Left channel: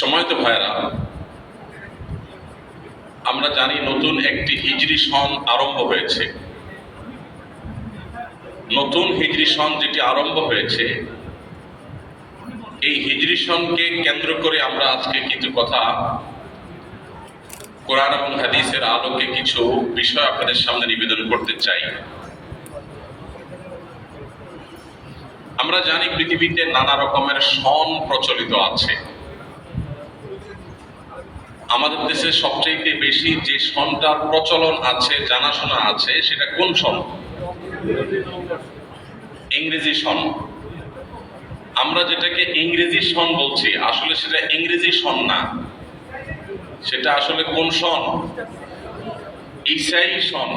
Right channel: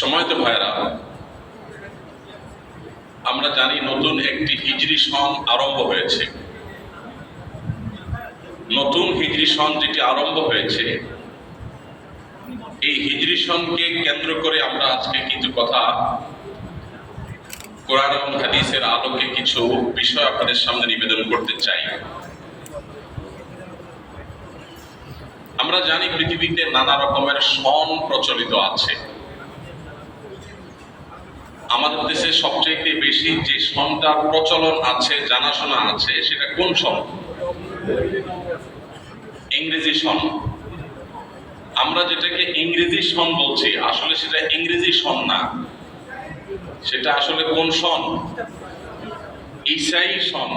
সময়ত ভাইরা, আমরা জানি নতুন একটি হিজরি সন আরম্ভ হয়েছে। নতুন হিজরি সন যেটি আরম্ভ হয়েছে, এই হিজরি সনকে কেন্দ্র করে আমরা আজকে কিছু কথা কোরআন এবং হাদিসের আলোকে কিছু বিষয় আপনাদের সামনে নিবেদন করতে চাই। আমরা জানি পৃথিবীতে নানা রকমের সন প্রচলিত আছে। আমাদের দেশে সবচেয়ে বেশি যে সনটার প্রচলন আছে, জানাশোনা আছে, সেটা কোন সন? ইংরেজি সন। আমরা যেটাকে ইংরেজি সন বলছি, আসলে সেটা ইংরেজি সন না, সেটা আসলে কোন সন? ঈসাই সন।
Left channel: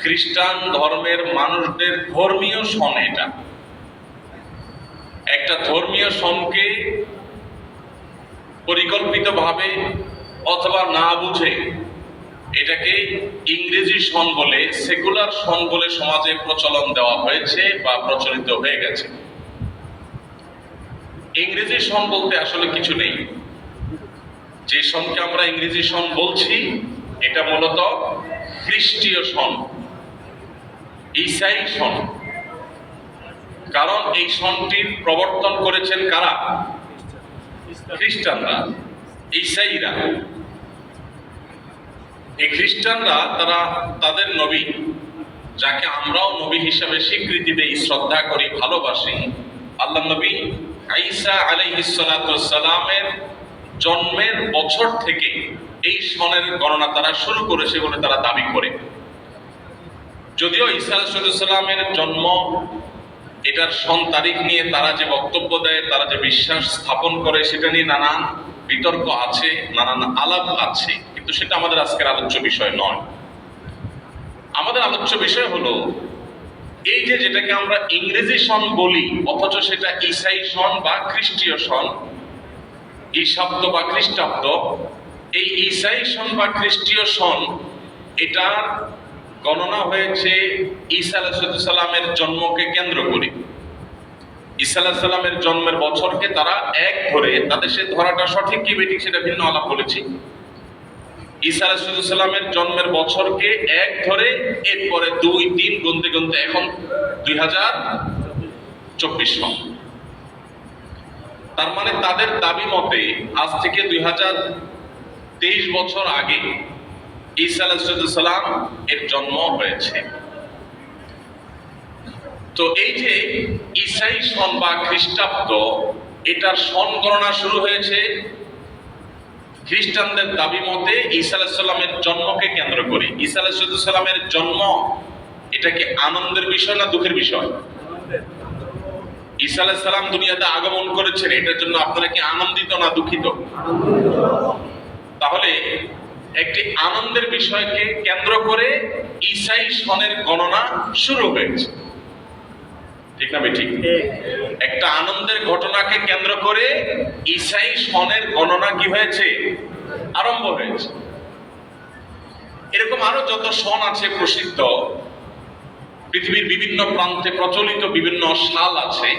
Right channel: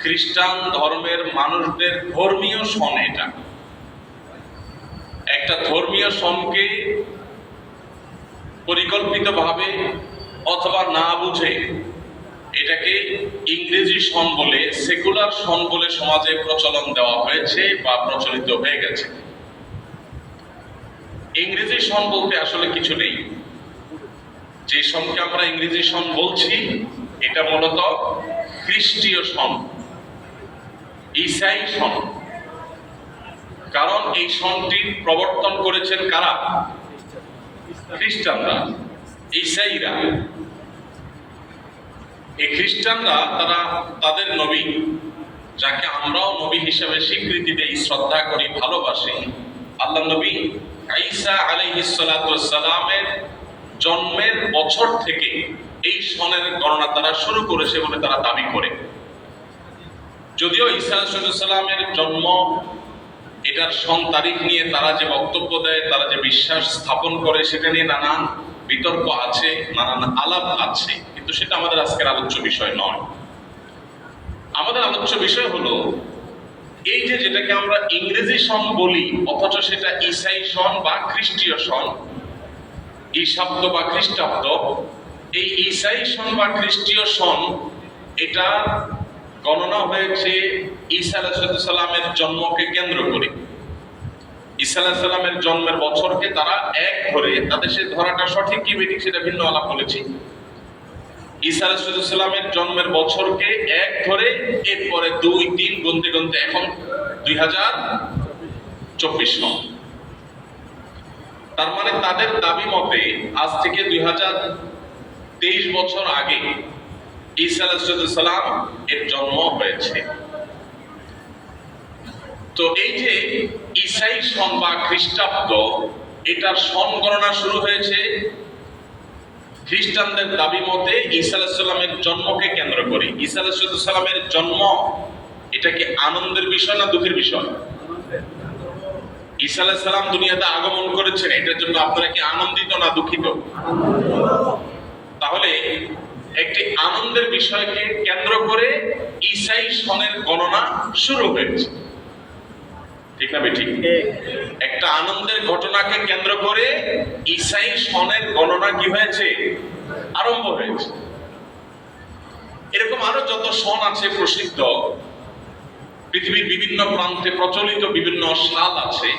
খ্রিস্টান ধর্মের মানুষদের ধর্মীয় সন। এটা একটা ধর্মীয় সনকে পরিকল্পিতভাবে অথবা না বুঝে এটাকে ইংরেজি সন বলে, সেকুলার সন বলে সমাজে প্রচলন দেওয়া হয়েছে বা প্রচলিত হয়ে গেছে। ইংরেজি সন বলতে আসলে কিছু নেই। যে সনকে আমরা ইংরেজি সন বলছি, এটা মূলত খ্রিস্টীয় সন, ঈসাই সন। কারণ এই সনটির প্রবর্তন করেছেন কারা? খ্রিস্টানরা, ঈসাইরা। এই খ্রিস্টানরা তারা তাদের নবী, যাকে আমরাও নবী হিসাবে স্বীকৃতি দেই, শ্রদ্ধা করি, ভালোবাসি, আল্লাহ নবী ঈসা আলাইহিস সালাতু ওয়াস সালামের জন্মের বছর থেকে এই সনের গণনা তারা শুরু করেছে বলে তারা দাবি করে। যদিও ঈসা আলাইহিস সালামের জন্ম, এটার সন তারিখ নিয়ে তারা যে বক্তব্য দেয়, তারা যে বিশ্বাস স্থাপন করে, সেটা নিয়ে নানান বিতর্ক আছে, নানান আলাপ আছে, কিন্তু সেটা আমাদের আজকের আলোচ্য বিষয় নয়। আমাদের আলোচ্য বিষয় হলো এই যে যেটাকে আমরা ইংরেজি সন বলি, অথচ সেটা ঈসাই সন বা খ্রিস্টীয় সন, ঈশাব্দ বা খ্রিস্টাব্দ। এই ঈসাই সন বা খ্রিস্টীয় সন, এটা গণনা হয়েছে ঈসা আলাইহিস সালামের জন্মকে কেন্দ্র করে। ঈসা আলাইহিস সালামের জন্মের বছরকে তারা এক ধরে, তাদের সে ধরাটা সঠিক কি বেঠিক সেটা ভিন্ন আলাপ বলেছি। ঈসা আলাইহিস সালামের জন্মের বছরকে এক ধরে, এরপরে 2-3 গুনতে গুনতে এখন 2024 সন। তার মানে তাদের দাবি মতে আজ থেকে 2023 বছর আগে ঈসা আলাইহিস সালাম এর জন্ম হয়েছে। তো এই যে ঈসাই সন বা খ্রিস্টাব্দ, এটার সন গণনা শুরু হয়েছে খ্রিস্টানদের দাবি মতে ঈসা আলাইহিস সালামের জন্মকে কেন্দ্র করে। ঈসা আলাইহিস সালামের জন্ম, এটা কি আনন্দের বিষয় না দুঃখের বিষয়? ঈসা আলাইহিস সালাম দুনিয়াতে আগমন করেছেন, এটার জন্য আপনারা কি আনন্দিত না দুঃখিত? তাহলে একটি আনন্দের বিষয়কে কেন্দ্র করে ঈসাই সনের গণনা শুরু হয়েছে, ঠিক না বেঠিক? একটা আনন্দের ঘটনাকে কেন্দ্র করে ঈসাই সনের গণনা কি হয়েছে? আরম্ভ হয়েছে। এরকম আরো যত সন আছে প্রসিদ্ধ, পৃথিবীর বিভিন্ন প্রান্তে প্রচলিত বিভিন্ন সাল আছে।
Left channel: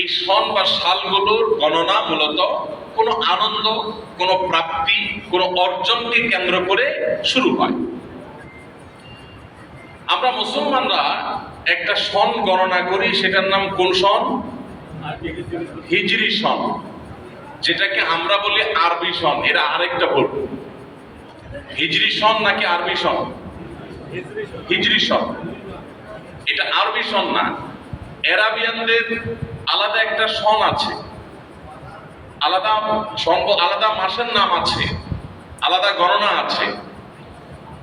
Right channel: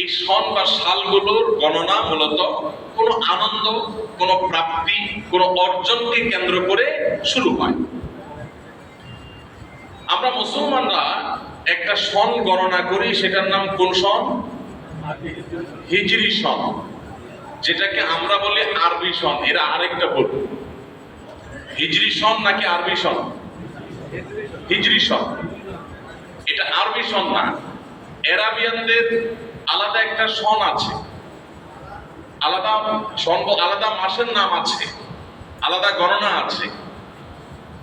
এই সন বা সালগুলোর গণনা মূলত কোনো আনন্দ, কোনো প্রাপ্তি, কোনো অর্জনকে কেন্দ্র করে শুরু হয়। আমরা মুসলমানরা একটা সন গণনা করি, সেটার নাম কোন সন? হিজরি সন, যেটাকে আমরা বলি আরবি সন। এরা আরেকটা বলবো, হিজরি সন নাকি আরবি সন? হিজরি সন। এটা আরবি সন না। আরাবিয়ানদের আলাদা একটা সন আছে, আলাদা সন, আলাদা মাসের নাম আছে, আলাদা গণনা আছে।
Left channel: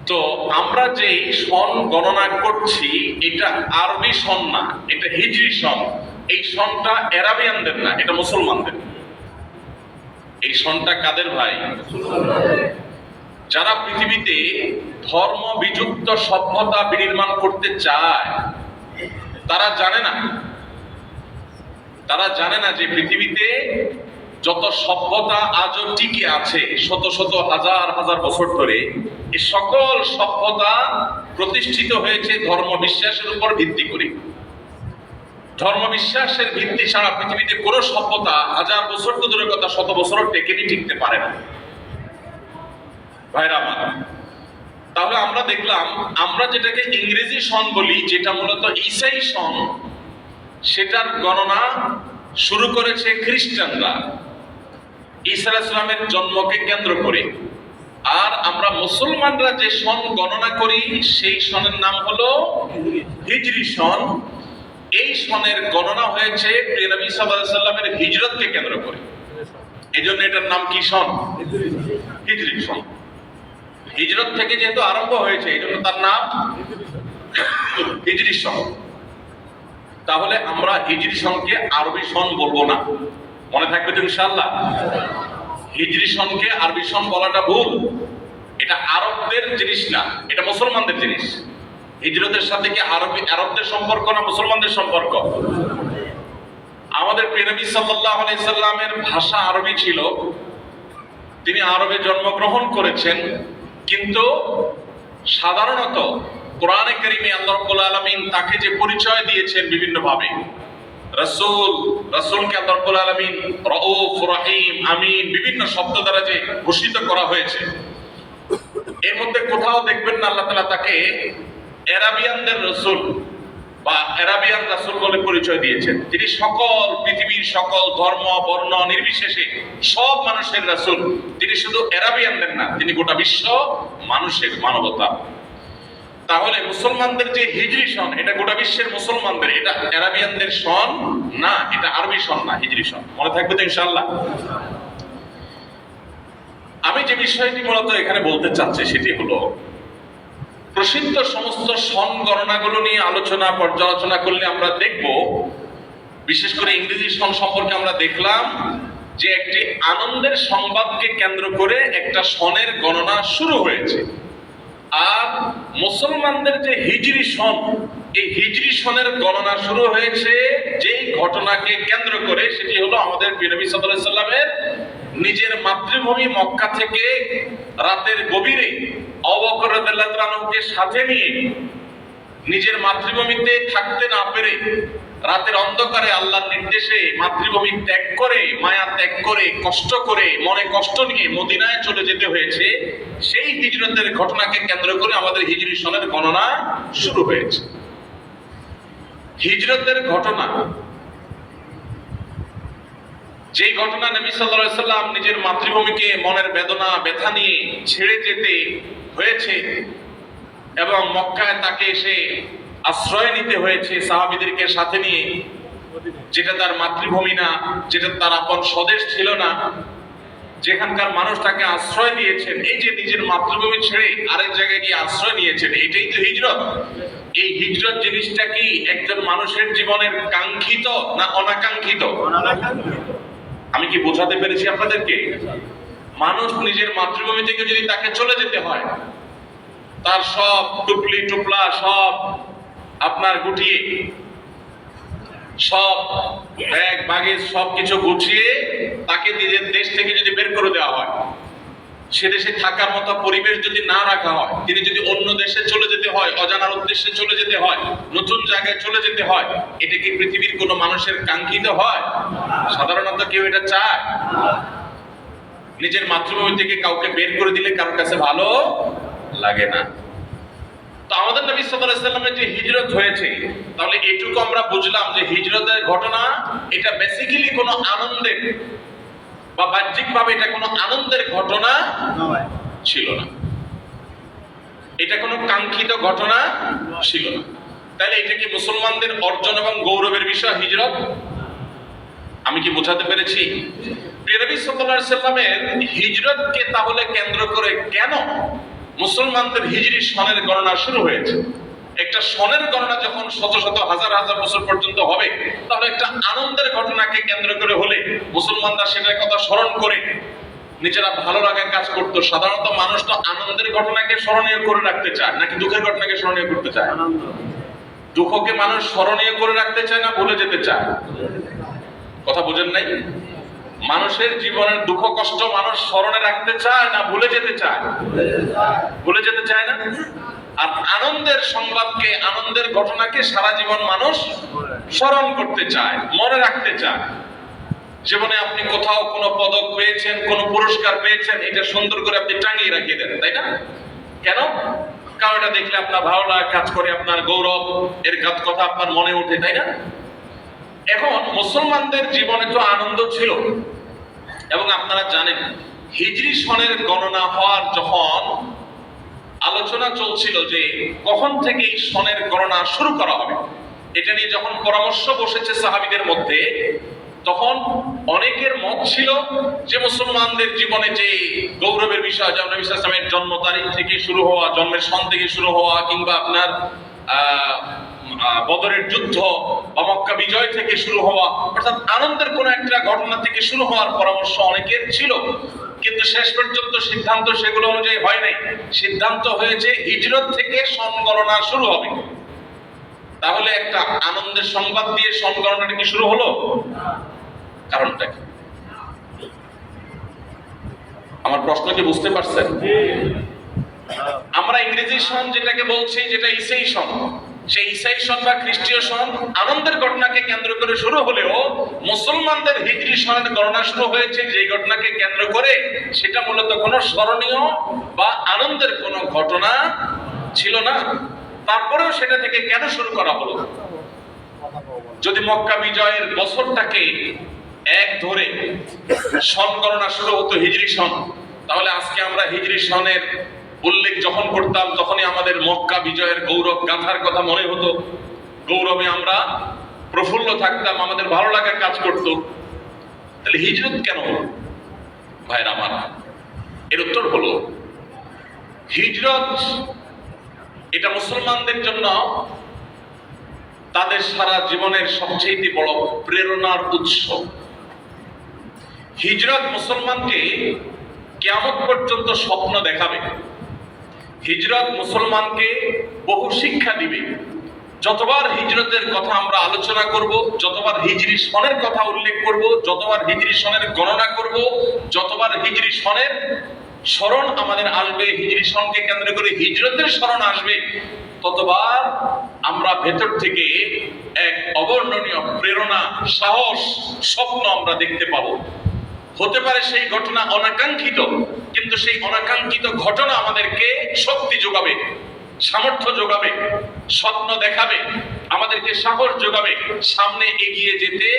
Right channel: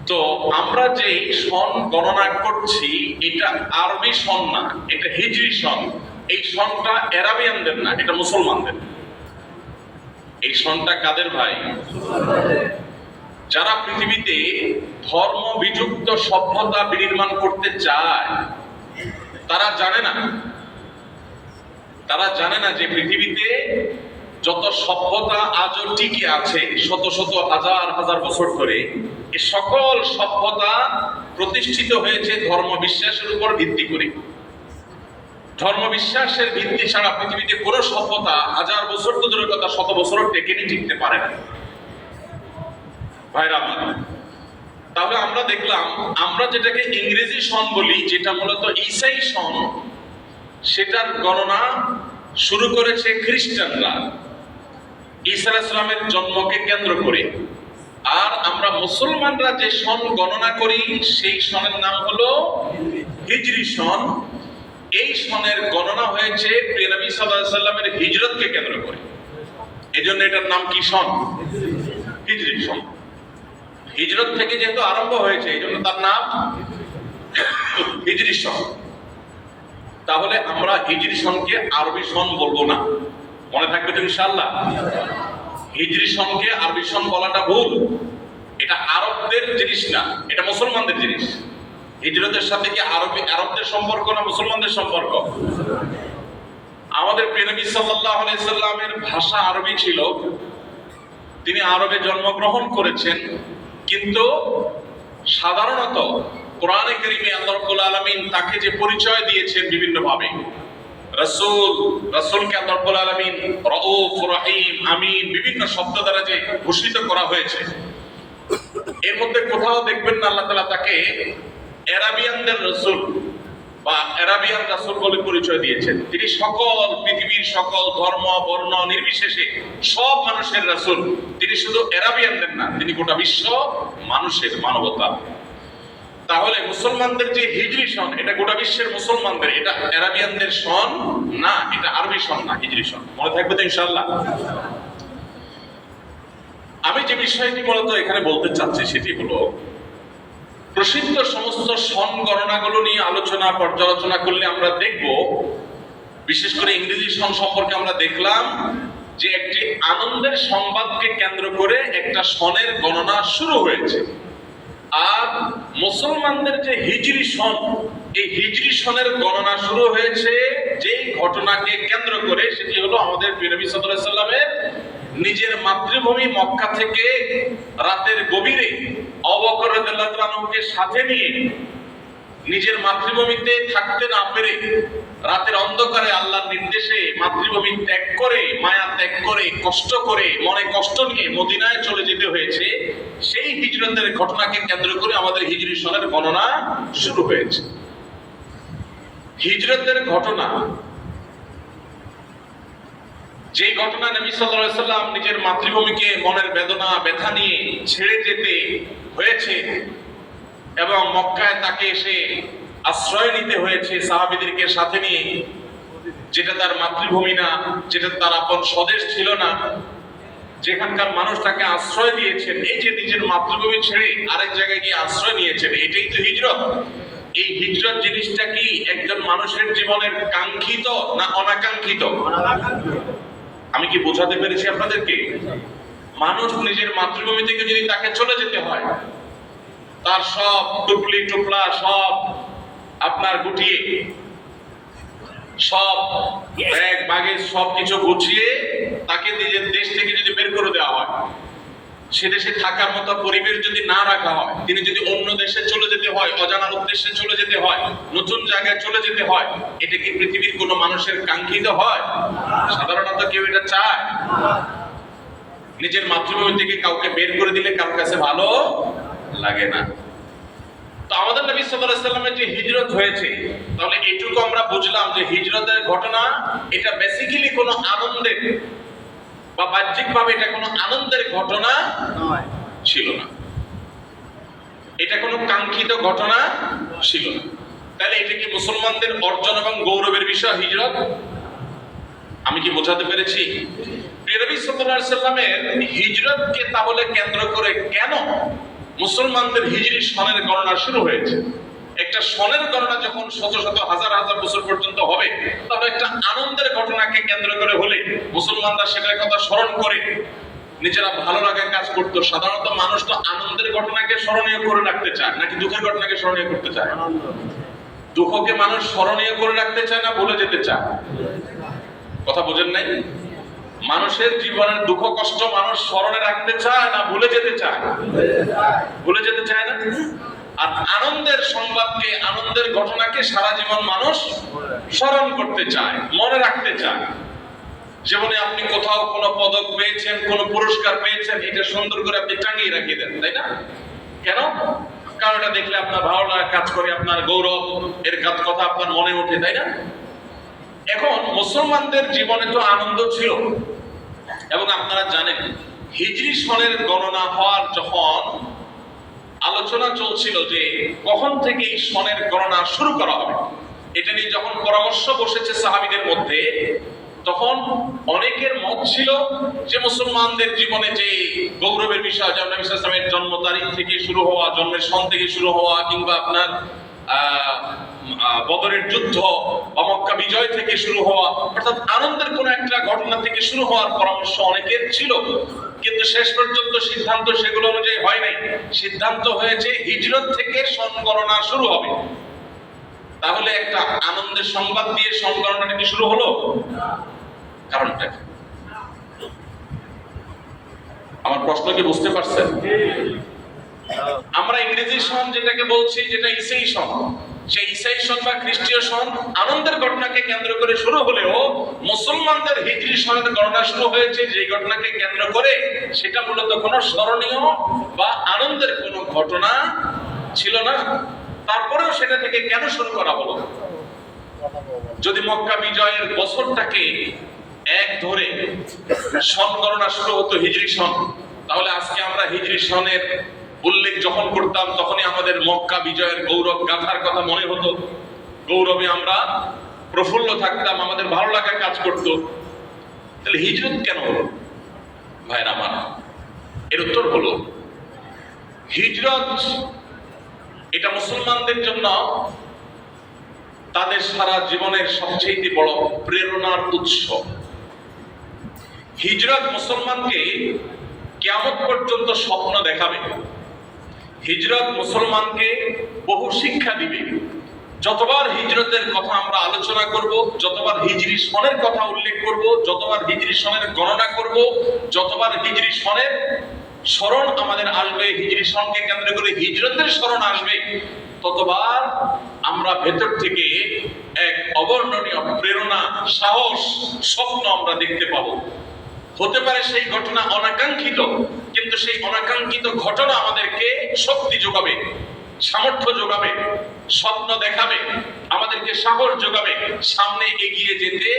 তো আমরা যে সন গণনা করছি, এটা আরবি সন না, এটা হিজরি সন। এই সনটা আরাবিয়ানদের না, এটা মুসলমানদের। এই সনটা কাদের ভাই? যারা পৃথিবীতে ধর্ম বিযুক্ত সভ্যতা বিনির্মাণ করতে চায়, তারা জানে না যে পৃথিবীতে যত সভ্যতা আজও টিকে আছে শত শত হাজার হাজার বছর ধরে, এই সকল সভ্যতা প্রতিষ্ঠিত হয়েছে ধর্ম বিশ্বাসের উপর ভিত্তি করে। ধর্ম বিশ্বাসের ভিত্তি ছাড়া পৃথিবীতে কোনো সভ্যতা হাজার বছর তো দূরের কথা শত বছরও টিকতে পারে না। ভাইরা আমার, তাহলে আমরা দেখলাম আমরা যেটাকে ইংরেজি সন বলি, যেটা মূলত ঈসাই সন, সেটার গণনা শুরু করেছে খ্রিস্টানরা ঈসা আলাইহিস সালামের জন্মকে কেন্দ্র করে। আর আমরা মুসলমানরা যে সন গণনা করি সেই সনের নাম হলো হিজরি সন। এই সনের গণনা হয়েছে প্রিয় নবী সাল্লাল্লাহু আলাইহি সাল্লামের হিজরতকে কেন্দ্র করে। এজন্য এটার নাম কি সন? হিজরি সন। হিজরত থেকে যেহেতু আরম্ভ হয়েছে এজন্য তার নাম হিজরি সন। তাহলে আমরা হিজরি সনকে আরবি সন বলবো না, মনে থাকবে তো ইনশাআল্লাহ। হিজরি সনকে আরবি সন বলাটা ভুল। এটা আরবদের জিনিস না, এটা মুসলমানদের জিনিস। হিজরতের সাথে কি আরবদের সম্পর্ক না মুসলমানদের সম্পর্ক? আমাদের প্রিয় নবী সাল্লাল্লাহু আলাইহি সাল্লামের ভাষা আরবি ছিল, তিনি আরবে জন্মগ্রহণ করেছেন, কিন্তু সাধারণত কোরআনে কারীমে আল্লাহ রাব্বুল আলামিন তাকে যে পরিচয় দিয়েছেন বিভিন্ন ভাবে, রাসূলকে আল্লাহ রাব্বুল আলামিন রাউফ, রহিম, আমিন বিভিন্ন শব্দ দ্বারা যে ঘোষিত করা হয়েছে, এর মধ্যে কোথাও দেখবেন না আল্লাহ তাআলা তাকে আরাবিয়ানদের রাসূল বা আরাবিয়ান রাসূল বলে পরিচয় দিয়েছেন। তিনি পৃথিবীর সকল ধর্ম বর্ণ নির্বিশেষে সব মানুষের রাসূল। তিনি শুধু আরাবিয়ানদের না, তিনি গোটা বিশ্ব মানুষের, মানবতা। তাহলে মুসলমানদের যে হিজরি সন, এটা গোটা বিশ্বের মুসলমানদের, এটা আরাবিয়ানদের সন না, এটা আরবি সন না, হিজরি সন। মনে থাকবে তো ইনশাআল্লাহ। আমি যে বিষয়টি মূলত এখানে বলতে চাচ্ছি সেটি হলো, প্রসিদ্ধ সমস্ত সন গণনাগুলো নিয়ে পর্যালোচনা করলে আমরা দেখব, বিশেষ করে ইংরেজি সন সম্পর্কে আমরা দেখলাম যে একটি আনন্দের সংবাদকে কেন্দ্র করে একটা সনের গণনা শুরু হয়েছে। আর মুসলমানদের যে হিজরি সন, এই হিজরি সনের গণনা শুরু হয়েছে যেই ঘটনাকে কেন্দ্র করে, সেটি হলো আমাদের প্রিয় নবী সাল্লাল্লাহু আলাইহি সাল্লামের নিজের মাতৃভূমি মক্কা থেকে রাতের গভীরে আবু বকর রাদিয়াল্লাহু তাআলাকে সাথে নিয়ে নিজের মাতৃভূমিতে থাকতে না পেরে রাতের অন্ধকারে আল্লাহর নির্দেশে মাতৃভূমি ত্যাগ করে, মায়া ত্যাগ করে, কষ্ট করে, মনে কষ্ট নিয়ে মদিনায় চলে যেতে হয়েছে। সেই হিজরতের ঘটনাকে কেন্দ্র করে আমাদের হিজরি সনের গণনা শুরু হয়েছে। হিজরতের ঘটনা, যেই ঘটনা নবী সাল্লাল্লাহু আলাইহি সাল্লাম নিজের মাতৃভূমিকে মনের বেদনা ব্যথা নিয়ে ছেড়ে যেতে হয়েছে এবং মক্কায় তাকে এসে আশ্রয় নিতে হয়েছে সাহাবীদেরকে সাথে নিয়ে, যেটা তার মাতৃভূমি না, যেটা তার আপন স্বদেশ ছিল না, যেখানকার মানুষ তাকে আশ্রয় দিয়েছেন। এই যে নিজের মাতৃভূমি ছেড়ে আরেক জায়গায় গিয়ে আশ্রয় নিয়েছেন, এটাই তো হিজরত। এই হিজরত জিনিসটা কি একজন মানুষের জীবনের কাঙ্ক্ষিত না অনাকাঙ্ক্ষিত? আমি কি বোঝাতে পেরেছি আপনাদেরকে? মানুষ নিজের মাতৃভূমি থেকে যদি তাকে চলে যেতে হয়, তার সব টুপলি টুপলা সব আপনার গুটিয়ে, সব ব্যাগ বাগেজ সব কিছু গুছিয়ে তাকে নিজের দেশ থেকে যদি বের করে দেওয়া হয়, সে দেশে থাকার মতো পরিবেশ যদি না রাখা হয়, তিনি যদি অন্য দেশে চলে যেতে হয়, অজানার উদ্দেশ্যে চলে যেতে হয়, নতুন জায়গায় চলে যেতে হয়, এটা কি পৃথিবীর কোনো মানুষের কাঙ্ক্ষিত হয়? সাধারণত কেউ এটা চায়? নিজের মাতৃভূমি থেকে কাউকে বের করে দিলে কারোর কাছে ভালো লাগে না। তো আমাদের নবী সাল্লাল্লাহু আলাইহি সাল্লামের যে হিজরত হয়েছে, তাহলে এটুকু আমরা বুঝলাম যে হিজরতের ঘটনা এটা বেসিক্যালি কোনো আনন্দের বা বাহ্যিকভাবে এটা কোনো আনন্দের ঘটনা নয়, ছিল না। এটা কোনো কাঙ্ক্ষিত ঘটনা ছিল না। তাহলে এটা কি মুসলমানদের অর্জন এবং গৌরবের বিষয় হিজরত? আমি কি বোঝাতে পেরেছি? প্রিয় নবী সাল্লাল্লাহু আলাইহি সাল্লামের হিজরতকে তাহলে কেন্দ্র করে কেন মুসলমানদের হিজরি সনের গণনা শুরু হয়েছে? একটা সনের গণনা যখন শত শত হাজার হাজার বছর পর্যন্ত হবে, তাহলে একটা আনন্দের ঘটনাকে কেন্দ্র করে হলে মুসলমানরা সেটার কথা স্মরণ করে নিজেরা ভালো লাগার কাজ করতো। সাধারণত মানুষ তো আনন্দের ঘটনাকে স্মরণীয় করে রাখতে চায় নাকি দুঃখের ঘটনাকে স্মরণীয় করতে চায়? দুঃখকে মানুষ স্মরণীয় করে রাখতে চায় না ভুলে যেতে চায়? কথা বুঝেন নাই? মানুষের জীবনের দুঃখ কষ্ট মানুষ স্মরণে রাখতে চায় না ভুলে যেতে চায়? ভুলে যেতে চায় না। আর আনন্দের সংবাদকে, আনন্দের ঘটনাকে সারা জীবন মানুষ স্মরণ করতে চায়, মনে রাখতে চায়। জীবনে আপনি কোথাও কোনো পদক পেয়েছেন, কোনো পুরস্কার পেয়েছেন, এটা সুন্দর করে আপনি টাঙিয়ে রাখিয়ে দেন, তাই না? কেন? কারণ এটা দেখলে আপনার ভালো লাগা কাজ করে, আপনার গৌরব এর কথা আপনার মনে ওঠে, তাই না? এখন মুসলমানদের জীবনে তো আনন্দ ছিল, এবং আপনারা জানেন হিজরি সনের গণনা হওয়ার যখন আলোচনা চলছিল যে কখন থেকে এই সনের গণনা শুরু করা হবে, এটা নিয়ে যখন পরামর্শ বসেছে সাহাবীদের মধ্যে, তখন অনেকের মত ছিল যে মুসলমানদের জীবনে যে গৌরবের বিষয়, যেমন নবী সাল্লাল্লাহু আলাইহি ওয়াসাল্লামের জন্ম তারিখ থেকে শুরু হওয়া, জন্মের সন থেকে শুরু হওয়া, কিংবা আপনার বদরের যুদ্ধ বা মক্কা বিজয় থেকে শুরু হওয়া, অর্থাৎ আনন্দের কোন একটা ঘটনা থেকে শুরু হওয়ার পরামর্শ অনেকের ছিল। কিন্তু শেষ পর্যন্ত সিদ্ধান্ত সেগুলো অনুযায়ী হয় নাই। সিদ্ধান্ত হয়েছে হিজরত থেকে সন গণনা শুরু হবে। তাহলে একটা আনন্দের সংবাদ দিয়ে সন গণনাটা কি শুরু হলো? কারণটা কি? আমার প্রশ্ন কি বুঝতে পারছেন? আমরা ইংরেজি সন যেটাকে বলছি, যেটা ঈসাই সন, সেই ঈসাই সন বা খ্রিস্টীয় সন আনন্দের ঘটনাকে কেন্দ্র করে শুরু হলেও মুসলমানদের হিজরি সনের গণনা শুরু হয়েছে যে ঘটনাকে কেন্দ্র করে, সেটা মূলত কোনো স্মরণীয় বা আনন্দের কোনো ঘটনা ছিল না। তারপরেও সেটা থেকে কেন শুরু করা হলো? যদি মক্কা বিজয়ের বছরটাকে এক ধরে সন গণনা শুরু হতো হিজরি সন, তাহলে আজকে আমরা হিজরি সনের উল্লেখ যখন করতাম তখনই আমাদের মক্কা বিজয়ের গৌরব গাথার কথা মনে হতো, গৌরবে আমরা প্রফুল্ল থাকতাম, আমাদের ভালো লাগা কাজ করত। তাহলে হিজরত কেন হলো ভাইরা আমার? এর উত্তর হলো, হিজরত এটা মুসলমানদের জন্য তাদের সারা জীবনের সবচেয়ে বড় প্রেরণার উৎস। হিজরত মুসলমানকে কিয়ামত পর্যন্ত স্বপ্ন দেখাবে। হিজরত মুসলমানকে বহু শিক্ষা দিবে। যতবার হিজরতের কথা আমরা আলোচনা করব, যতবার হিজরি সনের কথা উল্লেখ করব, যতবার হিজরি সনের গণনা করব, যতবার হিজরি সনের স্মরণ আমাদের আসবে, হিজরি সনকে কেন্দ্র করে হিজরতের স্মরণ আসবে, ততবার আমরা ভেতর থেকে এক অবর্ণনীয় প্রেরণা, সাহস, স্বপ্ন আমরা দেখতে পাবো। হতে পারে সেই ঘটনা অনাকাঙ্ক্ষিত, কিন্তু সেই অনাকাঙ্ক্ষিত ঘটনা আমাদেরকে শক্তি যোগাবে, সামর্থ্য যোগাবে, স্বপ্ন দেখাবে, আমাদেরকে সাহস যোগাবে, সামনে এগিয়ে যেতে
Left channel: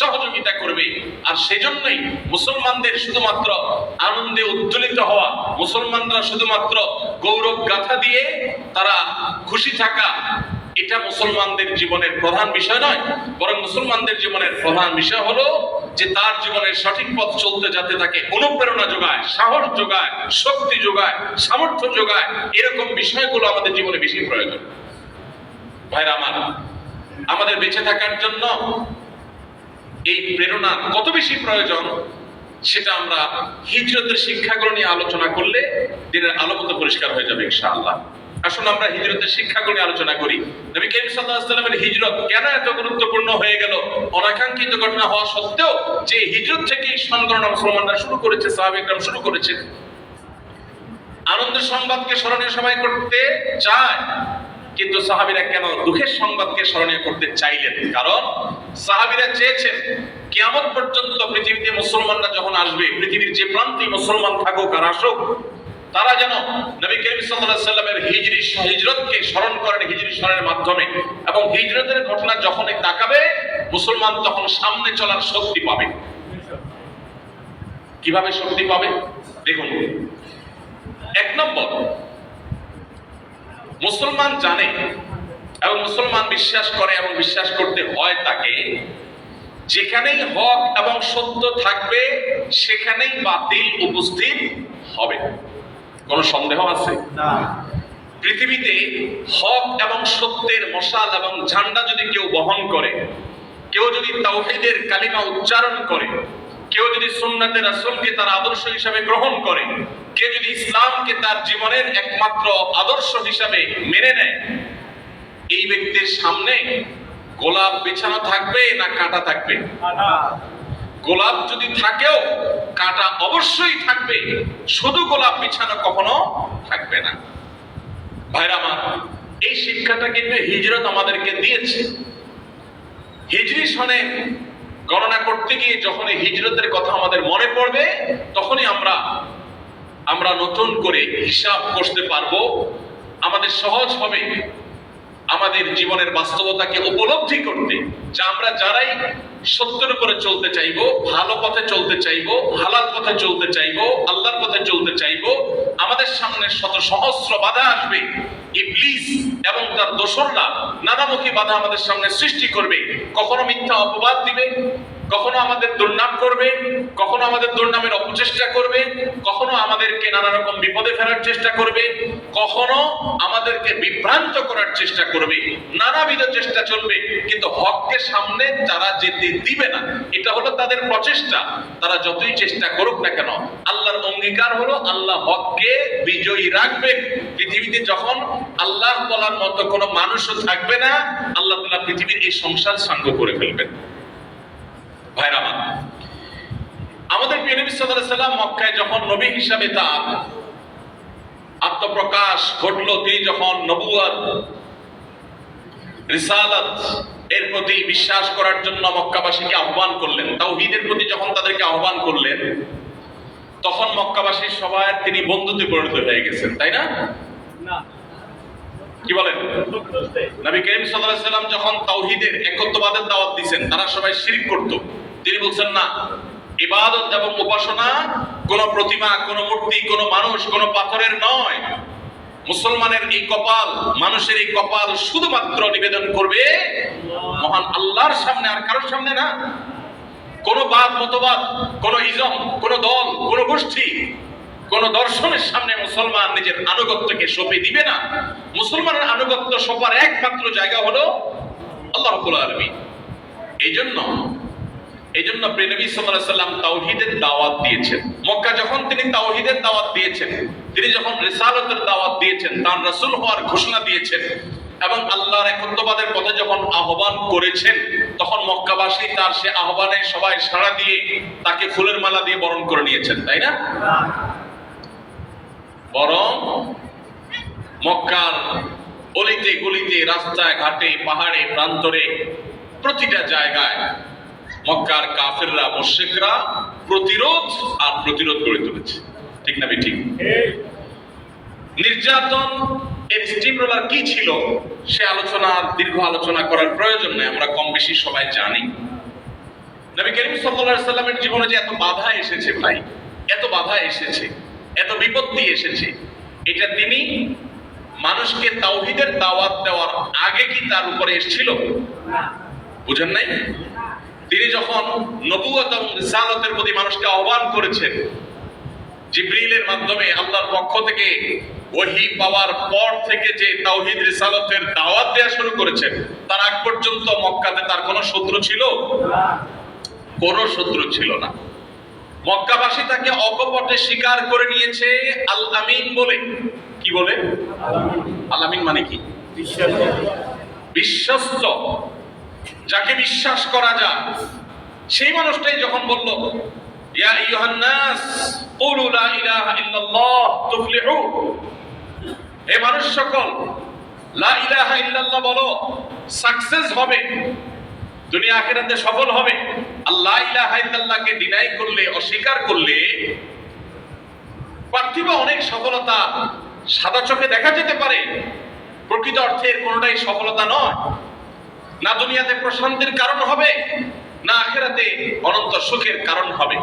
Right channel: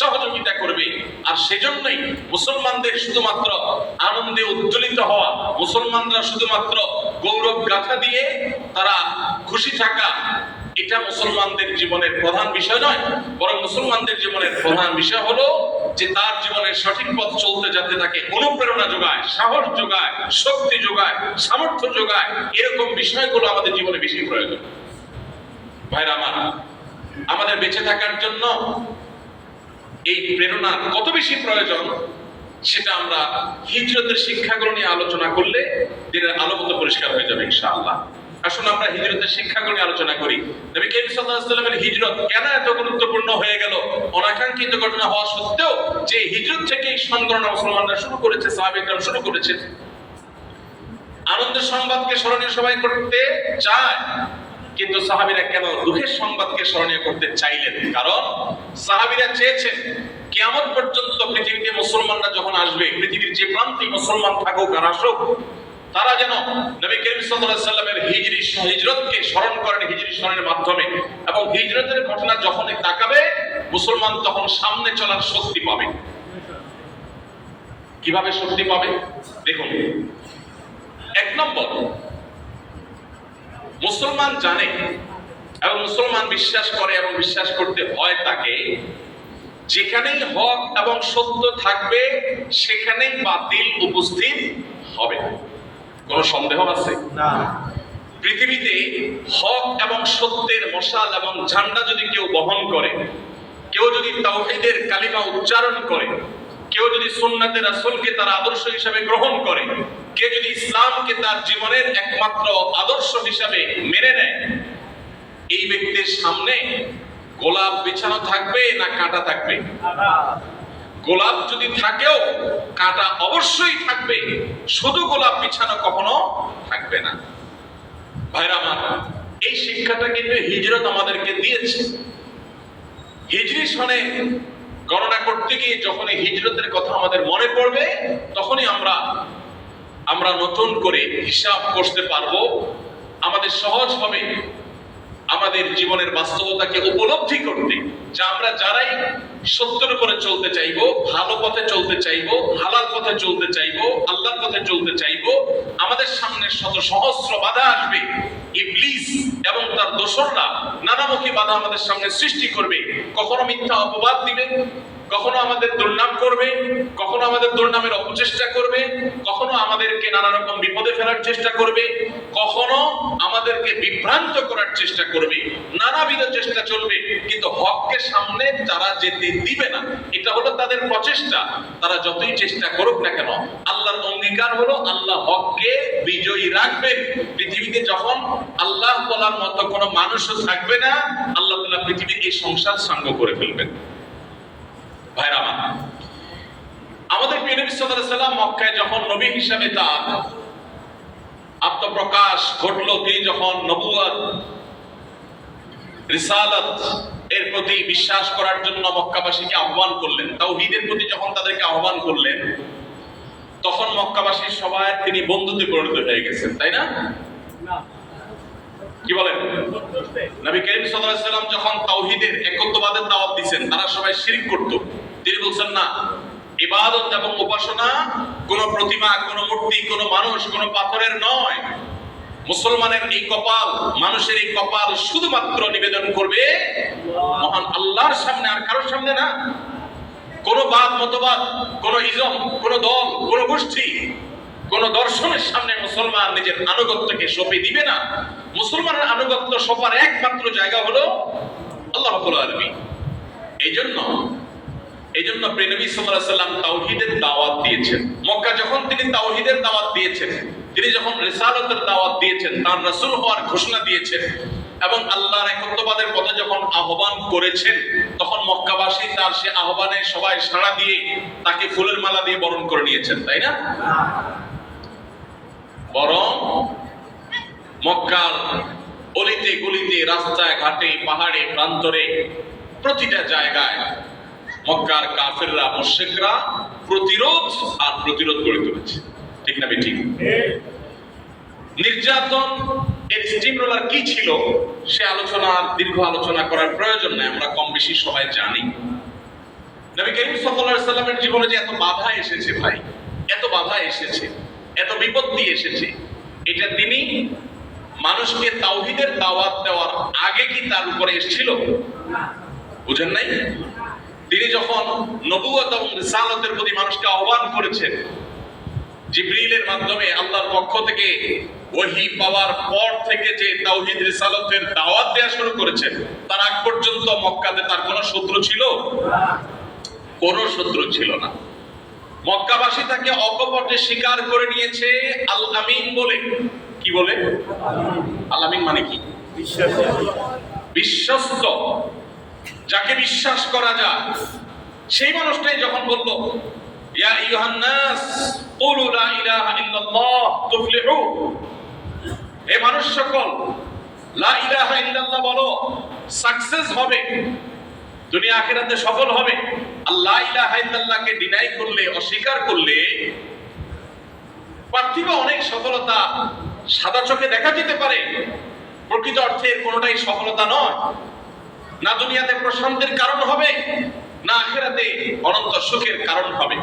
সহযোগিতা করবে। আর সেজন্যই মুসলমানদের শুধুমাত্র আনন্দে উদ্দোলিত হওয়া, মুসলমানরা শুধুমাত্র গৌরব গাথা দিয়ে তারা খুশি থাকা, এটা মুসলমানদের জীবনের প্রধান বিষয় নয়। বরং মুসলমানদের জীবনের প্রধান বিষয় হলো যে তার জীবনের সঠিক পথ চলতে যাতে তাকে অনুপ্রেরণা যোগায়, সাহস যোগায়, শক্তি যোগায়, সামর্থ্য যোগায়। এরকম বিষয়গুলো আমাদের জীবনে বেশি প্রয়োজন। ভাইরা আমার, আমাদের বেঁচে থাকার জন্য এই প্রেরণা কত বেশি প্রয়োজন সেটা আমরা হিজরতের শিক্ষাগুলো নিয়ে আলোচনা করলে দিনের আলো মতো পরিষ্কার হয়ে যাবে ইনশাআল্লাহ। আসুন আমরা হিজরতের শিক্ষাগুলো নিয়ে আলোচনা করি। নবী করিম সাল্লাল্লাহু আলাইহি ওয়াসাল্লামের হিজরত কেন এত গুরুত্বপূর্ণ হয়ে গেল? অনাকাঙ্ক্ষিত ঘটনা হওয়া সত্ত্বেও যে হিজরত থেকেই সন গণনা মুসলমানরা শুরু করেছে, সাহাবায়ে শুরু করেছে। আনন্দের সংবাদকে স্মরণীয় সবাই করতে চায়, কিন্তু সাহাবীরা কেন দুঃখের সংবাদকে স্মরণীয় করতে চাইলেন? কারণ সাহাবীরা চেয়েছেন কিয়ামত পর্যন্ত পৃথিবীতে মুসলমানরা যখন আসবে, পৃথিবীর যে প্রান্তে মুসলমান থাকুক আর আসুক, তারা যেন নবী করিম সাল্লাল্লাহু আলাইহি ওয়াসাল্লামের হিজরতকে স্মরণ করেন হিজরি সনের মাধ্যমে। এবং হিজরতের ঘটনা যখনই তাকাবে, মুসলমান তখন সামনে চলার শক্তি পাবে। কিভাবে শক্তি পাবে? দেখুন, এক নম্বর, মুসলমান জানে এবং মুসলমান বিশ্বাস করে এবং বিশ্বাস করতে হয় তাকে, যেখানেই হক এবং সত্য থাকবে সেখানেই বাতিল উপস্থিত হবে। কোনো সন্দেহ আছে? না। পৃথিবীতে হক এবং সত্যের মশাল এবং ঝান্ডা যদি কেউ বহন করে, কেউ যদি তাওহীদের কালিমা উচ্চারণ করে, কেউ যদি সুন্নাতে রাসূলকে তার আদর্শ হিসাবে গ্রহণ করে, কেউ যদি ইসলামকে তার জীবনের একমাত্র আদর্শ হিসাবে মেনে নেয়, এই ব্যক্তির সামনে গোলাপ বিছানো থাকবে না কাঁটা থাকবে? গোলাপ যদি থাকেও কাঁটা অবশ্যই থাকবে, শুধু গোলাপ বিছানো কখনো থাকবে না। ভাইরা আমার, এই শিক্ষাটা কিন্তু হিজরত আমাদেরকে দিয়েছে। হিজরি সনে গণনা করতে গিয়ে যখন এই হিজরতের কথা আমাদের মনে পড়বে, তখনই আমরা নতুন করে হিসাব করতে পারবো। আমাদের সহজ হবে আমাদের জীবনের বাস্তবতাকে উপলব্ধি করতে, যে আমরা যারাই সত্যের উপরে চলতে চাইবো, ভালো পথে চলতে চাইবো, হালাল পথে চলতে চাইবো, আল্লাহর পথে চলতে চাইবো, আমাদের সামনে শত সহস্র বাধা আসবে। ইবলিস এবং তার দোসররা নানামুখী বাধা আমাদের সামনে সৃষ্টি করবে। কখনো মিথ্যা অপবাদ দিবে, কখনো আমাদের দুর্নাম করবে, কখনো আমাদের দুর্নামের অপচেষ্টা করবে, কখনো আমাদেরকে নানা রকম বিপদে ফেলার চেষ্টা করবে, কখনো আমাদেরকে বিভ্রান্ত করার চেষ্টা করবে, নানাবিধ চেষ্টা চলবে, কিন্তু হককে সামনে তারা যেতে দিবে না। এটা হলো তাদের প্রচেষ্টা। তারা যতই চেষ্টা করুক না কেন, আল্লাহর অঙ্গীকার হলো আল্লাহ হককে বিজয়ী রাখবেন। পৃথিবীতে যখন আল্লাহ বলার মতো কোনো মানুষও থাকবে না, আল্লাহ তাআলা পৃথিবীর এই সংসার সাঙ্গ করে ফেলবেন। ভাইরা আমার, আমাদের প্রিয় নবী সাল্লাল্লাহু আলাইহি ওয়াসাল্লাম মক্কায় যখন নবী হিসাবে তার আত্মপ্রকাশ ঘটলো, তিনি যখন নবুয়ত, রিসালাত এর প্রতি বিশ্বাস করার জন্য মক্কাবাসীকে আহ্বান করলেন, তাওহীদের প্রতি যখন তাদেরকে আহ্বান করলেন, তখন মক্কাবাসীর সবার তিনি বন্ধুতে পরিণত হয়ে গেছেন, তাই না? কি বলেন? নবী করিম সাল্লাল্লাহু আলাইহি ওয়াসাল্লাম যখন তাওহীদের একত্ববাদের দাওয়াত দিয়েছেন, তারা সবাই শিরক করত। তিনি বলছেন না, ইবাদত এবং উপাসনা কোন প্রতিমা, কোন মূর্তি, কোন মানুষ, কোন পাথরের নয়। মুসলমানের এই কপাল, মানুষের এই কপাল শুধুমাত্র নিবেদন করবে মহান আল্লাহর সামনে, আর কারোর সামনে না। কোন বাদ মতবাদ, কোন ইজম, কোন দল, কোন গোষ্ঠী, কোন দর্শনের সামনে মুসলমান নিজের আনুগত্যকে সঁপে দিবে না। মুসলমানের আনুগত্য সবার একমাত্র জায়গা হলো আল্লাহ রাব্বুল আলামিন। এই জন্য প্রিয় নবী সাল্লাল্লাহু আলাইহি ওয়াসাল্লাম তাওহীদের দাওয়াত দিয়েছেন। মক্কা যখন তিনি তাওহীদের দাওয়াত দিয়েছেন, তিনি যখন রিসালাতের দাওয়াত দিয়েছেন, তার রাসূল হওয়ার ঘোষণা দিয়েছেন এবং আল্লাহর একত্ববাদের পথে যখন আহ্বান করেছেন, তখন মক্কাবাসী তার সে আহ্বানে সবাই সাড়া দিয়ে তাকে ফুলের মালা দিয়ে বরণ করে নিয়েছেন, তাই না? বরং মক্কার অলিতে গলিতে, রাস্তায় ঘাটে, পাহাড়ে, প্রান্তরে, প্রতিটা জায়গায় মক্কার কাফেররা, মুশরিকরা প্রতিরোধ গড়ে তুলেছে। ঠিক না ঠিক? নির্যাতন এর স্টিম রোলার কি ছিল সে দীর্ঘ আলোচনা করার প্রয়োজন নেই, আমরা কম বেশি সবাই জানি। নবী করিম সাল্লাল্লাহু আলাইহি ওয়াসাল্লামের জীবনে যে এত বাধা এসেছে ভাই, এত বাধা এসেছে, এত বিপত্তি এসেছে, এটা তিনি মানুষকে তাওহীদের দাওয়াত দেওয়ার আগে কি তার উপরে এসেছিল? বুঝেন নাই? তিনি যখন নবুয়ত এবং রিসালাতের প্রতি মানুষকে আহ্বান করেছেন, জিবরিলের মাধ্যমে আল্লাহর পক্ষ থেকে ওহী পাওয়ার পর থেকে যে তাওহীদ রিসালাতের দাওয়াত দেওয়া শুরু করেছেন, তার আগ পর্যন্ত মক্কাতে তার কোনো শত্রু ছিল? কোনো শত্রু ছিল না। মক্কাবাসী তাকে অকপটে স্বীকার করে নিয়েছে আল আমিন বলে। কি বলে? আল আমিন মানে কি? বিশ্বস্ত, যাকে বিশ্বাস করা যায়। সেই মানুষটাই যখন বলল, ইয়া আইয়ুহান নাস কুলু লা ইলাহা ইল্লাল্লাহ তুফলিহু, হে মানুষ সকল, লা ইলাহা ইল্লাল্লাহ বলো, সাকসেস হবে, দুনিয়া আখিরাতে সফল হবে। আল্লাহ ইলাহা ইল্লাল্লাহকে ডিনাই করলে, অস্বীকার করলে পার্থিব অনেক সফলতা সাদা চোখে দেখা যেতে পারে, প্রকৃত অর্থের কোনোটাই সফলতা নয়। না দুনিয়াতে প্রশান্তির কারণ হবে, না আখিরাতে অনন্ত সুখের কারণ হবে।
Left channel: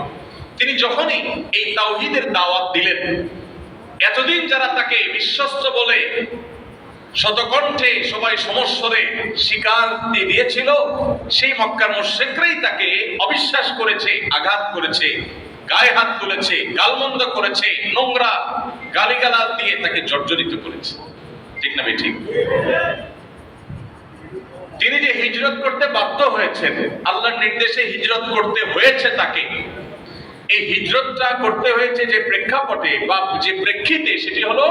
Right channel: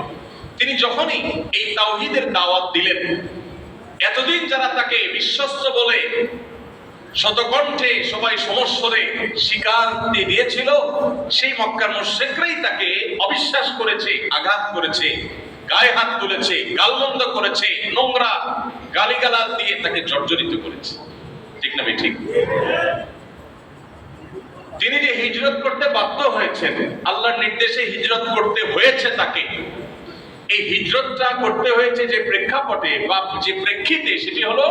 তিনি যখনই এই তাওহীদের দাওয়াত দিলেন, এতদিন যারা তাকে বিশ্বস্ত বলে শতকণ্ঠে সবাই সমস্বরে স্বীকার দিয়েছিল, সেই মক্কার মুশরিকরাই তাকে অবিশ্বাস করেছে, আঘাত করেছে, গায়ে হাত তুলেছে, গালমন্দ করেছে, নোংরা গালিগালাজ দিয়ে তাকে জর্জরিত করেছে। ঠিক না ভাই? ঠিক। তিনি যে হিজরত করতে বাধ্য হয়েছেন, আল্লাহর নির্দেশে হিজরত করতে হয়েছে তাকে। এই হিজরতটা করতে হয়েছে যে প্রেক্ষাপটে বা যে প্রেক্ষিতে, সেটি হলো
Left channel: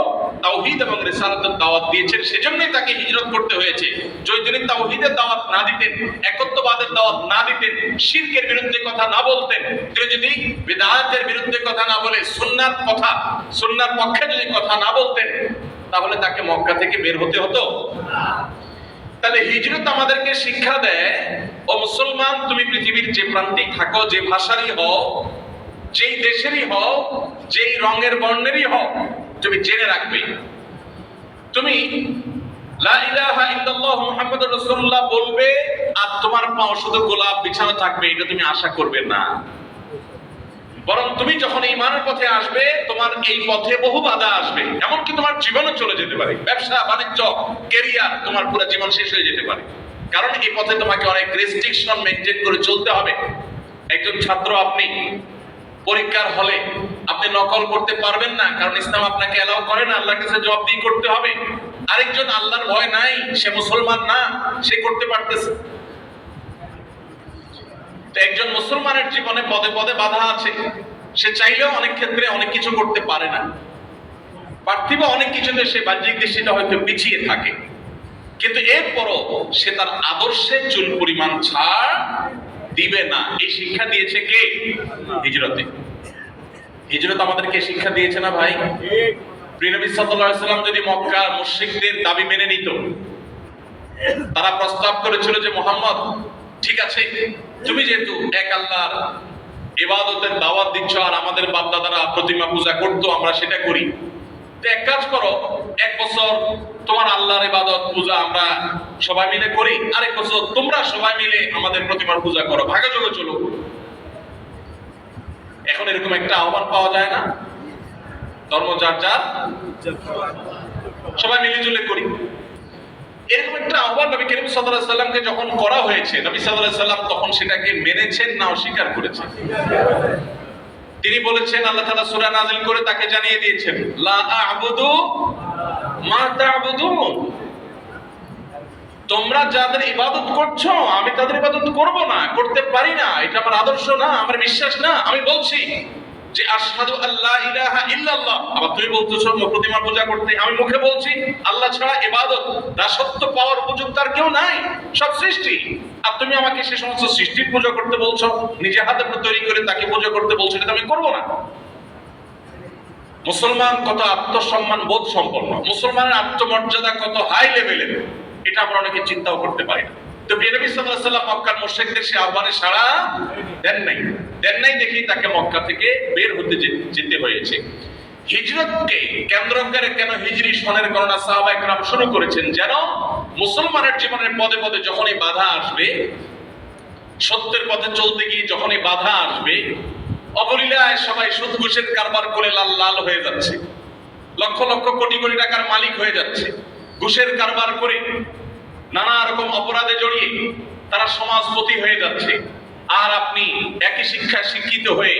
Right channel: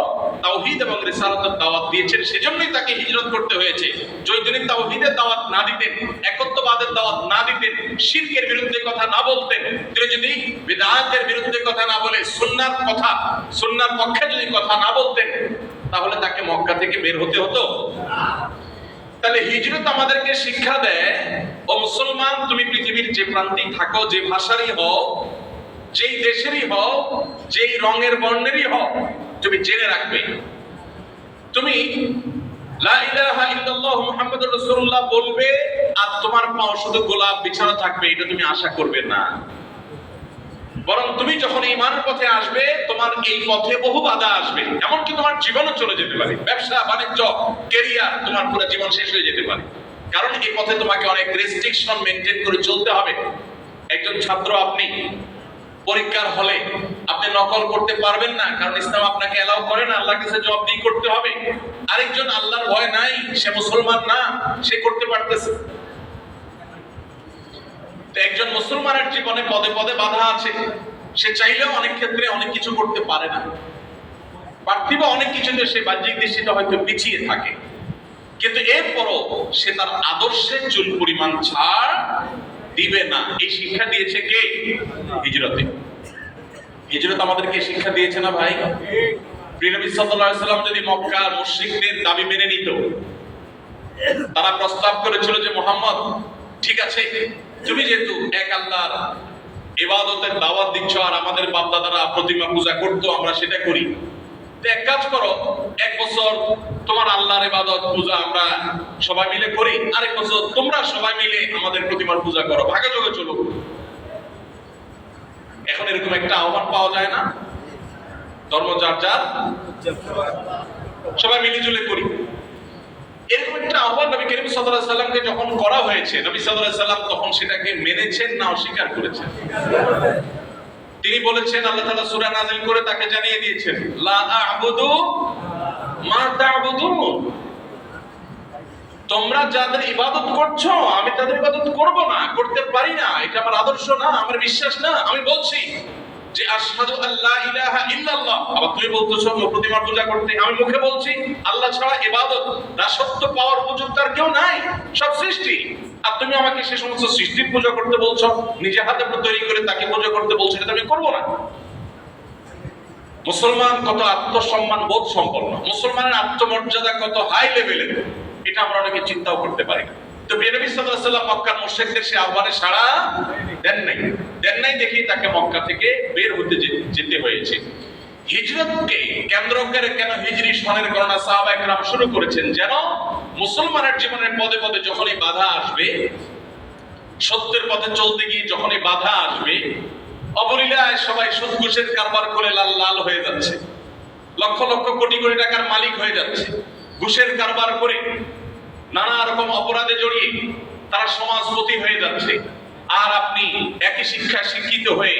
তাওহীদ এবং রিসালাতের দাওয়াত দিয়েছেন, সেজন্যই তাকে হিজরত করতে হয়েছে। যদি তিনি তাওহীদের দাওয়াত না দিতেন, একত্ববাদের দাওয়াত না দিতেন, শিরকের বিরুদ্ধে কথা না বলতেন, তিনি যদি বিদআতের বিরুদ্ধে কথা না বলে সুন্নাহর পক্ষে যদি কথা না বলতেন, তাহলে তাকে মক্কা থেকে বের হতে হতো? তাহলে হিজরত আমাদেরকে শিক্ষা দেয়, ও মুসলমান, তুমি পৃথিবীর যে প্রান্তিক থাকো, যে ভাষারই হও, যেই দেশেরই হও, যেই রঙের বর্ণেরই হও, তুমি জেনে রাখবে, তুমি লা ইলাহা ইল্লাল্লাহু মুহাম্মাদুর রাসূলুল্লাহ বলবে আর তোমার পাও শুধু গোলাপ বিছানো থাকবে, এটা তুমি আশা করবে না। বরং তুমি যখন ঈমানের পথে আসবে, তোমার এই পথে বহু বাধা আসবে, এমনকি তোমার জীবনও চলে যেতে পারে, ব্যবসা বাণিজ্য, ক্যারিয়ার, তোমার পুরো জীবন শেষ হয়ে যেতে পারে। কারণ এই পথে তোমাকে অনেক রেস্ট্রিকশন মেইনটেইন করে চলতে হবে। একজন ছাত্র, আপনি পরীক্ষার হলে আপনি নকল করতে পারবেন না, কারণ ইসলাম আপনাকে এলাও করে না, আল্লাহর কাছে জবাবদিহি করতে হবে। আরেকজন আল্লাহর ভয় নাই, সে মুসলমান না, সে করতে পারতেছে। একজন মুসলমানের জীবনে পদে পদে বাধা আছে, সে চাইলেও অনেক ক্ষেত্রে অনেক কিছু করতে পারে না। পার্থিব অনেক কিছুতে সে বাহ্যিক দৃষ্টিতে হয়তো পিছিয়ে থাকে, কিন্তু এরপরও সে তার আদর্শে চুল পরিমাণ ছাড় দিবে না। এই শিক্ষা দিয়েছে কে? হিজরতে। হিজরত আমাদেরকে শিক্ষা দিয়েছে না ভাই? প্রিয় নবী সাল্লাল্লাহু আলাইহি ওয়াসাল্লাম যদি মক্কার মুশরিকদের দাবি মেনে নিত, তারা প্রস্তাব করেছিল যে মুহাম্মদ, ঠিক আছে, তুমি যেহেতু এক আল্লাহর ইবাদতের দাওয়াত দিচ্ছ আর আমাদের বাপ দাদারা প্রতিমা পূজা করতো, আমরা সেটা করি, তো এক কাজ করো, এক বছর তোমার আল্লাহর ইবাদত পূজা আমরা সবাই মিলে করি, আরেক বছর তোমরা সবাই মিলে আমাদের প্রতিমার পূজা করো, ভাগাযোগে চলো। এখন এরকম একটা আহ্বান পাওয়া যায় না? ধর্ম যার যার, সবাই মিলে জুলে করি, এরকম একটা আহ্বান নবী করিম সাল্লাল্লাহু আলাইহি সাল্লামকে যখন করা হয়েছে, নবী সাল্লাল্লাহু আলাইহি সাল্লাম তখন সেটাকে মেনেছেন না অস্বীকার করেছেন? তিনি বলেছেন, আল্লাহ তাআলা সূরা নাযিল করে তাকে জানিয়ে দিয়েছেন, লা আ'বুদু মা তা'বুদুন, তোমরা যাদের ইবাদত করছো আমি তাদের ইবাদত করব না, করতে পারি না, এটা আমার আদর্শ না, আমার বিশ্বাস না। আমি বলছি যে আশহাদু আল্লা ইলাহা ইল্লাল্লাহ, আবার তুমি বলতেছো প্রতিমা পূজা করতে, আমি মুখে বলছি আল্লাহ ছাড়া ইবাদত, দাসত্ব পাওয়ার উপযুক্ত আর কেউ নাই, সব সৃষ্টি। আর তুমি আমাকে সে সমস্ত সৃষ্টির পূজা করতে বলছো, নিজে হাতে তৈরি করে তাকে পূজা করতে বলছো, এটা আমি করব না। মুসলমান কত আত্মসম্মান বোধ সম্পন্ন, মুসলমানের আত্মমর্যাদা কত হাই লেভেলের, এটা আমরা অনেকে চিন্তাও করতে পারি না। তো নবী সাল্লাল্লাহু আলাইহি ওয়াসাল্লাম মক্কার মুশরিকদের সে আহ্বানে সাড়া দেন নাই দেখি তাকে মক্কা থেকে বের হতে যেতে হয়েছে। হিজরতকে কেন্দ্র করে কেন হিজরি সনের গণনা সাহাবায়ে কেরাম শুরু করেছেন, যেন মুসলমানের জীবনের পদে পদে যখনই বাধা আসবে, সত্যের পথে চলতে গিয়ে যখনই বাধা আসবে, অবলীলায় সবাই সুদ ঘুষের কারবার করে লাল লাল হয়ে যাচ্ছে, লক্ষ লক্ষ কোটি কোটি টাকার মালিক হয়ে যাচ্ছে, ঘুষের কারবার করে নানা রকম অপরাধে জড়িয়ে তারা সমাজপতি হয়ে যাচ্ছে, আর আপনি একই শিক্ষায় শিক্ষিত হয়ে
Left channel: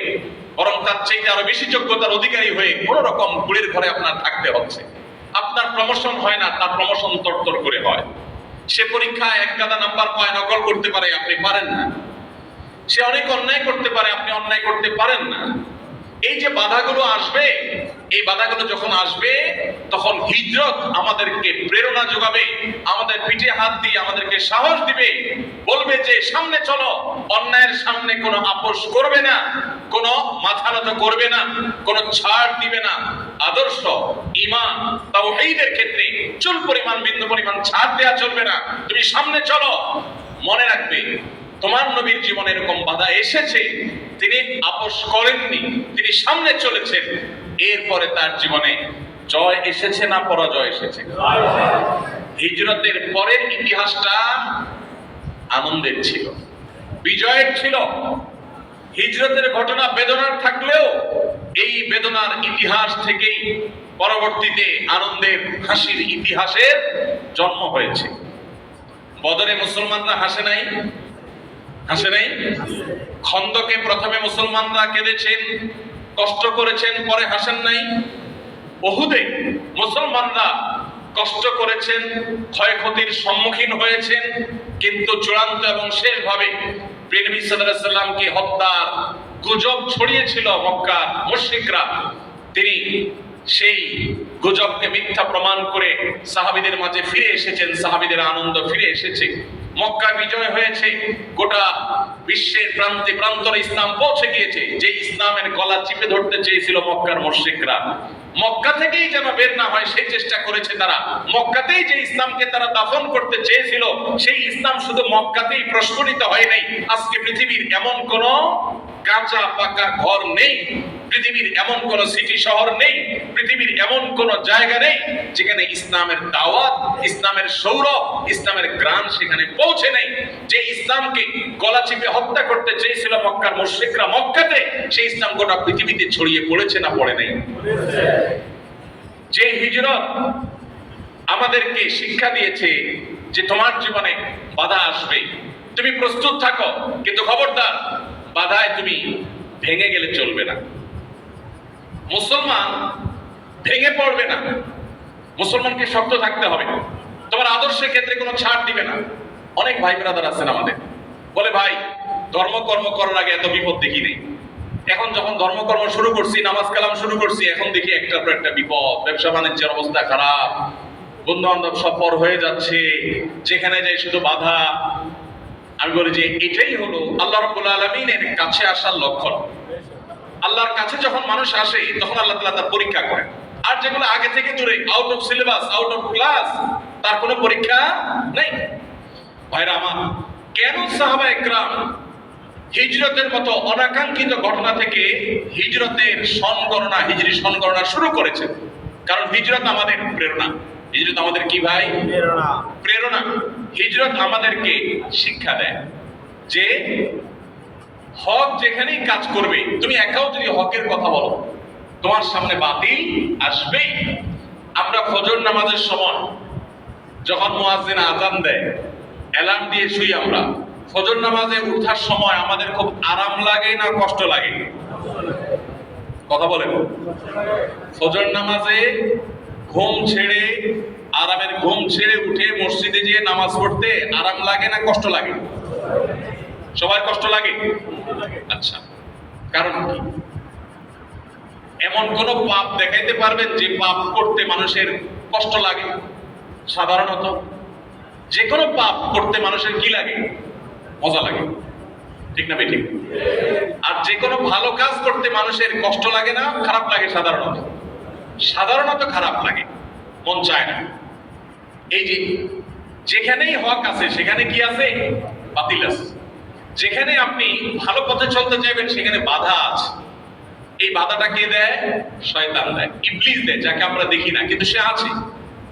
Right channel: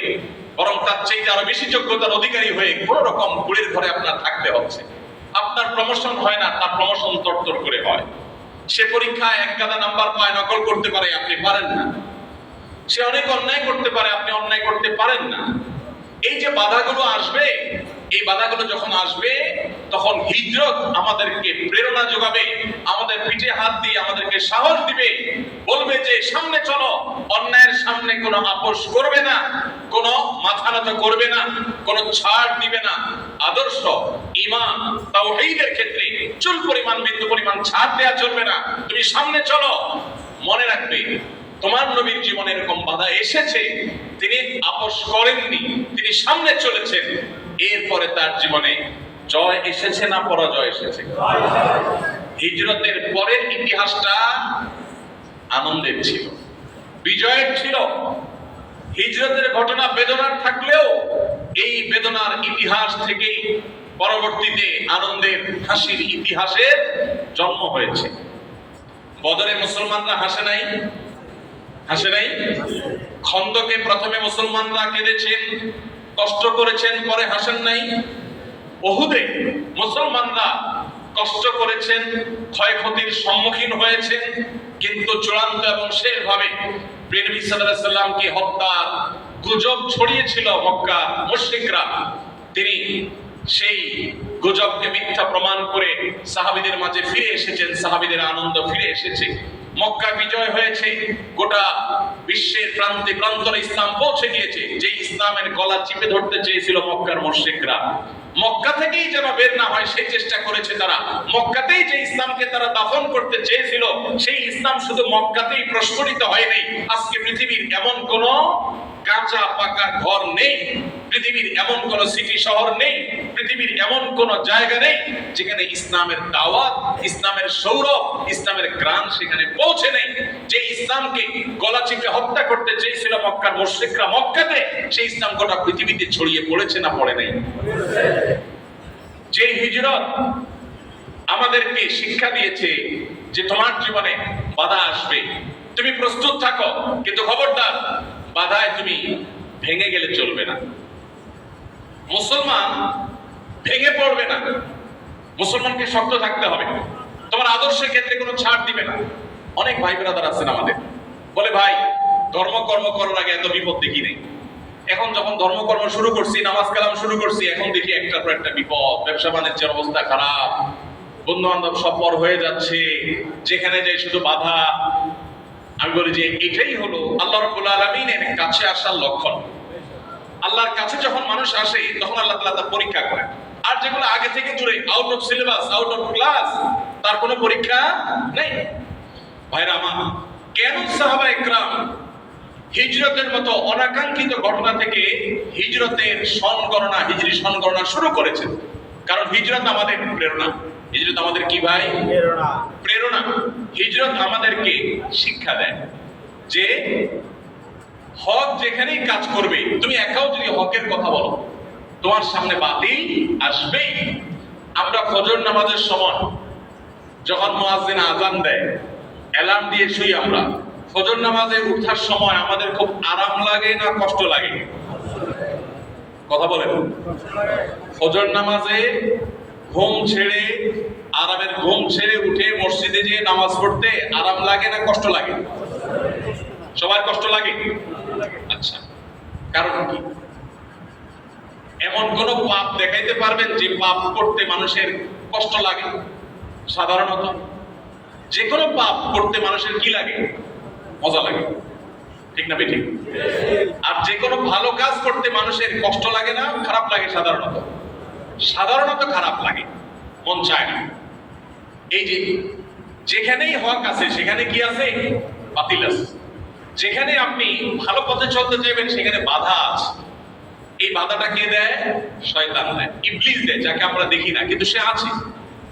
বরং তার চাইতে আরো বেশি যোগ্যতার অধিকারী হয়ে কোন রকম কুড়ির ঘরে আপনার থাকতে হচ্ছে। আপনার প্রমোশন হয় না, তার প্রমোশন তরতর করে হয়। সে পরীক্ষায় এক গাদা নাম্বার পায়, নকল করতে পারে, আপনি পারেন না। সে অনেক অন্যায় করতে পারে, আপনি অন্যায় করতে পারেন না। এই যে বাধাগুলো আসবে, এই বাধাগুলো যখন আসবে তখন হিজরত আমাদেরকে প্রেরণা যোগাবে, আমাদের পিঠে হাত দিয়ে আমাদেরকে সাহস দিবে, বলবে যে সামনে চলো, অন্যায়ের সামনে কোনো আপোষ করবে না, কোনো মাথা নত করবে না, কোনো ছাড় দিবে না। আদর্শ, ঈমান, তাওহীদের ক্ষেত্রে চুল পরিমাণ বিন্দু পরিমাণ ছাড় দেয়া চলবে না। তুমি সামনে চলো। মনে রাখবে, তোমার নবীর জীবনে এরকম বাধা এসেছে, তিনি আপোষ করেননি, তিনি সামনে চলেছেন, এরপরে তার জীবনে জয় এসেছে না পরাজয় এসেছে? হিজরতের পরের ইতিহাসটা আনন্দের ছিল, বিজয়ের ছিল। হিজরতের ঘটনা বেদনার থাকলেও এই বেদনার ইতিহাস থেকেই পরবর্তীতে আনন্দের হাসির ইতিহাসের জন্ম হয়েছে। বদরে মুসলমানরা হাসে নাই? খন্দকে প্রথমে মুসলমানরা কেঁদেছেন, কষ্ট করেছেন, পরে হাসেন নাই? উহুদে মুসলমানরা কষ্ট করেছেন, ক্ষয়ক্ষতির সম্মুখীন হয়েছেন, কিন্তু চূড়ান্ত এবং শেষভাবে নবী সাল্লাল্লাহু আলাইহি সাল্লামকে হত্যার গুজব ছড়িয়েছিল মক্কা মুশরিকরা, তিনি সেই গুজবকে মিথ্যা প্রমাণ করে সাহাবীদের মাঝে ফিরে এসেছেন, সাহাবীদের আনন্দ ফিরে এসেছে, মক্কা বিজয় হয়েছে, গোটা বিশ্বের প্রান্তে প্রান্তরে ইসলাম পৌঁছে গিয়েছে। যে ইসলামের গলা চিপে ধরতে চেয়েছিল মক্কার মুশরিকরা, মক্কা থেকেই যেন বের না হয় সেই চেষ্টা করেছে তারা। মক্কাতেই যে ইসলামকে তারা দাফন করতে চেয়েছিল, সেই ইসলাম শুধু মক্কাতেই প্রস্ফুটিত হয় নাই। আজকে পৃথিবীর এমন কোন কাঁচা পাকা ঘর নেই, পৃথিবীর এমন কোন সিটি শহর নেই, পৃথিবীর এমন কোন জায়গা নেই যেখানে ইসলামের দাওয়াত, ইসলামের সৌরভ, ইসলামের গ্রাম সেখানে পৌঁছে নেই। যে ইসলামকে গলা চিপে হত্যা করতে চেয়েছিল মক্কার মুশরিকরা মক্কাতে, সেই ইসলাম গোটা পৃথিবীতে ছড়িয়ে পড়েছে না পড়ে নাই? যে হিজরত আমাদেরকে শিক্ষা দিয়েছে যে তোমার জীবনে বাধা আসবে, তুমি প্রস্তুত থাকো, কিন্তু খবরদার বাধায় তুমি ভেঙে গেলে চলবে না। মুসলমান ভেঙে পড়বে না, মুসলমানকে শক্ত থাকতে হবে। তোমার আদর্শের ক্ষেত্রে কোনো ছাড় দিবে না। অনেক ভাই ব্রাদার আছেন আমাদের, বলে ভাই ধর্মকর্ম করার আগে এত বিপদ দেখি নেই, এখন যখন ধর্মকর্ম শুরু করছি, নামাজ কালাম শুরু করছি, এখন দেখি একটার পর একটা বিপদ, ব্যবসা বাণিজ্যের অবস্থা খারাপ, বন্ধু বান্ধব সব পর হয়ে যাচ্ছে, যেখানে যাই শুধু বাধা। আমি বলি যে এটাই হলো আল্লাহ রাব্বুল আলামিনের কাছে আসার লক্ষণ। আল্লাহর কাছে যখন মানুষ আসে তখন আল্লাহ তাআলা তার পরীক্ষা করেন। আর যেগুলো আগে থেকে দূরে, out of syllabus, out of class, তার কোনো পরীক্ষা নেই। ভাইরা আমার, কেন সাহাবায়ে কেরাম হিজরতের মতো অনাকাঙ্ক্ষিত ঘটনা থেকে হিজরতের সন গণনা, হিজরি সন গণনা শুরু করেছেন? কারণ হিজরত আমাদের প্রেরণা। হিজরত আমাদের কি ভাই? প্রেরণা। হিজরত আমাদেরকে শিক্ষা দেয় যে হক যেখানেই কাজ করবে, তুমি একাও যদি হকের কথা বলো, তোমার সামনে বাতিল আসবেই। আমরা ফজর নামাজের সময় যখন মুয়াজ্জিন আযান দেয়, অ্যালার্ম দিয়ে শুই আমরা, ফজর নামাজে উঠার সময় আমাদের খুব আরাম লাগে না কষ্ট লাগে? কথা বলেন। ফজর নামাজে ঘুম ছেড়ে, আরামের ঘুম ছেড়ে উঠে মসজিদে গিয়ে নামাজ পড়তে আরাম লাগে না কষ্ট লাগে? সবার কষ্ট লাগে। আচ্ছা, কারণ কি? এমন কোন পাপ দেখাইতে পারবেন যে পাপ করতে মানুষের কষ্ট লাগে? সাধারণত যে কোনো পাপ করতে মানুষের কি লাগে? মজা লাগে, ঠিক না বেঠিক? আর যে কোনো ভালো কাজ করতে মানুষের কষ্ট লাগে না খারাপ লাগে? সাধারণত খারাপ লাগে, মন চায় না। এই যে যেখানেই হক আছে সেখানে কি আছে? বাতিল আছে। যেখানে আপনি ভালো পথে চলতে চাইবেন সেখানে বাধা আছে। এই বাধাটা কে দেয়? শয়তান দেয়, ইবলিস দেয়, যাকে আমরা দেখি না কিন্তু সে আছে।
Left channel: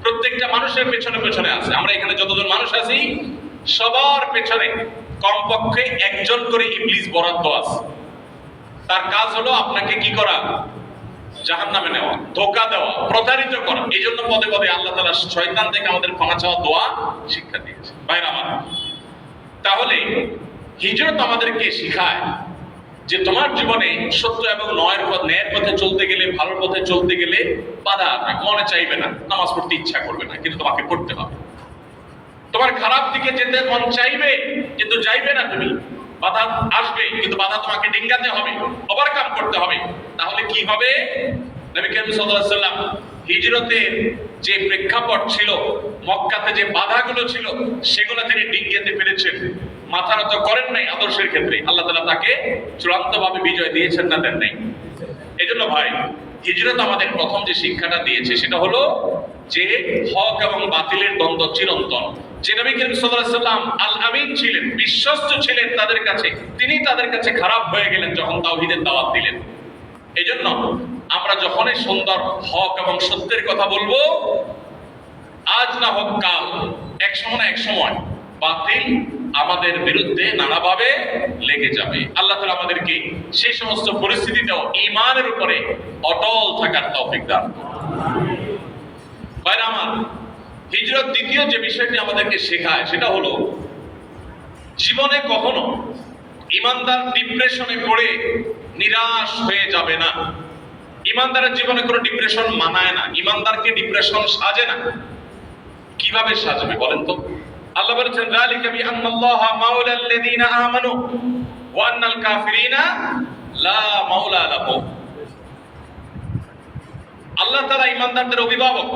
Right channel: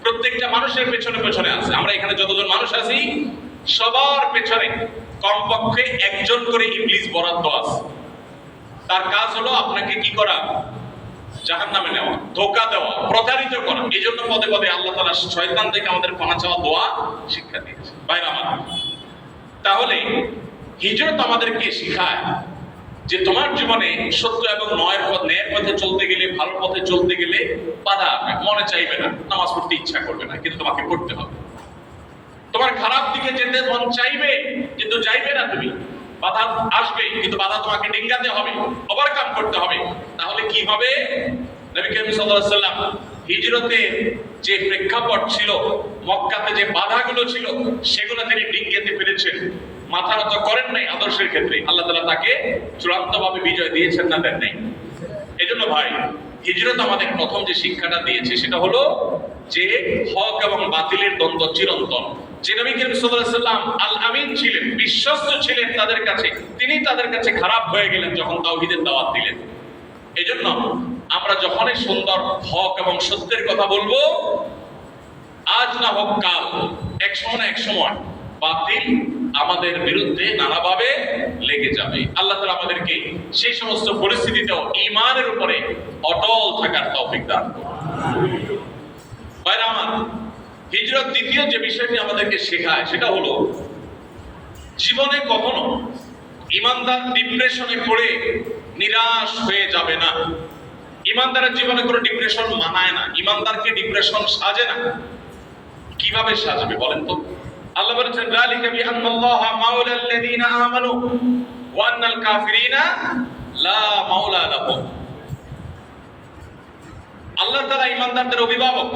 প্রত্যেকটা মানুষের পেছনে পেছনে আছে। আমরা এখানে যতজন মানুষ আছি সবার পেছনে কমপক্ষে একজন করে ইবলিস বরাদ্দ আছে। তার কাজ হলো আপনাকে কি করা? জাহান্নামে নেওয়া, ধোঁকা দেওয়া, প্রতারিত করা। এই জন্য পদে পদে আল্লাহ তাআলা শয়তান থেকে আমাদের ক্ষমা চাওয়া, দোয়া শিক্ষা দিয়েছে। ভাইরা আমার, তাহলে হিজরত আমাদেরকে শেখায় যে তোমার জীবনে সত্য এবং ন্যায়ের পথে চলতে গেলে, ভালো পথে চলতে গেলে বাধা মনে চাইবে না, নামাজ পড়তে ইচ্ছা করবে না, কিন্তু তোমাকে পড়তে হবে। তোমার খারাপ দিকে যেতে মন চাইবে কিন্তু যাইবে না তুমি, বাধা আসবে, কিন্তু বাধা তোমাকে ডিঙ্গাতে হবে, ওভারকাম করতে হবে। তাহলে কি হবে? নবী করিম সাল্লাল্লাহু আলাইহি ওয়াসাল্লাম হিজরতের যে প্রেক্ষাপট ছিল, মক্কাতে যে বাধাগুলো ছিল, সেগুলো তিনি ডিঙ্গাতে পেরেছেন, মাথা নত করেন নাই। আদর্শের ক্ষেত্রে আল্লাহ তাআলা তাকে চূড়ান্তভাবে বিজয় দিয়েছেন না দেন নাই? এজন্য ভাই, হিজরত আমাদের প্রথম যে শিক্ষাটা দিয়েছে সেটা হলো যে হক এবং বাতিলের দ্বন্দ্ব চিরন্তন। যে নবী করিম সাল্লাল্লাহু আলাইহি ওয়াসাল্লাম আল আমিন ছিলেন, বিশ্বস্ত ছিলেন তাদের কাছে, তিনি তাদের কাছে খারাপ হয়ে গেলেন যখন তাওহীদের দাওয়াত দিলেন। এজন্য আমরা যখনই সুন্দর হক এবং সত্যের কথা বলবো, আজ না হোক কাল, এক সময় না এক সময় বাতিল আমাদের বিরুদ্ধে নানাভাবে লেগে যাবে। আল্লাহ তাআলা আমাদেরকে সেই সমস্ত পরিস্থিতিতেও ঈমানের উপরে অটল থাকার তৌফিক দান করুন। ভাইরা আমার, হিজরত দ্বিতীয় যে বিষয়টি আমাদেরকে শেখায় সেটা হলো জীবনে কখনো ঈমানদার ডিপ্রেশনে পড়ে নিরাশ হয়ে যাবে না। ঈমানদারের জীবনে কোনো ডিপ্রেশন মানায় না, ঈমানদারকে ডিপ্রেশন সাজে না। কিভাবে সাজবে বলেন তো? আল্লাহ বলেছেন, যালিকা বিআন্নাল্লাহা মাওলাল লাযিনা আমানু ওয়া আন্নাল কাফিরিনা লা মাওলা লাহুম। আল্লাহ তাআলা ঈমানদারদের অভিভাবক।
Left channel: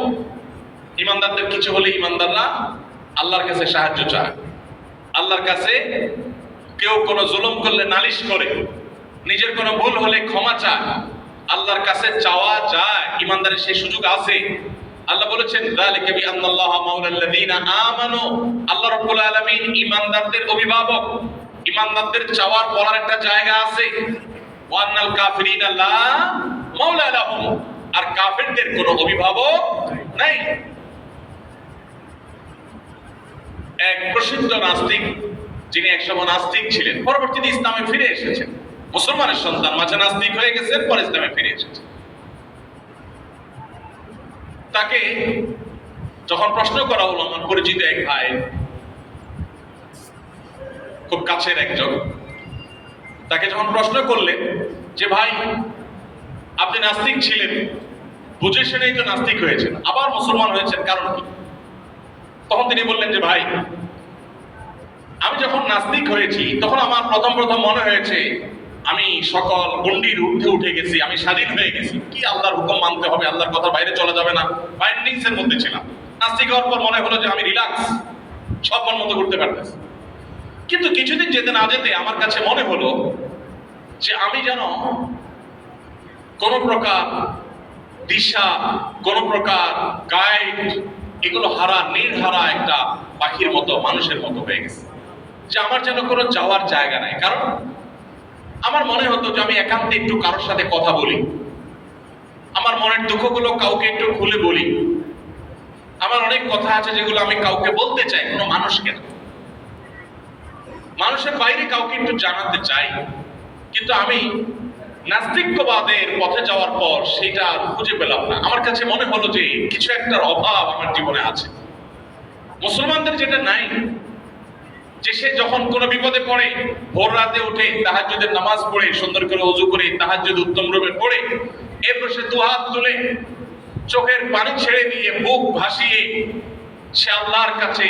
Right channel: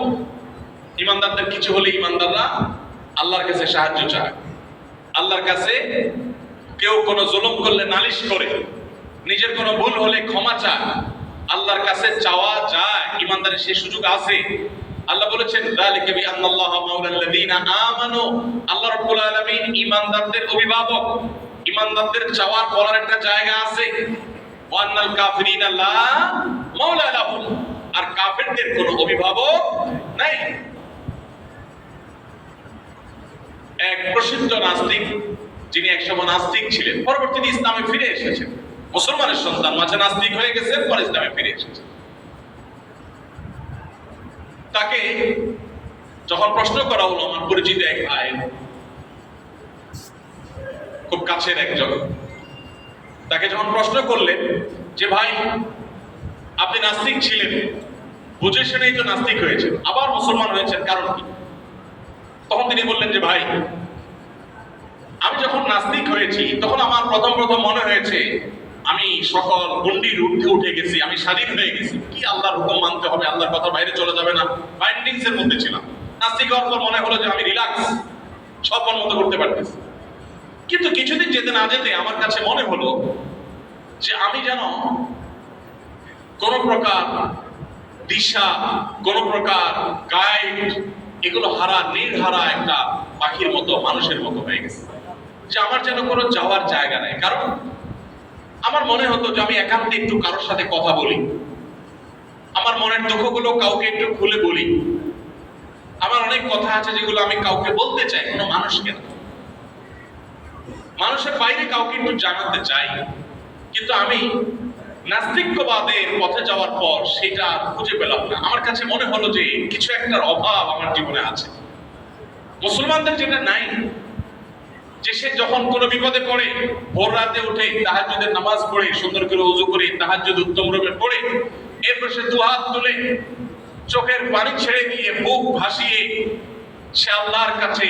ঈমানদারদের কিছু হলে ঈমানদাররা আল্লাহর কাছে সাহায্য চায়। আল্লাহর কাছে কেউ কোনো জুলুম করলে নালিশ করে, নিজের কোনো ভুল হলে ক্ষমা চায়, আল্লাহর কাছে চাওয়া যায়, ইমানদারের সেই সুযোগ আছে। আল্লাহ বলেছেন যালিকা বিআন্নাল্লাহা মাওলাল্লাযীনা আমানু, আল্লাহ রাব্বুল আলামিন ইমানদারদের অভিভাবক। ইমানদারদের চাওয়ার বলার একটা জায়গা আছে। ওয়া আন্নাল কাফিরিনা লা মাওলা লাহুম, আর কাফেরদের কোনো অভিভাবক নাই। এক প্রসিদ্ধ নাস্তিক, যিনি একসময় নাস্তিক ছিলেন, পরবর্তীতে ইসলামে ফিরে এসেছেন, মুসলমানের সন্তান, মাঝে নাস্তিক হয়ে গেছেন, পরে ইসলামে ফিরে এসেছেন। তাকে যখন প্রশ্ন করা হলো, আমার পরিচিত এক ভাই, খুব কাছের একজন, তাকে যখন প্রশ্ন করলেন যে ভাই আপনি নাস্তিক ছিলেন, বুঝে শুনেই তো নাস্তিক হয়েছেন, আবার মুসলমান হয়েছেন, কারণ কি? তখন তিনি বললেন যে ভাই আমি যখন নাস্তিক হয়েছি তখন আমার প্রথম মনে হয়েছে আমি সকল গণ্ডির ঊর্ধ্বে উঠে গেছি, আমি স্বাধীন হয়ে গেছি, কি আল্লাহর হুকুম মানতে হবে, আল্লাহর কথা বাইরে চলা যাবে না, বাইন্ডিংস এর মধ্যে ছিলাম। নাস্তিক হওয়ার পর মনে হলো যে আমি রিল্যাক্স, সব মতো করতে পারতেছি। কিন্তু কিছুদিন যেতে না যেতে আমার কাছে মনে হলো যে আমি যেন কোন প্রকার দিশা, কোন প্রকার গাইড, এগুলো হারা, নির্হারা একটা পাখির মতো, মানুষের মতো হয়ে গেছে, যে আমার যেন কোনো যাওয়ার জায়গা নাই। কারণ আমার মনে হতো যে আমি একান্তে একটু কারোর সাথে কথা বলি, আমার মনের দুঃখগুলো কাউকে একটু খুলে বলি, আমার অনেক কথা আছে যেগুলো আমি কাউকে বলতে চাই, কোনো মানুষকে না, মানুষের বাইরে কাউকে একটু জানাতে চাই। কিন্তু আমি নাস্তিক্যবাদের পথে যাওয়ার পর সেটা খুঁজে পেলাম না। আমার কাছে মনে হলো যে কিছু একটার অভাব আমার জীবনে আছে। মুসলমানদের যেটা নাই, যে সে যখন কোনো বিপদে পড়ে ভোর রাতে উঠে তাহাজ্জুদের নামাজ পড়ে, সুন্দর করে ওযু করে তাহাজ্জুদ উত্তম রূপে পড়ে, এরপর সে দুহাত তুলে চোখের পানি ছেড়ে দিয়ে বুক ভাসিয়ে সে আল্লাহর কাছে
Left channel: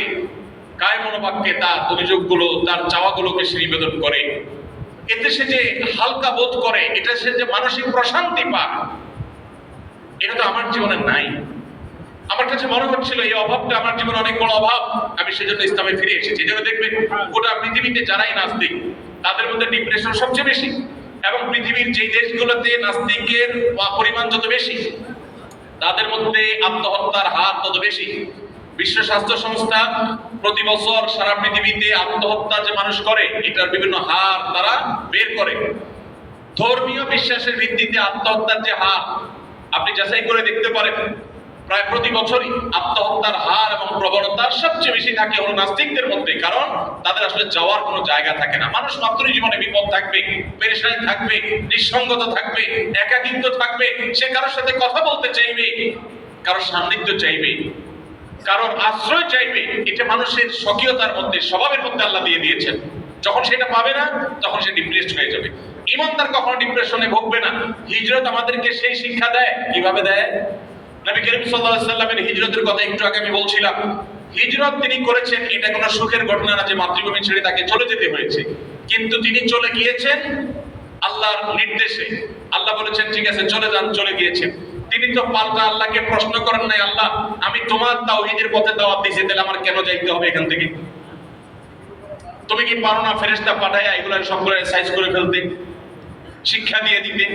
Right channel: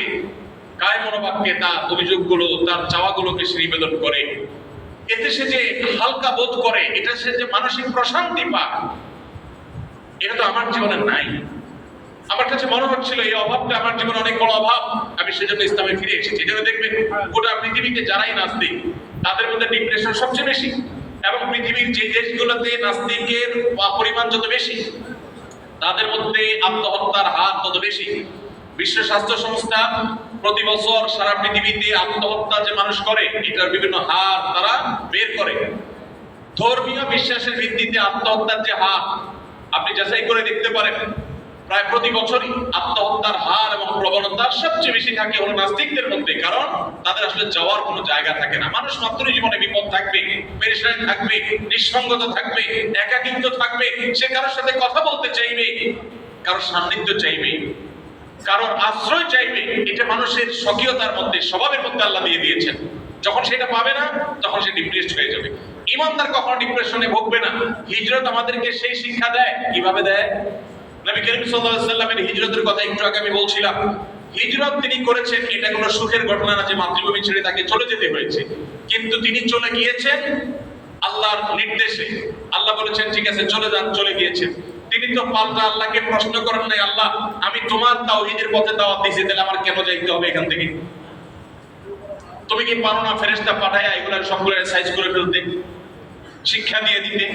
কায় মনোবাক্যে তার অভিযোগগুলো, তার চাওয়াগুলোকে সে নিবেদন করে। এতে সে যে হালকা বোধ করে, এটা সে যে মানসিক প্রশান্তি পায়, এটা তো আমার জীবনে নাই। আমার কাছে মনে হচ্ছিল এই অভাবটা আমার জীবনে অনেক বড় অভাব, আমি সেজন্য ইসলামে ফিরে এসেছি। যেটা দেখবেন গোটা পৃথিবীতে যারাই নাস্তিক তাদের মধ্যে ডিপ্রেশন সবচেয়ে বেশি, এবং পৃথিবীর যে দেশগুলোতে নাস্তিকের পরিমাণ যত বেশি তাদের মধ্যে আত্মহত্যার হার তত বেশি। বিশ্ব স্বাস্থ্য সংস্থা প্রতি বছর সারা পৃথিবীতে আত্মহত্যা যে মানুষ করে এটার বিভিন্ন হার তারা বের করে। ধর্মীয় বিশ্বাসের ভিত্তিতে আত্মহত্যার যে হার আপনি যাচাই করে দেখতে পারেন, প্রায় প্রতি বছরই আত্মহত্যার হার এবং প্রবণতা সবচেয়ে বেশি থাকে হলো নাস্তিকদের মধ্যে। কারণ তাদের আসলে যাওয়ার কোনো জায়গা থাকে না। মানুষ মাত্রই জীবনে বিপদ থাকবে, পেরেশানি থাকবে, নিঃসঙ্গতা থাকবে, একাকিত্ব থাকবে, সে কারোর সাথে কথা বলতে চাইবে, কারোর সান্নিধ্য চাইবে, কারোর আশ্রয় চাইবে। এটা মানুষের স্বকীয়তার মধ্যে, স্বভাবের মধ্যে আল্লাহ দিয়ে দিয়েছেন। যখন সেটা পাবে না তখন সে ডিপ্রেসড হয়ে যাবে। ইমানদার কখনো ডিপ্রেশনে ভুগবে না। হিজরত আমাদেরকে সেই শিক্ষা দেয়। কিভাবে দেয়? নবী করিম সাল্লাল্লাহু আলাইহি ওয়াসাল্লামের হিজরতের কথা একটু আগে আমি বলছিলাম। হিজরত তিনি করেছেন, এটা কোনো সুখের ঘটনা না যে মাতৃভূমি ছেড়ে তাকে চলে যেতে হয়েছে, কিন্তু তিনি চলে গিয়েছেন আল্লাহর নির্দেশে। আল্লাহ বলেছেন ঠিক আছে চলে যান, চলে গিয়েছেন। তিনি তো পাল্টা আল্লাহকে প্রশ্ন করেন নাই, আল্লাহ আমি তোমার তাওহীদের পথে দাওয়াত দিয়েছি, তাহলে আমার কেন যাইতে হবে এখান থেকে? তুমি কি পারো না ফেরেশতা পাঠায়া এগুলো সবগুলো সাইজ করে ফেলতে, শিক্ষা দিয়ে দিতে?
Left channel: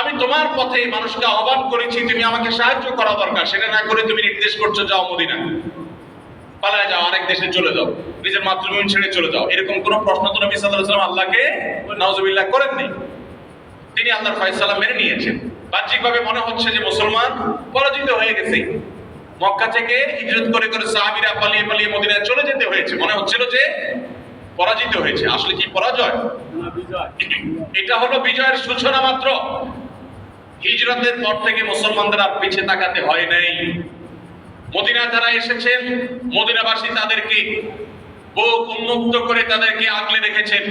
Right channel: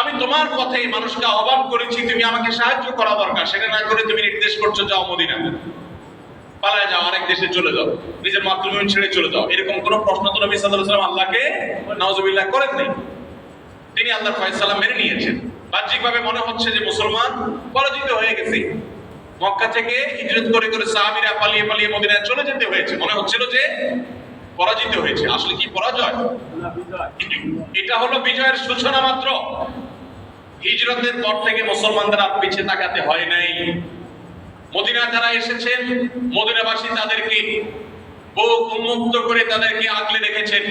আমি তোমার পথে মানুষকে আহ্বান করেছি, তুমি আমাকে সাহায্য করা দরকার, সেটা না করে তুমি নির্দেশ করছো যাও মদিনা, পালায় যাও, আরেক দেশে চলে যাও, নিজের মাতৃভূমি ছেড়ে চলে যাও। এরকম কোন প্রশ্ন তো নবী সাল্লাল্লাহু আলাইহি ওয়াসাল্লাম আল্লাহকে নাউজুবিল্লাহ করেননি। তিনি আল্লাহর ফয়সালা মেনে নিয়েছেন। বাহ্যিকভাবে মনে হচ্ছে যে মুসলমান পরাজিত হয়ে গেছে। মক্কা থেকে হিজরত করে করে সাহাবীরা পালিয়ে পালিয়ে মদিনায় চলে যেতে হয়েছে, মনে হচ্ছিল যে পরাজিত হয়েছে। আসলে কি পরাজয়? এটা হলো বিজয়ের সূচনা মাত্র। হিজরতের পর থেকে মুসলমানদের আর পিছে তাকাতে হয় নাই। মদিনা যারা এসেছেন, মদিনাবাসী তাদেরকে বুক উন্মুক্ত করে তাদেরকে আগলে রেখেছেন।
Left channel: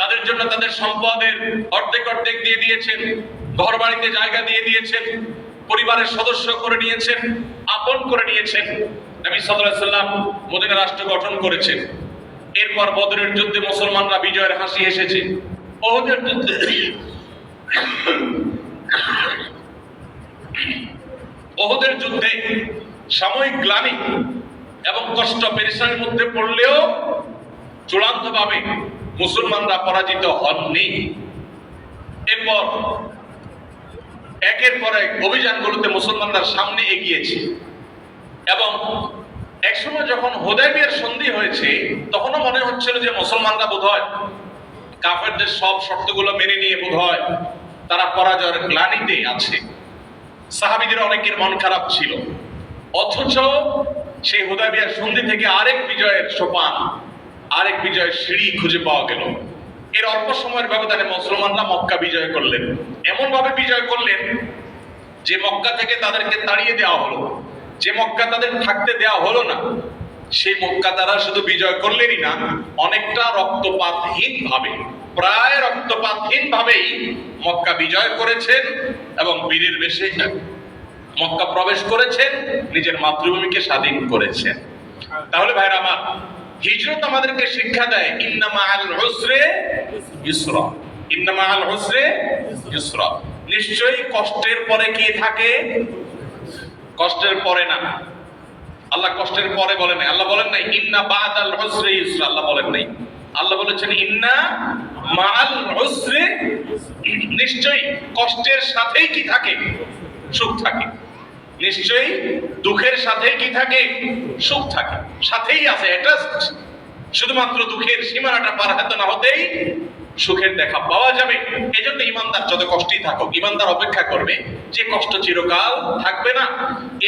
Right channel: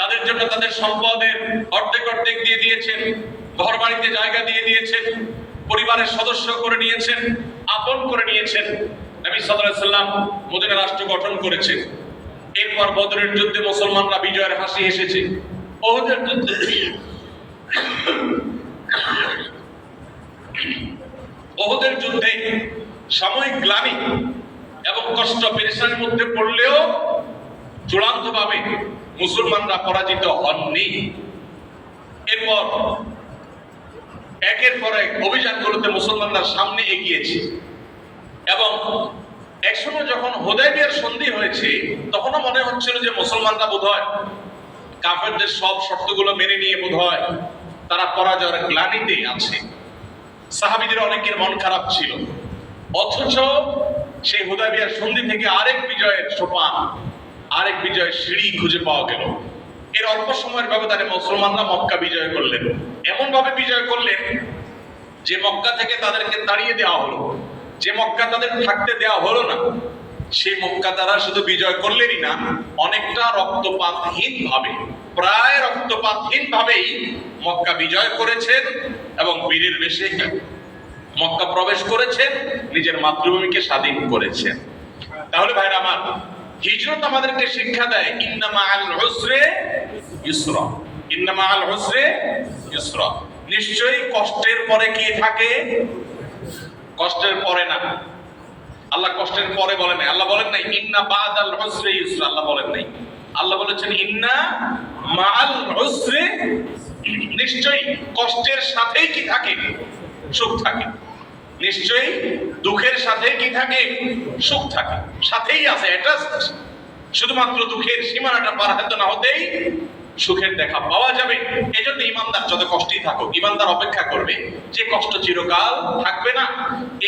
তাদের জন্য তাদের সম্পদের অর্ধেক অর্ধেক দিয়ে দিয়েছেন, ঘর বাড়িতে জায়গা দিয়ে দিয়েছেন, পরিবারের সদস্য করে নিয়েছেন, আপন করে নিয়েছেন। নবী সাল্লাল্লাহু আলাইহি ওয়াসাল্লাম মদিনা রাষ্ট্র গঠন করেছেন। এরপর বদরের যুদ্ধে মুসলমানরা বিজয়ের হাসি হেসেছে। ওহদের যুদ্ধে সাময়িক গ্লানি এবং কষ্ট পেরেশানির মধ্যে পড়লেও চূড়ান্তভাবে মুসলমানরা পরাজিত হননি। এরপর একের পর এক অভিযানগুলোতে মুসলমানরা সামনে এগিয়েছে। এবং একসময় যখন হুদায়বিয়ার সন্ধি হয়েছে, তখনও মনে হচ্ছিল যে মুসলমানরা বোধহয় কাফেরদের সব শর্তগুলো মেনে নিয়ে বোধহয় তারা পরাজয়ের গ্লানিতে আছে। সাহাবীদের অনেকের মন খারাপ ছিল। অথচ সেই হুদায়বিয়ার সন্ধি থেকে আরেক বিজয়ের সোপান, আরেক বিজয়ের সিঁড়ি খুঁজে পাওয়া গেল। এর অল্প সময়ের ব্যবধানে মুসলমানরা মক্কা বিজয় করলেন। এমন ভাবে বিজয় করলেন যে মক্কা থেকে তাদেরকে তাড়িয়ে দেওয়া হলো, যে মক্কা তাদের থাকতে দেওয়া হলো না, সেই মক্কা তারা শুধু বিজয় করলেনই না, অনেকটা রক্তপাতহীন ভাবে, প্রায় রক্তপাতহীন ভাবেই মক্কা বিজয় করেছেন এবং বীরের বেশে মক্কা প্রবেশ করেছেন, নিজের মাতৃভূমিকে স্বাধীন করেছেন। তাহলে ভাইরা আমার, হিজরত আমাদেরকে শিক্ষা দেয় ইন্না মাআল উসরে ইউসরা, ইন্না মাআল উসরে ইউসরা। নিশ্চয়ই কষ্টের পরে কি থাকে? কষ্টের পরে না। আল্লাহ কষ্টের পরে বলেন নাই, আল্লাহ বলেন নাই ইন্না বাদাল উসরে ইউসরা, আল্লাহ বলেন নাই। আল্লাহ বলেছেন ইন্না মাআল উসরে, নিশ্চয়ই কষ্টের সাথেই কি থাকে? সুখ থাকে। নিশ্চয়ই দুঃখের সাথে কি থাকে? সুখ থাকে, সাথেই আছে অ্যাটাচড। শুধুমাত্র দুঃখের সীমানাটা পার হতে না হতেই সুখের দেখা পাওয়া যাবে। এজন্য ইমানদার যত কষ্টই থাকুক, ইমানদার অপেক্ষা করবে যে কষ্ট চিরকাল থাকবে না।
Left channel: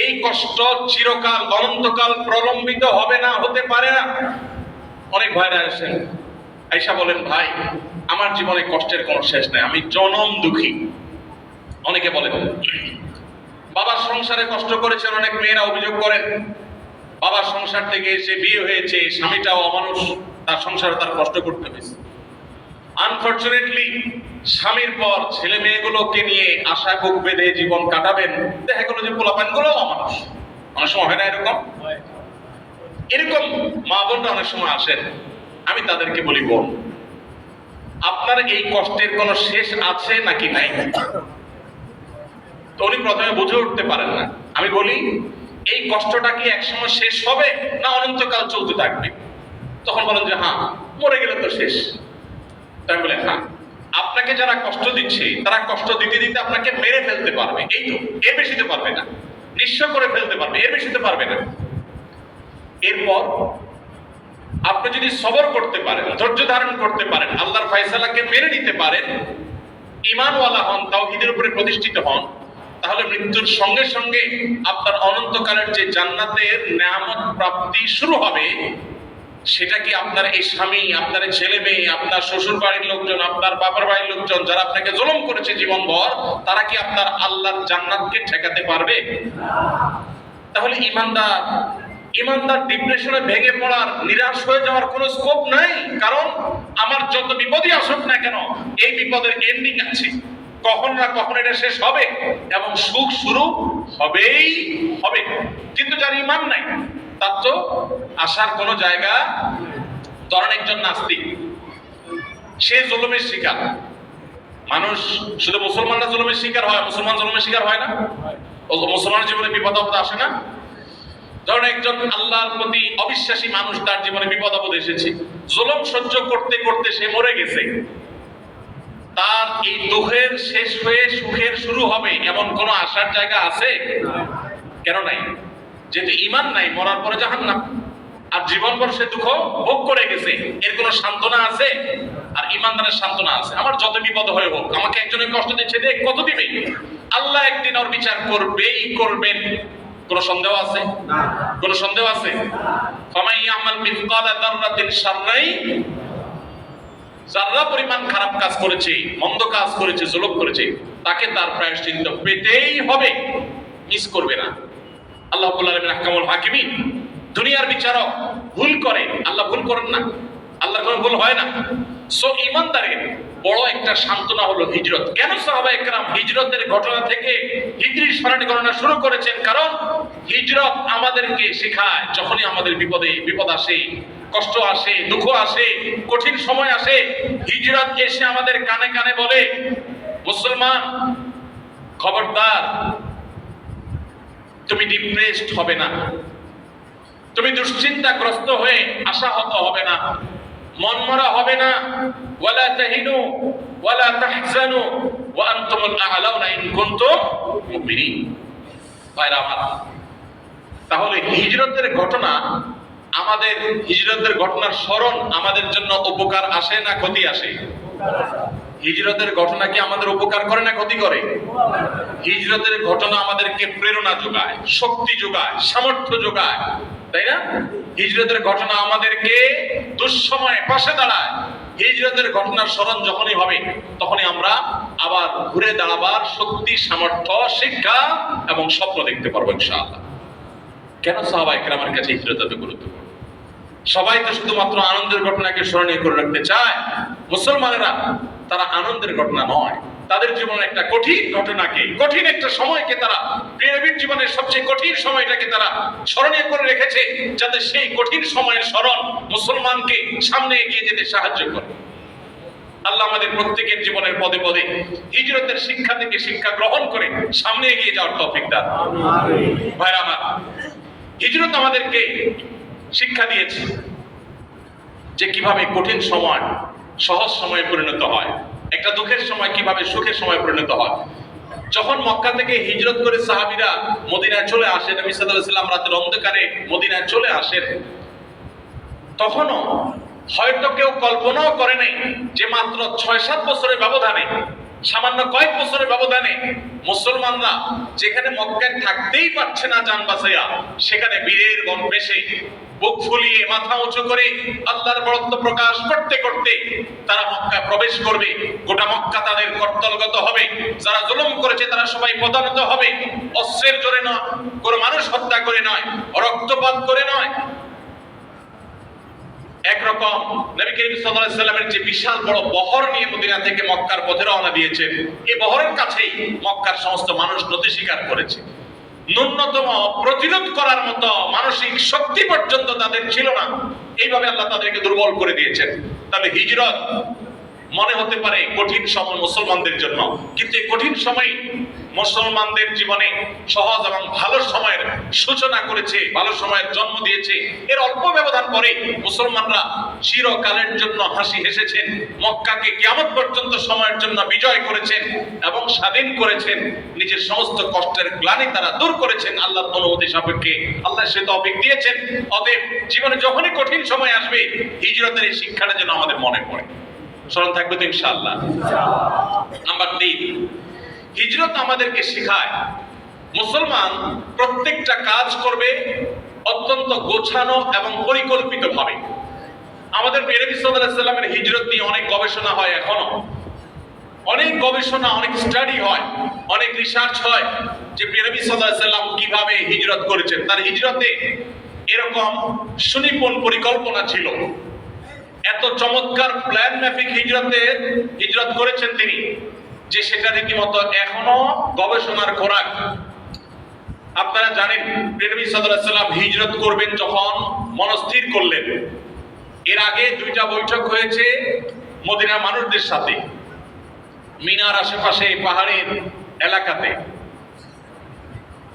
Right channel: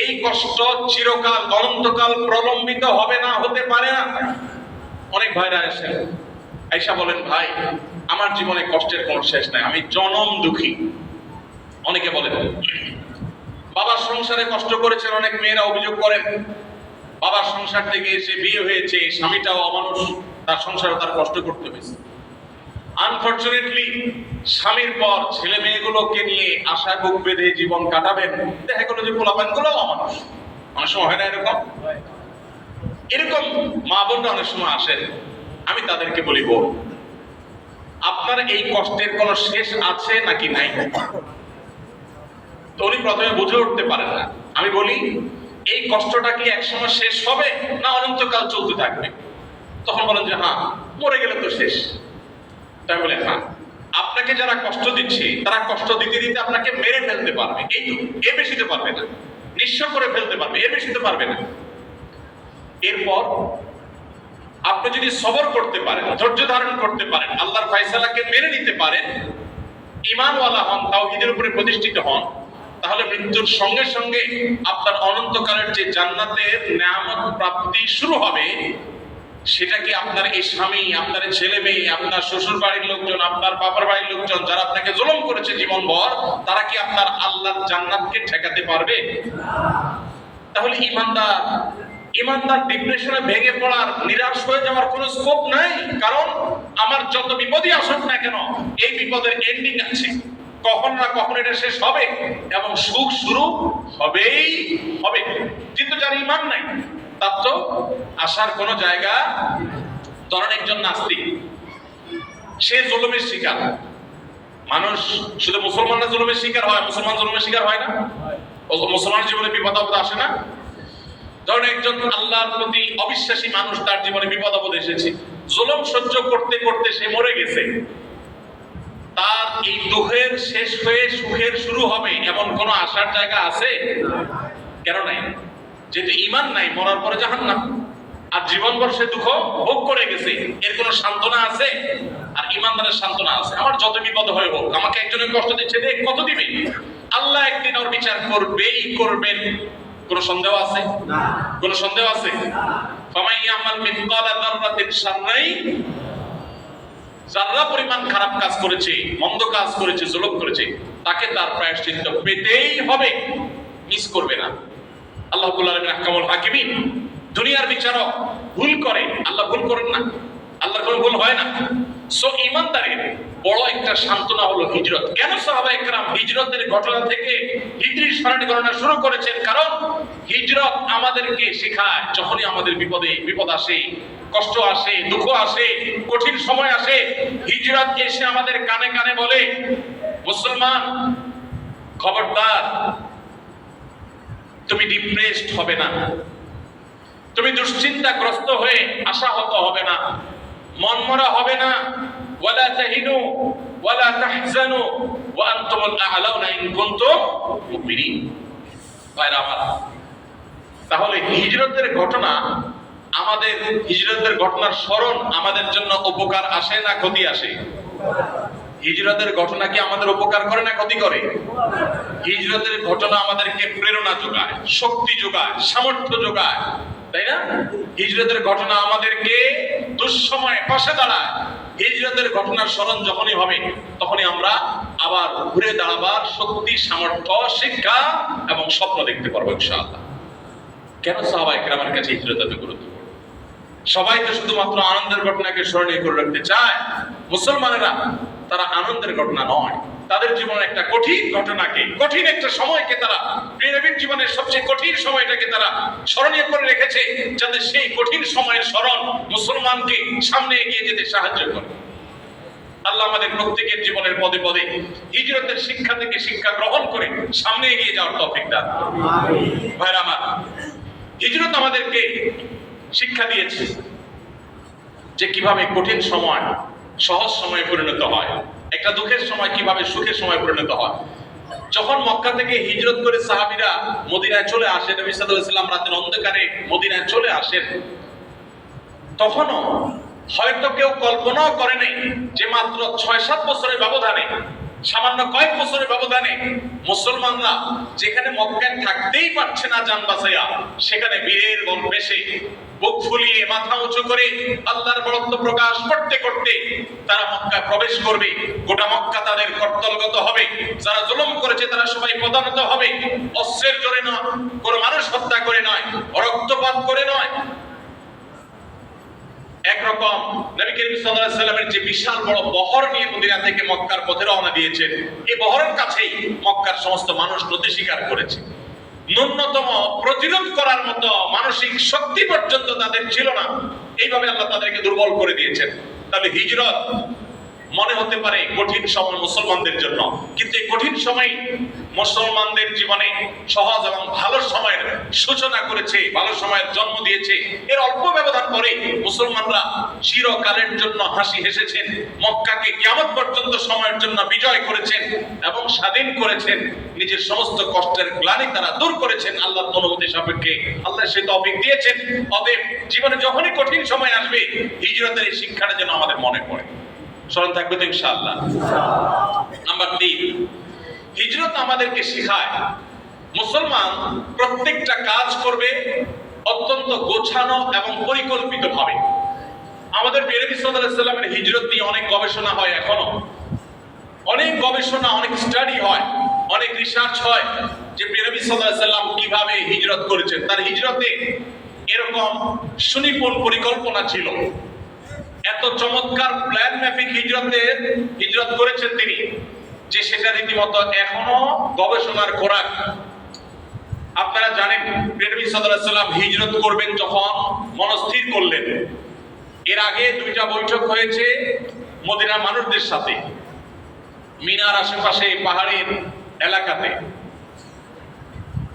এই কষ্ট চিরকাল, অনন্তকাল প্রলম্বিত হবে না, হতে পারে না। অনেক ভাইরা আসেন, আয়েশা বলেন, ভাই আমার জীবনে কষ্টের কোনো শেষ নাই, আমি জনম দুঃখী। অনেকে বলেন বাবার সংসারে কষ্ট করেছেন, অনেক মেয়েরা অভিযোগ করেন বাবার সংসার থেকে এসে বিয়ে হয়েছে, স্বামীটাও অমানুষ, তার সংসারে তার কষ্ট করতে হয়েছে। আনফরচুনেটলি স্বামীর পর ছেলে মেয়েগুলোকে নিয়ে আশা বুক বেঁধে জীবন কাটাবেন, দেখা গেল যে পোলাপান গুলো অমানুষ। অনেক সময় হয় না এরকম? এরকম মা বোনরা অনেক সময় আসেন, আমি তাদেরকে বলি, বোন আপনার এই কষ্টের কোনো শেষ আছে নাকি নাই? তো উনি প্রথমে বুঝে উঠতে পারেন না। আমি বলি, এই কষ্টটা কি একসময় শেষ হবে না অনন্তকাল চলতে থাকবে? তখন বলেন যে হ্যাঁ, মরে গেলে তো শেষ। তাই বলে হ্যাঁ, আপনাকে যারা কষ্ট দিচ্ছে তারা কষ্ট দিতে দিতে আপনাকে মেরে ফেলতে পারবে, এই তো, এর বেশিতে পারবে না। নিঃস্ব করে ফেলতে পারবে, এর বেশিতে পারবে না। এরপর আপনি যদি সবর করতে পারেন, ধৈর্য ধারণ করতে পারেন, আল্লাহর ফয়সালাকে মেনে নিতে পারেন, ঈমানওয়ালা হন, তাওহীদের উপরে প্রতিষ্ঠিত হন, তাহলে মৃত্যুর সঙ্গে সঙ্গে আপনার অনন্তকালের যে জান্নাতের নেয়ামত প্রাপ্তি শুরু হবে, সেটা কি আপনার এই স্বামী, আপনার ছেলে মেয়ে, আপনার শ্বশুর বাড়ির লোকজন, আপনার বাবার বাড়ির লোকজন যারা আপনাকে জুলুম করেছে জীবনভর, তারা কি আপনার আল্লাহর জান্নাতকে ঠেকাতে পারবে? তাহলে ইমানদার ডিপ্রেশনে ভেঙে পড়ার, নিরাশ হয়ে যাওয়ার কোনো স্কোপ নাই। কারণ আমার যত বিপদই আসুক না কেন, এই বিপদের এন্ডিং আছে, কখন না কখন এটা শেষ হবে এবং সুখ শুরু হবেই হবে। কিন্তু যার ঈমান নাই তার তো আসার কোনো জায়গা। ধরেন একজন নাস্তিক, সে জুলুমের শিকার। মানুষ শুধু মুসলমানরা জুলুমের শিকার হয়, মুসলমান জুলুমের শিকার হয় না? মুসলমানের জীবনে বিপদ আপদ আসে না? ধরেন একজন আল্লাহর প্রতি অবিশ্বাসী মানুষ, তার জীবনে বিপদ আপদ এসেছে, জুলুম সহ্য করতে করতে সে মরে গেছে। তার এই দুঃখের শেষ হয়ে সুখের শুরু হবে এমন কোন আশার জায়গা আছে? কেন নাই? যেহেতু ঈমান নাই, মরার পরে জাহান্নাম। আর জীবনভর সে দুঃখ ভোগ করে গেছে, এর কোনো সান্ত্বনা আছে? আর ঈমানদারের সান্ত্বনা আছে, আমার যত বিপদ হয়ে হোক, আমাকে একজনে কষ্ট দিচ্ছে, দেখ কত দিবে, আল্লাহ একদিন ওর বিচার করবেই করবেন। কোন সন্দেহ আছে? না। কোন সন্দেহ আছে? ফামাই ইয়ামাল মিসকালা যাররাতিন শাররাই, যারা পরিমাণ খারাপ কাজ করেছে, মন্দ কাজ করেছে, জুলুম করেছে, তাকে তার প্রায়শ্চিত্ত পেতেই হবে, মিস করবে না। আল্লাহ রাব্বুল আলামিন আহকামুল হাকিমিন, দুনিয়ার বিচারক, ভুল করে, আল্লাহ ভুল করেন না, আল্লাহর কোনো ভুল হয় না। সো ঈমানদারের বড় একটা সান্ত্বনা হলো হিজরত। কেন সাহাবায়ে কেরাম হিজরতের ঘটনা থেকে হিজরি সরণি গণনা শুরু করেছেন? কারণ হিজরত আমাদেরকে শেখায়, যখনই আমাদের বিপদ আসে, কষ্ট আসে, দুঃখ আসে, কঠিন সময় আসে, হিজরত এসে আমাদের কানে কানে বলে, মুসলমান খবরদার, তুমি ডিপ্রেসড হবে না, তুমি দুশ্চিন্তাগ্রস্ত হয়ে আশাহত হবে না, মনমরা হবে না। ওয়ালা তাহিনু ওয়ালা তাহজানু ওয়া আনতুমুল আ'লাউনা ইন কুনতুম মুমিনিন। ভাইরা আমার, তাহলে হিজরতের ঘটনা, আমাদের হিজরতের ঘটনার স্মরণ আমাদের জন্য উপকার আসে না ক্ষতি আসে? হিজরতের ঘটনা কি আমাদের উপকার করে না ক্ষতি করে? হিজরতের ঘটনা আমাদেরকে প্রেরণা যোগায়, শক্তি যোগায়, সামর্থ্য যোগায়, তাই না? হিজরতের ঘটনা আমাদেরকে দুঃসময়ে পাশে দাঁড়ায়। হিজরতের ঘটনার স্মরণ যখনই হবে তখনই আমরা আবার ঘুরে দাঁড়াবার শক্তি, সামর্থ্য, শিক্ষা এবং স্বপ্ন দেখতে পারবো ইনশাআল্লাহ। কেন সাহাবায়ে কেরামের কাছে হিজরত এত গুরুত্বপূর্ণ? সবাই তো শুধুমাত্র আনন্দের ঘটনাকে স্মরণীয় করে রাখতে চায়। মুসলমানেরা তারা আনন্দের ঘটনা নয়, তাদের জীবনের একটা কঠিন ঘটনাকে, কঠিন একটা সময়কে তারা, নবীর জীবনের সবচেয়ে কঠিন সময়টাকে তারা স্মরণীয় করে রেখেছে, যাতে সেই কঠিন সময়ের স্মরণ মুসলমানকে সামনে এগিয়ে যেতে সাহায্য করে। আল্লাহ আমাদের প্রত্যেকের জীবনের পদে পদে হিজরতের শিক্ষা থেকে শিক্ষা গ্রহণ করে সামনে এগিয়ে যাওয়ার তৌফিক দান। আমিন। ভাইরা আমার, হিজরত আমাদেরকে শিক্ষা দিয়েছে যে কিভাবে কঠিন সময় সহজ সময়ে পরিণত হয়, একটা দুঃখের সময় কিভাবে সুখের সময় পরিণত হয়। যখন মক্কা থেকে হিজরত করে সাহাবীরা মদিনায় চলে আসেন, নবী সাল্লাল্লাহু আলাইহি ওয়াসাল্লাম রাতের অন্ধকারে মদিনায় চলে আসেন, তখনও হয়তো কেউ কল্পনাও করে নাই যে মাত্র ৬-৭ বছরের ব্যবধানে, সামান্য কয়েক বছরের ব্যবধানে মুসলমানরা যেখানে মক্কায় থাকতেই পারছে না জান বাঁচাইয়া, সেখানে বীরের বেশে বুক ফুলিয়ে মাথা উঁচু করে আল্লাহর বড়ত্ব প্রকাশ করতে করতে তারা মক্কায় প্রবেশ করবে। গোটা মক্কা তাদের কর্তলগত হবে, যারা জুলুম করেছে তারা সবাই প্রধানত হবে। অস্ত্রের জোরে না, কোনো মানুষ হত্যা করে নয়, রক্তপাত করে নয়। একরকম নবী করিম সাল্লাল্লাহু আলাইহি ওয়াসাল্লামের যে বিশাল বড় বহর নিয়ে মদিনা থেকে মক্কার পথে রওনা দিয়েছেন, এই বহরের কাছেই মক্কার সমস্ত মানুষ নতি স্বীকার করেছে। ন্যূনতম প্রতিরোধ করার মতো মানসিক শক্তি পর্যন্ত তাদের ছিল না। এইভাবে আল্লাহ তাদেরকে দুর্বল করে দিয়েছেন। তবে হিজরত মনে হতে পারে কঠিন সময় মুসলমানদের জন্য, কিন্তু এই কঠিন সময় মুসলমানদের জীবনে সহজ এবং ভালো সময়ের সূচনা করেছে, ভালো সময়ের জন্ম দিয়েছে। এর অল্প ব্যবধান পরে মুসলমানরা চিরকালের জন্য হাসি হেসেছেন, মক্কাকে কিয়ামত পর্যন্ত সময়ের জন্য বিজয় করেছেন এবং স্বাধীন করেছেন। নিজের সমস্ত কষ্টের গ্লানি তারা দূর করেছেন আল্লাহর অনুমতি সাপেক্ষে। আল্লাহ সে তৌফিক দিয়েছেন। অতএব জীবনে যখনই কঠিন সময় আসবে, হিজরতের এই শিক্ষাটা যেন আমাদের মনে পড়ে। স্মরণ থাকবে তো ইনশাআল্লাহ। নাম্বার 3, হিজরত আমাদেরকে শেখায় মুসলমান প্রত্যেকটা কাজ করবে অত্যন্ত গোছানো এবং পরিকল্পিতভাবে। আমাদের নবী সাল্লাল্লাহু আলাইহি ওয়াসাল্লামের হিজরত নিয়ে অনেক গবেষণা হয়, এখনো অনেক গবেষণা, অনেক স্টাডি হয়, অনেক রিসার্চ হয় যে নবী সাল্লাল্লাহু আলাইহি ওয়াসাল্লাম কিভাবে হিজরত করেছেন। তার হিজরতে এরকম সুনিপুণ পরিকল্পনা ছিল, এত চমৎকার প্ল্যান মাফিক হিজরত করেছেন তিনি, যে সেটা রীতিমতো এখনো গবেষণার খোরাক। আপনারা জানেন নবী সাল্লাল্লাহু আলাইহি ওয়াসাল্লাম হিজরত করবেন যখন মনস্থির করলেন, এর আগে 2টা বৈঠক হয়েছে মদিনার মানুষদের সাথে, মিনার আশেপাশে পাহাড়ের এলাকাতে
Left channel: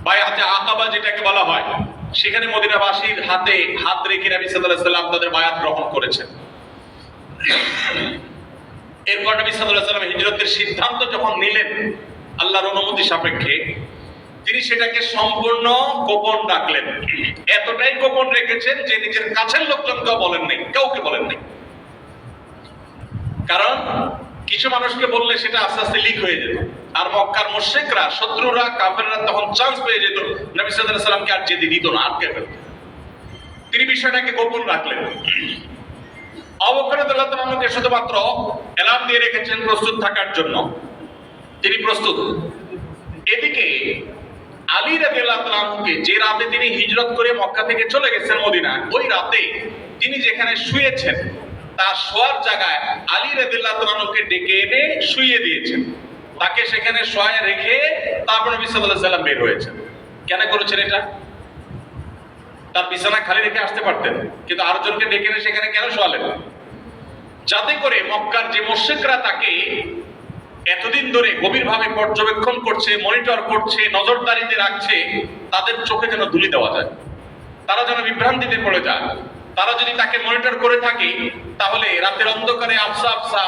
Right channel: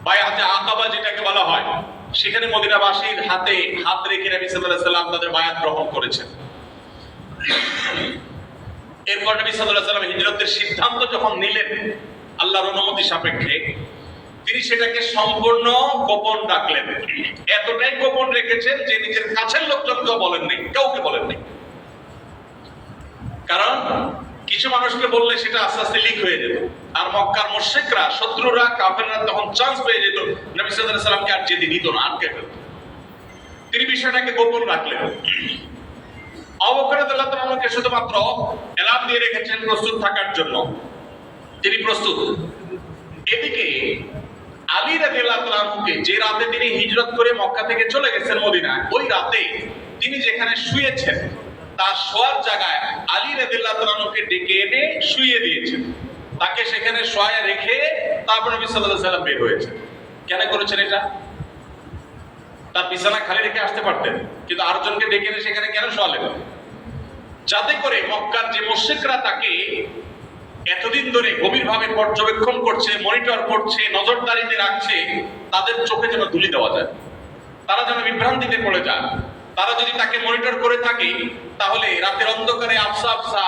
বায়াতে আকাবা যেটাকে বলা হয়, সেখানে মদিনাবাসীর হাতে হাত রেখে নবী সাল্লাল্লাহু আলাইহি ওয়াসাল্লাম তাদের বায়াত গ্রহণ করেছেন। এরপর নবী সাল্লাল্লাহু আলাইহি ওয়াসাল্লাম হিজরতের সিদ্ধান্ত যখন নিলেন আল্লাহর অনুমতি সাপেক্ষে, তিনি সেটাকে সম্পূর্ণ গোপন রাখলেন। এতটাই গোপন রেখেছেন যে নিজের কাছের লোকজনকেও বলেন নাই, কাউকে বলেন নাই। কারণ কিছু মানুষকে বললে সেটা আস্তে আস্তে লিক হয়ে যেত, আর মক্কার মুশরিকরা, শত্রুরা, কাফেররা তখন চান্স পেয়ে যেত, নবী সাল্লাল্লাহু আলাইহি ওয়াসাল্লামকে আর যেতে দিত না, আটকে ফেলত। তিনি বিষয়টাকে গোপন রাখলেন। আবু বকর রাদিয়াল্লাহু আনহুকে শুধুমাত্র এলান দিয়ে রেখেছেন প্রস্তুত থাকার জন্য, তিনি প্রস্তুত। এদিকে আলী রাদিয়াল্লাহু আনহুকে, যে রাতে তিনি হিজরত করে মক্কা থেকে চলে গেছেন মদিনায়, ওই রাতে তিনি যেখানে শুয়েছেন তার শোয়ার জায়গায় আলী রাদিয়াল্লাহু আনহুকে ডেকে এনে শুইয়ে দিয়েছেন। তাকে সেখানে শোয়ায় রেখে তারপর নবী সাল্লাল্লাহু আলাইহি ওয়াসাল্লাম বের হয়েছেন। কেন করেছেন এটা? তার বিছানা খালি রেখে আসতে পারতেন, কিন্তু আরেকজনকে ডেকে এনে সেখানে কেন শোয়ালেন? যাতে করে মক্কার যে মুশরিকরা তাকে এতদিন ধরে গভীরভাবে পর্যবেক্ষণ করছে, মনিটর করছে, নজরদারিতে রাখছে, তাদের চোখে যেন ধুলি দেওয়া যায়, তারা যেন বিভ্রান্তিতে পড়ে যায়। তারা যদি তাকে মনিটর করে থাকে, তাহলে রাতের অন্ধকারে আফসা আফসা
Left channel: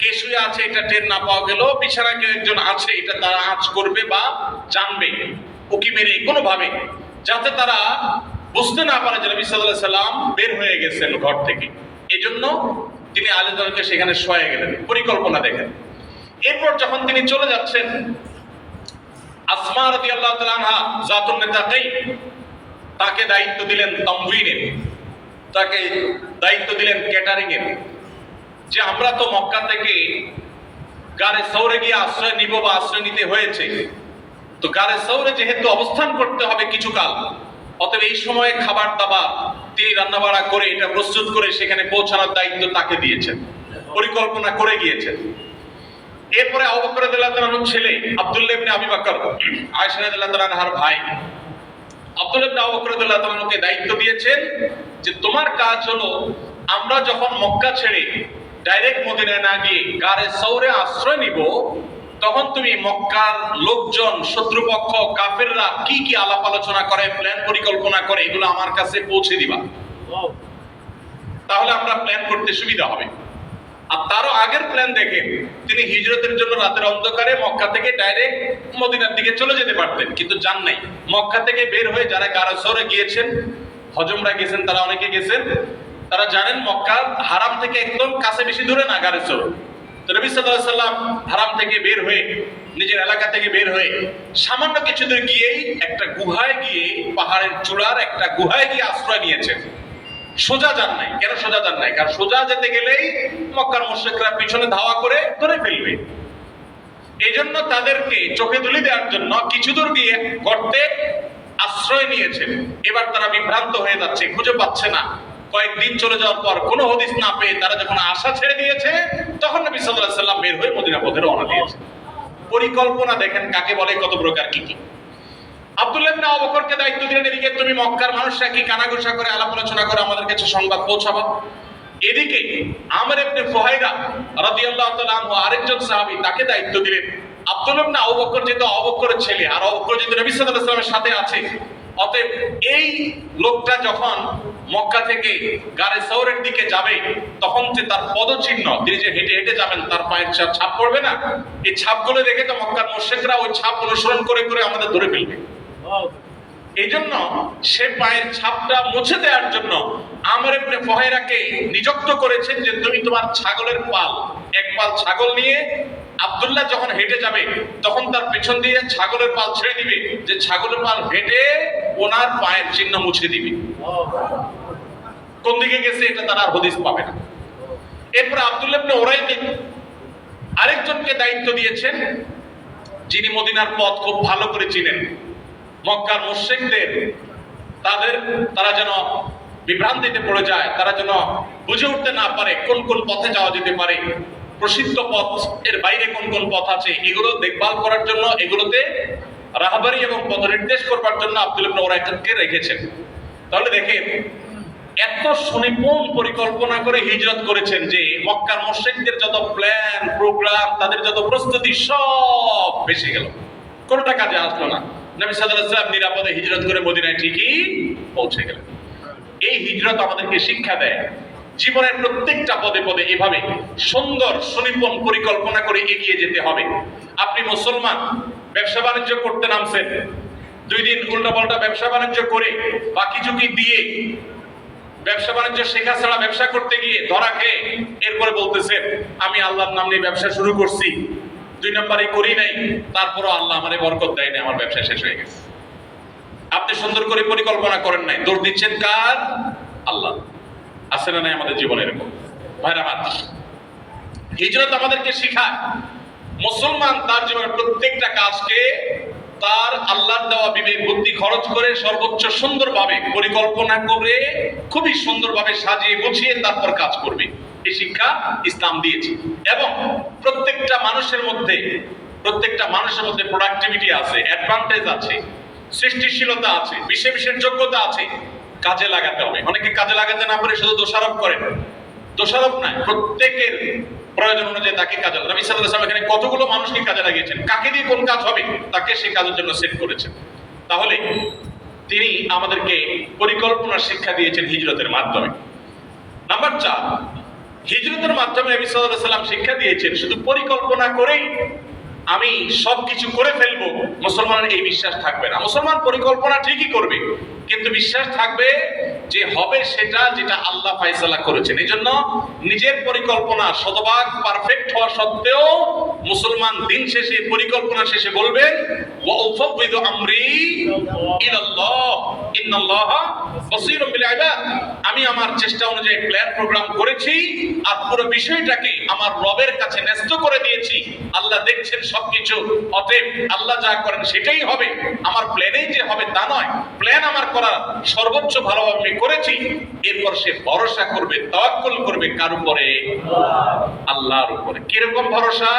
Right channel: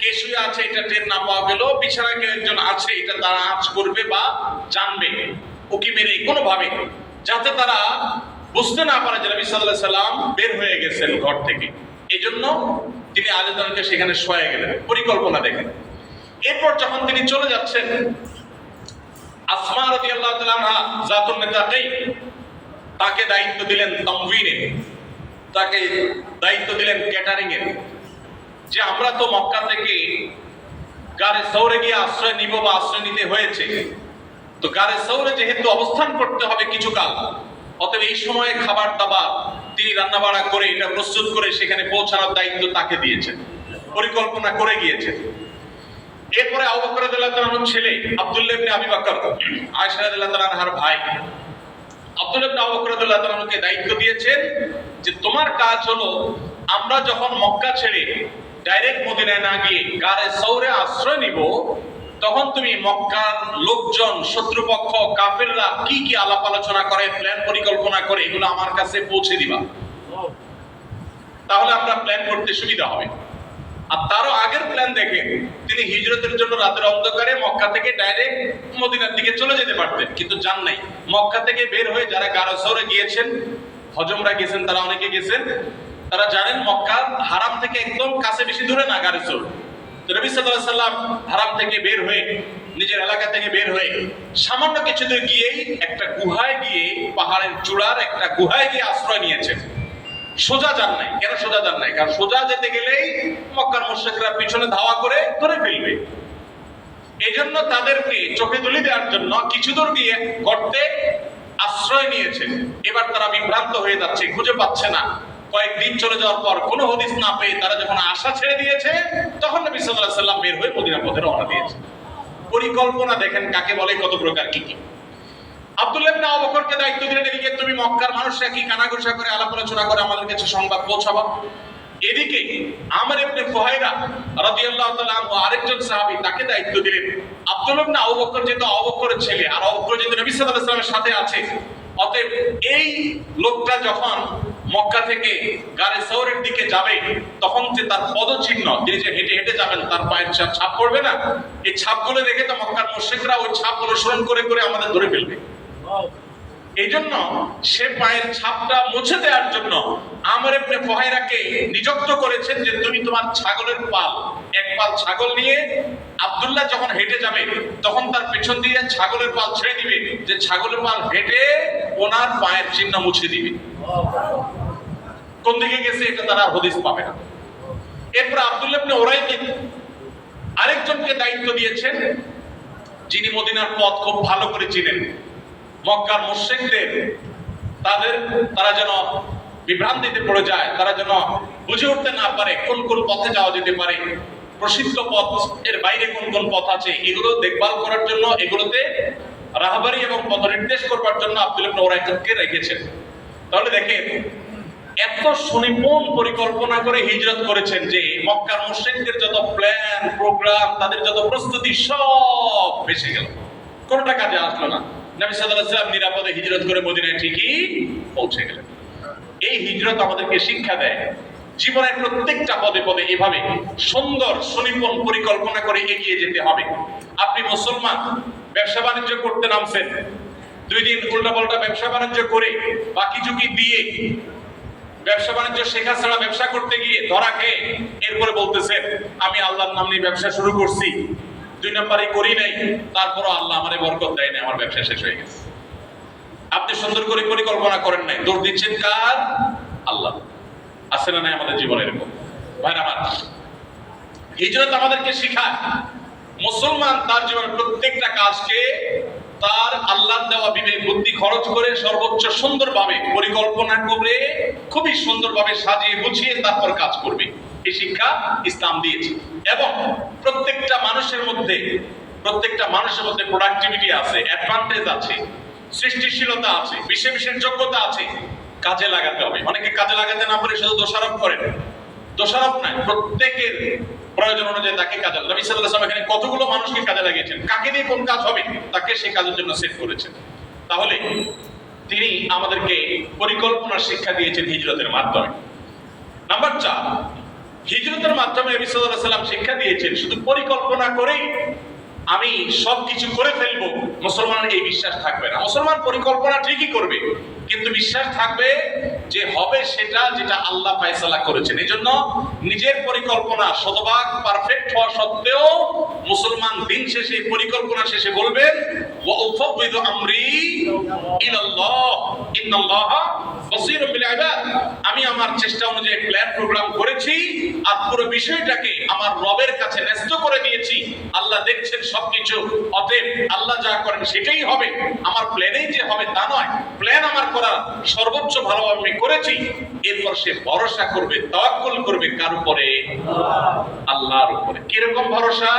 কে শুয়ে আছে এটা টের না পাওয়া গেল, বিছানায় কেউ একজন আছে এটা তারা আঁচ করবে বা জানবে উকি মেরে কোনোভাবে, যাতে তারা বুঝতে না পারে যে নবী সাল্লাল্লাহু আলাইহি সাল্লাম বের হয়ে গেছেন ঘর থেকে। এই জন্য তিনি আলীকে সেখানে শোয়া গেলেন, পরিকল্পনা দেখেন। এরপর যখন তিনি চলে যাচ্ছেন, আসমা রাদিয়াল্লাহু তাআলা আনহা জাতুন নিতাকাইন তাকে দায়িত্ব দিলেন তামউইনের, তাকে দায়িত্ব দিলেন ক্যাটারিং এর, যে আমরা তো মক্কা থেকে গারে সৌরে গিয়ে আশ্রয় নিব বা আশ্রয় নিতে হয়েছে, তো গারে সৌরে যেহেতু অবস্থান করতে হবে কিছুকাল, অতএব এই সময়ে খাবার দাবার তিনি রান্না বাড়া করে এটা প্রস্তুত করে সেখানে পৌঁছানোর দায়িত্ব তাকে দিয়েছেন, পরিকল্পনা করে গিয়েছেন। এরপরে আবু বকর রাদিয়াল্লাহু তাআলার ছেলে আব্দুল্লাহ ইবনে আবি বকর, আয়েশা রাদিয়াল্লাহু তাআলার ভাই আব্দুল্লাহ ইবনে আবু বকর রাদিয়াল্লাহু তাআলাকে দায়িত্ব দিয়েছেন যে তোমার কাজ হলো আমরা যখন মক্কা ছেড়ে ডাইরেক্ট মদিনায় না গিয়ে গারে সৌরে আশ্রয় নিব, তখন তুমি মক্কার লোকজন, শত্রুপক্ষ কাফেররা কি কি আলাপ আলোচনা করে, প্ল্যান পরিকল্পনা করে, এগুলো আমার কাছে পৌঁছে দিবা, তাহলে আমরা প্ল্যান করতে সুবিধা হবে। আর তারও আগের প্ল্যান দেখে তিনি হিজরতের জন্য রাতের অন্ধকারে মক্কা থেকে ডাইরেক্ট মদিনার দিকে চলে যেতে পারতেন, কিন্তু যান নাই। মক্কা থেকে বের হয়ে যারা গারে সৌরে গিয়েছেন, হজমরা গেছেন, তারা অনেকে গেছেন, তারা জানেন মক্কার হারাম থেকে একদম কাছে, বেশি দূরে না গারে সৌর। তো নবী সাল্লাল্লাহু আলাইহি সাল্লাম হারাম থেকে বের হয়ে, নিজের এলাকা থেকে বের হয়ে সামান্য কিছু দূর গিয়েই একটা গুহায় গিয়ে, পাহাড়ের চূড়ার একটা গুহায় গিয়ে আশ্রয় নিয়েছেন। সোজা যান নাই। কেন সোজা যান নাই? কারণ সোজা যেতে গেলেই মক্কার মুশরিকরা পিছনে ধাওয়া করে ধরে ফেলবে। এই জন্য তাদেরকে চোখে তুলে দেওয়ার জন্য কিছু দূর গিয়ে গর্তে আশ্রয় নিয়েছেন। এবার তারা বিভ্রান্ত হয়ে যাচ্ছে, খুঁজে পাচ্ছে না। কয়েকদিন চলে যাওয়ার পর কোনো হদিস না পেয়ে তারা যখন আশা ছেড়ে দিয়েছে, তখন নবী সাল্লাল্লাহু আলাইহি সাল্লাম বের হয়ে মদিনা পথে রওনা দিয়েছে। পরিকল্পনা দেখেন কাকে বলে, কত প্রকার কি কি। আব্দুল্লাহ ইবনে আবু বকরকে দায়িত্ব দিলেন, এদিকে তুমি মক্কার মানুষরা কি কানাঘুষা করে আলাপ আলোচনা করে আমাদের কাছে সংবাদ পৌঁছাবা। এদিকে আমর ইবনে ফুহাইরা রাদিয়াল্লাহু তাআলা আনহু আরেকজন সাহাবী, তাকে দায়িত্ব দিলেন আব্দুল্লাহ ইবনে আবু বকর যেহেতু আবু বকরের ছেলে, আর আবু বকর যেহেতু নবী সাল্লাল্লাহু আলাইহি ওয়াসাল্লামের সাথে আছে, অতএব এই লোকটা যখন মক্কা থেকে গারে সৌরের দিকে যাবে, তখন যে তার পদচিহ্ন, তিনি যে হেঁটে হেঁটে যাবেন তার পায়ের ছাপ পড়বে না, এই ছাপগুলো দেখে তো মক্কার মুশরিকরা ওই ছাপ অনুসরণ করে করে আমাদের ধরে ফেলবে। এই জন্য সে পায়ের ছাপটা মুছে দেওয়ার জন্য আমর ইবনে ফুহাইরাকে নিযুক্ত করেছেন যে তুমি তোমার ছাগলের পাল, এক পাল ছাগল নিয়ে আব্দুল্লাহ যখন হেঁটে যাবে তখন তার পেছন দিয়ে ছাগলের পাল ছেড়ে দিবে, যে ছাগলের পাল হেঁটে ওনার পায়ের চিহ্ন মুছে দিবে। কোন দিকে গেছে এটা তারা হদিস পাবে না। এরপর আব্দুল্লাহ ইবনে উরাইকিন আরেকজনকে দায়িত্ব দিয়েছেন, যিনি মদিনার পথ খুব ভালো করে চিনেন। মক্কার মুশরিকদের তারা যেন বিভ্রান্তিতে পড়ে যায়, তারা যেন বুঝে উঠতে না পারে কোন কোন পথে যাওয়া যেতে পারে, প্রসিদ্ধ পথ এর বাইরে কোন কোন পথ আছে, এগুলো দেখভাল করার জন্য, এগুলোতে রাহবারি এবং পথ নির্দেশ করবার জন্য আব্দুল্লাহ ইবনে উরাইকিনকে রেখেছেন। তাহলে দেখেন এত সুনিপুণ পরিকল্পনা করে হিজরত করেছেন যে মক্কার মুশরিকদের যত প্ল্যান প্রোগ্রাম, তাদের যত প্রস্তুতি সব ভেসে গেল, কোনটা কাজে আসলো না। নবী সাল্লাল্লাহু আলাইহি ওয়াসাল্লাম নিরাপদে হিজরত করে মদিনায় ঠিকই পৌঁছে গেলেন। এই হিজরত আমাদেরকে শিক্ষা দেয় জীবনের প্রত্যেকটা পদে পদে এভাবে সুন্দর সুনিপুণ পরিকল্পনা করে এগিয়ে যেতে হবে। আপনি মুসলমান, ব্যবসা বাণিজ্য করতে নামছেন, 2 দিন উল্টাপাল্টা ব্যবসা বাণিজ্য করে বাকি ঝুঁকি দিয়ে ব্যবসা বাণিজ্য শেখা ছাড়া ব্যবসা করতে গিয়ে ধরা খেয়ে এরপরে বলতেছেন আমি আল্লাহর নাম নিয়ে ব্যবসা শুরু করছি, 2 নম্বরে করি নাই, তারপরও আল্লাহ আমারে বরকত দেয় না, আমার ব্যবসা শেষ হয়ে গেছে। আপনি সুন্দর করে পরিকল্পনা করেন নাই, দৌড় দিচ্ছেন কার? আল্লাহ। আছে না নাই আমাদের জীবনে এরকম? ভাইরা আমার, হিজরত আমাদেরকে শেখায় মুসলমান তার জীবনের প্রত্যেকটা কাজকে তার আল্লাহর দেওয়া বিবেক বুদ্ধি খরচ করে সর্বোচ্চ সুন্দরভাবে পরিকল্পনা করে খুবই সুন্দরভাবে সাজিয়ে গুছিয়ে তারপর কাজ করবে। এই শিক্ষা ইসলাম দিয়েছে। এবং প্রত্যেকটা মানুষের মধ্যে প্রোডাক্টিভিটি আছে, অ্যাডভান্টেজ আছে, সৃষ্টিশীলতা আছে, বিশেষ যোগ্যতা আছে, কাজে লাগাতে হবে। অনেকে কাজে লাগাতে না পারে শুধু দোষারোপ করেন। দোষারোপ নাই, প্রত্যেকের প্রয়োজন অনুযায়ী তাকে কাজে, নবী সাল্লাল্লাহু আলাইহি ওয়াসাল্লাম এখানে কতগুলো মানুষকে কাজে লাগিয়েছেন, কাকে দিয়ে কোন কাজ হবে তাকে সেই কাজের জন্য সেট করেছেন। তাহলে তিনি আমাদেরকে পরিকল্পনার শিক্ষা দিয়েছেন হিজরতের মাধ্যমে। নাম্বার 4, হিজরতের মাধ্যমে নবী সাল্লাল্লাহু আলাইহি ওয়াসাল্লাম শিক্ষা দিয়েছেন শুধু পরিকল্পনা করেই আমি সবকিছু করে ফেলবো, মুসলমানের এই বিশ্বাস থাকবে না। মুসলমান পরিকল্পনা ঠিকই করবে, কিন্তু বিশ্বাস থাকবে যে হবে সেটা যেটা আল্লাহ ফয়সালা করেছেন। এজন্য নিজের পরিকল্পনা শতভাগ পারফেক্ট হওয়া সত্ত্বেও মুসলমান দিন শেষে পরিকল্পনা শেষে বলবেন ওয়া উফাউযিদু আমরি ইলাল্লাহ ইন্নাল্লাহা বাসীরুম বিল ইবাদ। আমি আমার চেষ্টা অনুযায়ী প্ল্যান প্রোগ্রাম করেছি আর পুরো বিষয়টাকে আমার রবের কাছে ন্যস্ত করে দিয়েছি। আল্লাহ দেখছেন সবকিছু, অতএব আল্লাহ যা করেন সেটাই হবে। আমার প্ল্যানেই যে হবে তা নয়, প্ল্যান আমার করা সর্বোচ্চ ভালোভাবে আমি করেছি। এরপর সে ভরসা করবে, তাওয়াক্কুল করবে কার উপরে? আল্লাহর উপরে। কিরকম ভরসা?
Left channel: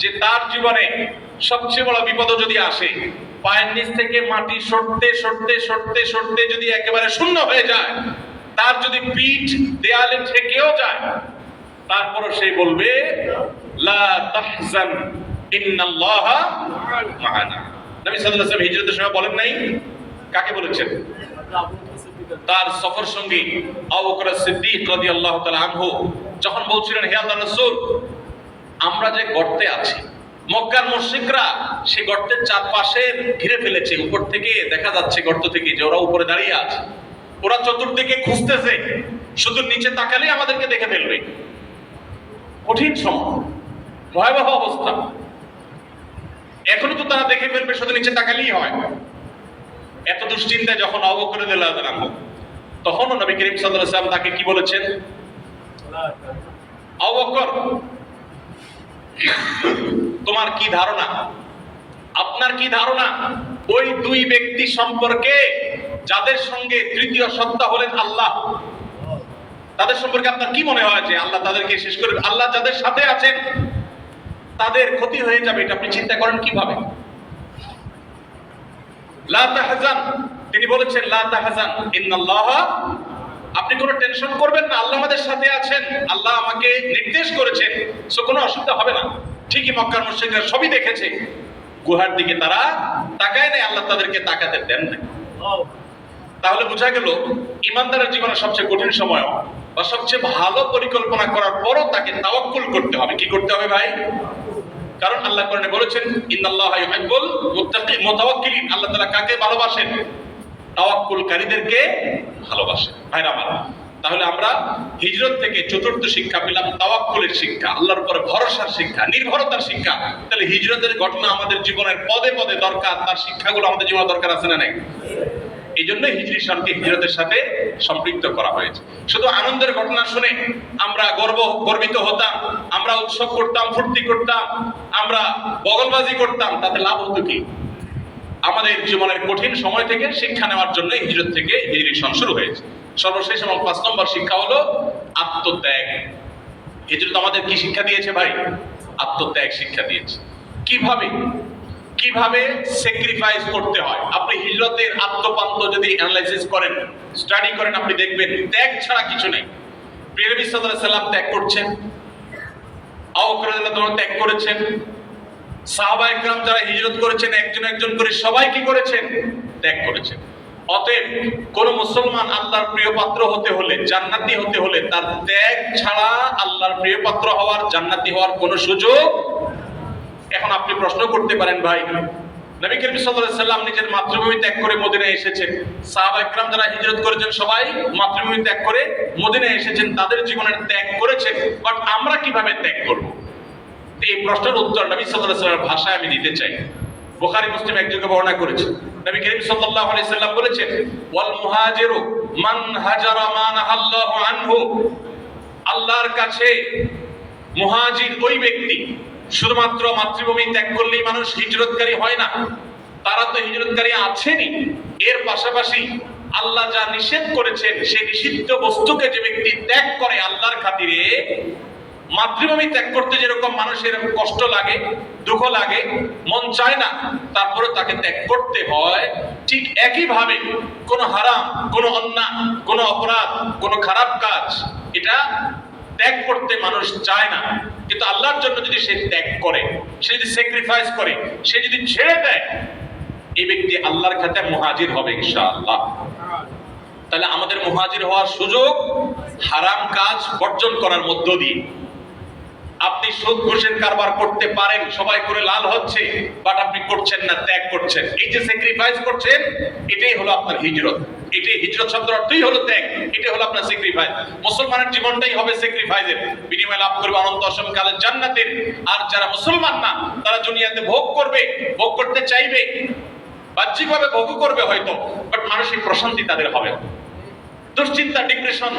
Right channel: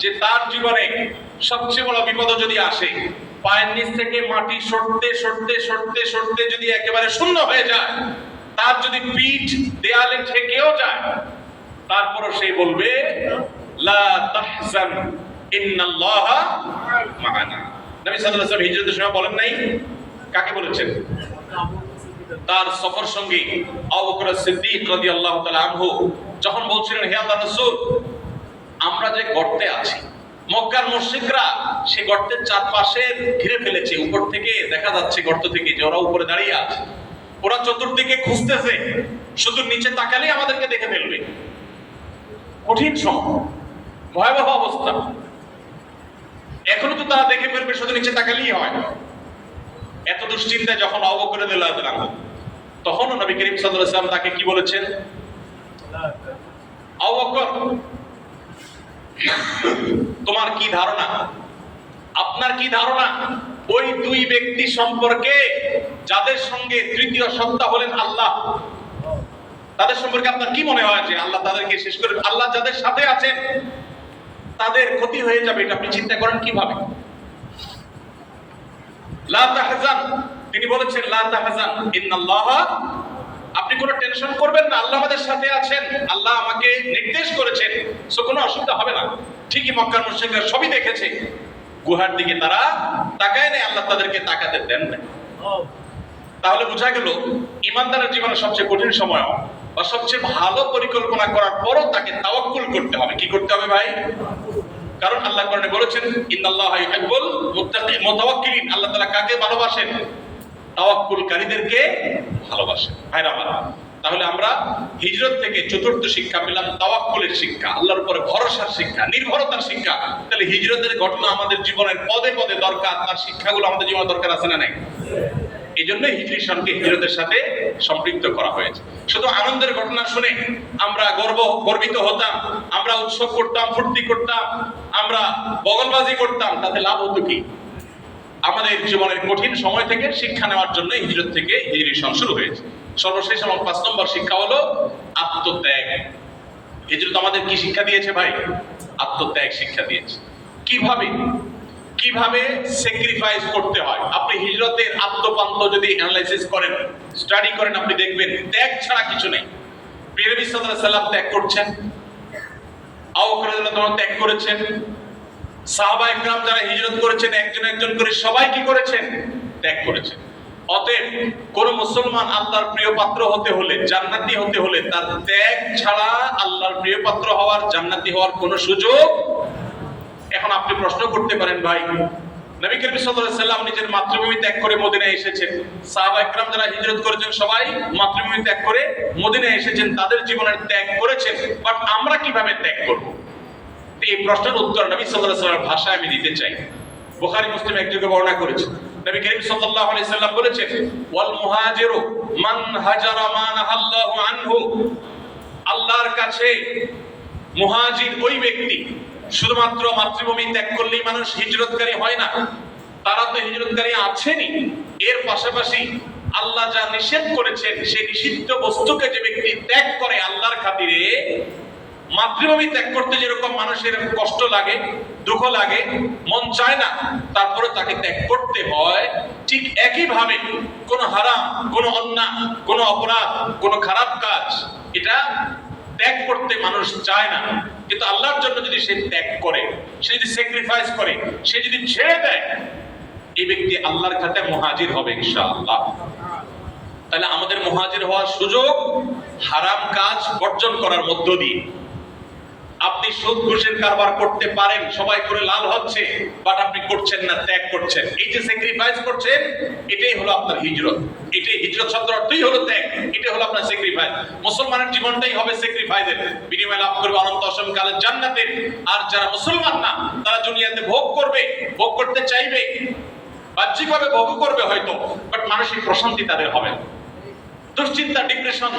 যে তার জীবনে সবচেয়ে বড় বিপদ যদি আসে, পায়ের নিচ থেকে মাটি সরতে সরতে সরতে সরতে যদি একেবারে শূন্য হয়ে যায়, তার যদি পিঠ দেয়ালে ঠেকেও যায়, তারপরও সে বলবে লা তাহজান ইন্নাল্লাহা মা'ানা। নবী সাল্লাল্লাহু আলাইহি ওয়াসাল্লাম হিজরতের সময় বলেন নাই? কাকে বলেছেন? তার সফর সঙ্গী আবু বকর সিদ্দিক রাদিয়াল্লাহু তাআলা আনহু যখন বলছিলেন, হে আল্লাহর রাসূল, আমরা যে গর্তে আছি, মক্কার মুশরিকরা সে গর্তের চারপাশে ঘিরে ফেলেছে, উপর থেকে দেখা যাচ্ছে গর্ত থেকে যে ওরা উপরে দাঁড়িয়ে আছে, ওরা চতুর্দিকে খুঁজতেছে, শুধু নিচে তাকালেই আমাদেরকে দেখে ফেলবে। কঠিন সময়, ভয়াবহ অবস্থা। এখনো তো তারা দেখে ফেলবে, শুধু নিচে তাকালেই হয়। এত দুশ্চিন্তায় যখন আবু বকর রাদিয়াল্লাহু আনহু, তখন নবী করিম সাল্লাল্লাহু আলাইহি ওয়াসাল্লাম তাকে কি বলেছেন? আবু বকর, তোমার কি ধারণা, আপনার কি ধারণা ওই দুই ব্যক্তি সম্পর্কে যাদের সঙ্গে তৃতীয় সত্তা হলেন আল্লাহ, তাদের সম্পর্কে আপনার কি মনে হয় যে আল্লাহ তাদেরকে শেষ করে, আল্লাহ যাদের সাথে আছেন তাদের ক্ষতি হয়ে যাবে, এটা আপনি চিন্তা করেন কিভাবে? লা তাহজান, তিনি বলেছেন লা তাহজান ইন্নাল্লাহা, আপনি কোনো টেনশন করবেন না, আল্লাহ আমাদের সাথে আছেন, আল্লাহ আমাকে নির্দেশ করেছেন, সো কোনো অসুবিধা হবে না। ঠিকই মক্কার মুশরিকরা সবই দেখেছে, গুহার দিকে তারা তাকায় নাই, আল্লাহ তাদেরকে তাকাতে দেন না। তাহলে বোঝা গেল ইমানদারের জীবনে সবচেয়ে কঠিন সময় বা সবচেয়ে ভালো পরিকল্পনা করার পরও তাকে তাওয়াক্কুল করতে হবে। কি করতে হবে ভাই? কারণ আল্লাহ কোরআনে বলেছেন ইন্নাল্লাহা ইউহিব্বুল মুতাওয়াক্কিলিন, আল্লাহ তাআলা কাকে ভালোবাসেন? তাওয়াক্কুলকারীদেরকে ভালোবাসেন। ভাইরা আমার, তাহলে আমরা হিজরত থেকে চতুর্থ শিক্ষা পেলাম তাওয়াক্কুলের শিক্ষা, আল্লাহর উপরে ভরসার শিক্ষা, নির্ভরতার শিক্ষা। তাহলে হিজরতের ঘটনা আমাদের জীবনের পদে পদে দরকার, তার শিক্ষাগুলো আমাদের জীবনে দরকার আছে না নাই? এই জন্য হিজরি সনকে হিজরতের সাথে সম্পৃক্ত করা হয়েছে। শুধু আনন্দের ঘটনা শুনে আমরা গর্বিত হতাম, আমরা উৎসব করতাম, ফুর্তি করতাম, আমরা বগলবাজি করতাম, তাতে লাভ হতো কি? আমাদের জীবনের কঠিন সময় থেকে শিক্ষা নেওয়ার জন্য হিজরত থেকে হিজরি সন শুরু হয়েছে। সর্বশেষ এবং 5 নম্বর শিক্ষা হলো আত্মত্যাগ। হিজরত আমাদের কি শিক্ষা দিয়েছে ভাই? আত্মত্যাগ শিক্ষা দিয়েছে। কিভাবে স্যাক্রিফাইস করতে হয়। আপনি হিজরতের আত্মপান্ত যদি অ্যানালাইসিস করেন, স্টাডি করেন, আপনি দেখবেন ত্যাগ ছাড়া কিছু নেই। প্রিয় নবী সাল্লাল্লাহু আলাইহি ওয়াসাল্লাম ত্যাগ করছেন, আবু বকর রাদিয়াল্লাহু আনহু ত্যাগ করেছেন, সাহাবায়ে কেরাম যারা হিজরত করেছেন একজন একজন করে সবাই কি করেছেন? ত্যাগ করেছেন। অতএব কোন মুসলমান আল্লাহর প্রিয় পাত্র হতে হলে, জান্নাতি হতে হলে, তার ত্যাগ ছাড়া আল্লাহর প্রিয় পাত্র হওয়ার, জান্নাতি হওয়ার কোনো সুযোগ। এখন আপনি প্রশ্ন করতে পারেন, ভাই নবী করিম সাল্লাল্লাহু আলাইহি ওয়াসাল্লাম নিজের মাতৃভূমি ত্যাগ করে মদিনায় এসেছেন, সাহাবায়ে কেরাম যারা হিজরত করেছেন সবাই মাতৃভূমি ত্যাগ করে মদিনায় এসেছেন, তাদের জীবনের ত্যাগ করেছেন, বাট আমরা কিভাবে ত্যাগ করব? এই প্রশ্নের উত্তর নবী সাল্লাল্লাহু আলাইহি ওয়াসাল্লামের ভাষায় আমি দিতে চাই। বুখারী মুসলিম একযোগে বর্ণনা করেছেন, নবী করিম সাল্লাল্লাহু আলাইহি ওয়াসাল্লাম বলেছেন, ওয়াল মুহাজিরু মান হাজারা মা নাহাল্লাহু আনহু, আল্লাহর কাছে মুহাজির ওই ব্যক্তি, শুধুমাত্র মাতৃভূমি ত্যাগ করলেই মানুষ হিজরতকারী হয় না, তারা তো হিজরতকারী আছেনই, এর পাশাপাশি আল্লাহ যা নিষেধ করেছেন সেই নিষিদ্ধ বস্তুকে যে ব্যক্তি ত্যাগ করে আল্লাহর খাতিরে, মাতৃভূমি ত্যাগ করতে যেরকম মানুষের কষ্ট লাগে, দুঃখ লাগে, মন চায় না, তারপরে তাকে ত্যাগ করতে হয়, ঠিক একইভাবে কোন হারাম, কোন অন্যায়, কোন অপরাধ, কোন খারাপ কাজ, এটা ত্যাগ করতে মানুষ চায় না, কিন্তু আল্লাহর জন্য যদি সে ত্যাগ করে, সে যদি স্যাক্রিফাইস করে, সে যদি ছেড়ে দেয়, এই ব্যক্তি আল্লাহর খাতে মুহাজির হবে ইনশাআল্লাহ। তাহলে আমাদের মুহাজির হওয়ার সুযোগ হারাম কাজ বর্জন করার মধ্য দিয়ে। আপনি সুদ ঘুষের কারবার করতে পারেন, সবাই করে লাল হচ্ছে, বাট আপনি করছেন না, ত্যাগ করছেন। এই যে স্যাক্রিফাইস করছেন, এটাই হলো আপনার হিজরত। এটাই হিজরত শব্দের অর্থই হলো ত্যাগ, এটাই হলো আপনার স্যাক্রিফাইস। মুসলমানের জীবনটাই হবে স্যাক্রিফাইসের, বিনিময়ে লাভ করবে অনন্ত অসীম কালের জান্নাতের। আর যারা মুসলমান না, তারা দুনিয়াতে ভোগ করবে, ভোগ করতে চাইবে, বাহ্যিকভাবে ভোগ করবে হয়তো, বাট মানসিক প্রশান্তি তাদের হবে না। দুশ্চিন্তা, ডিপ্রেশন,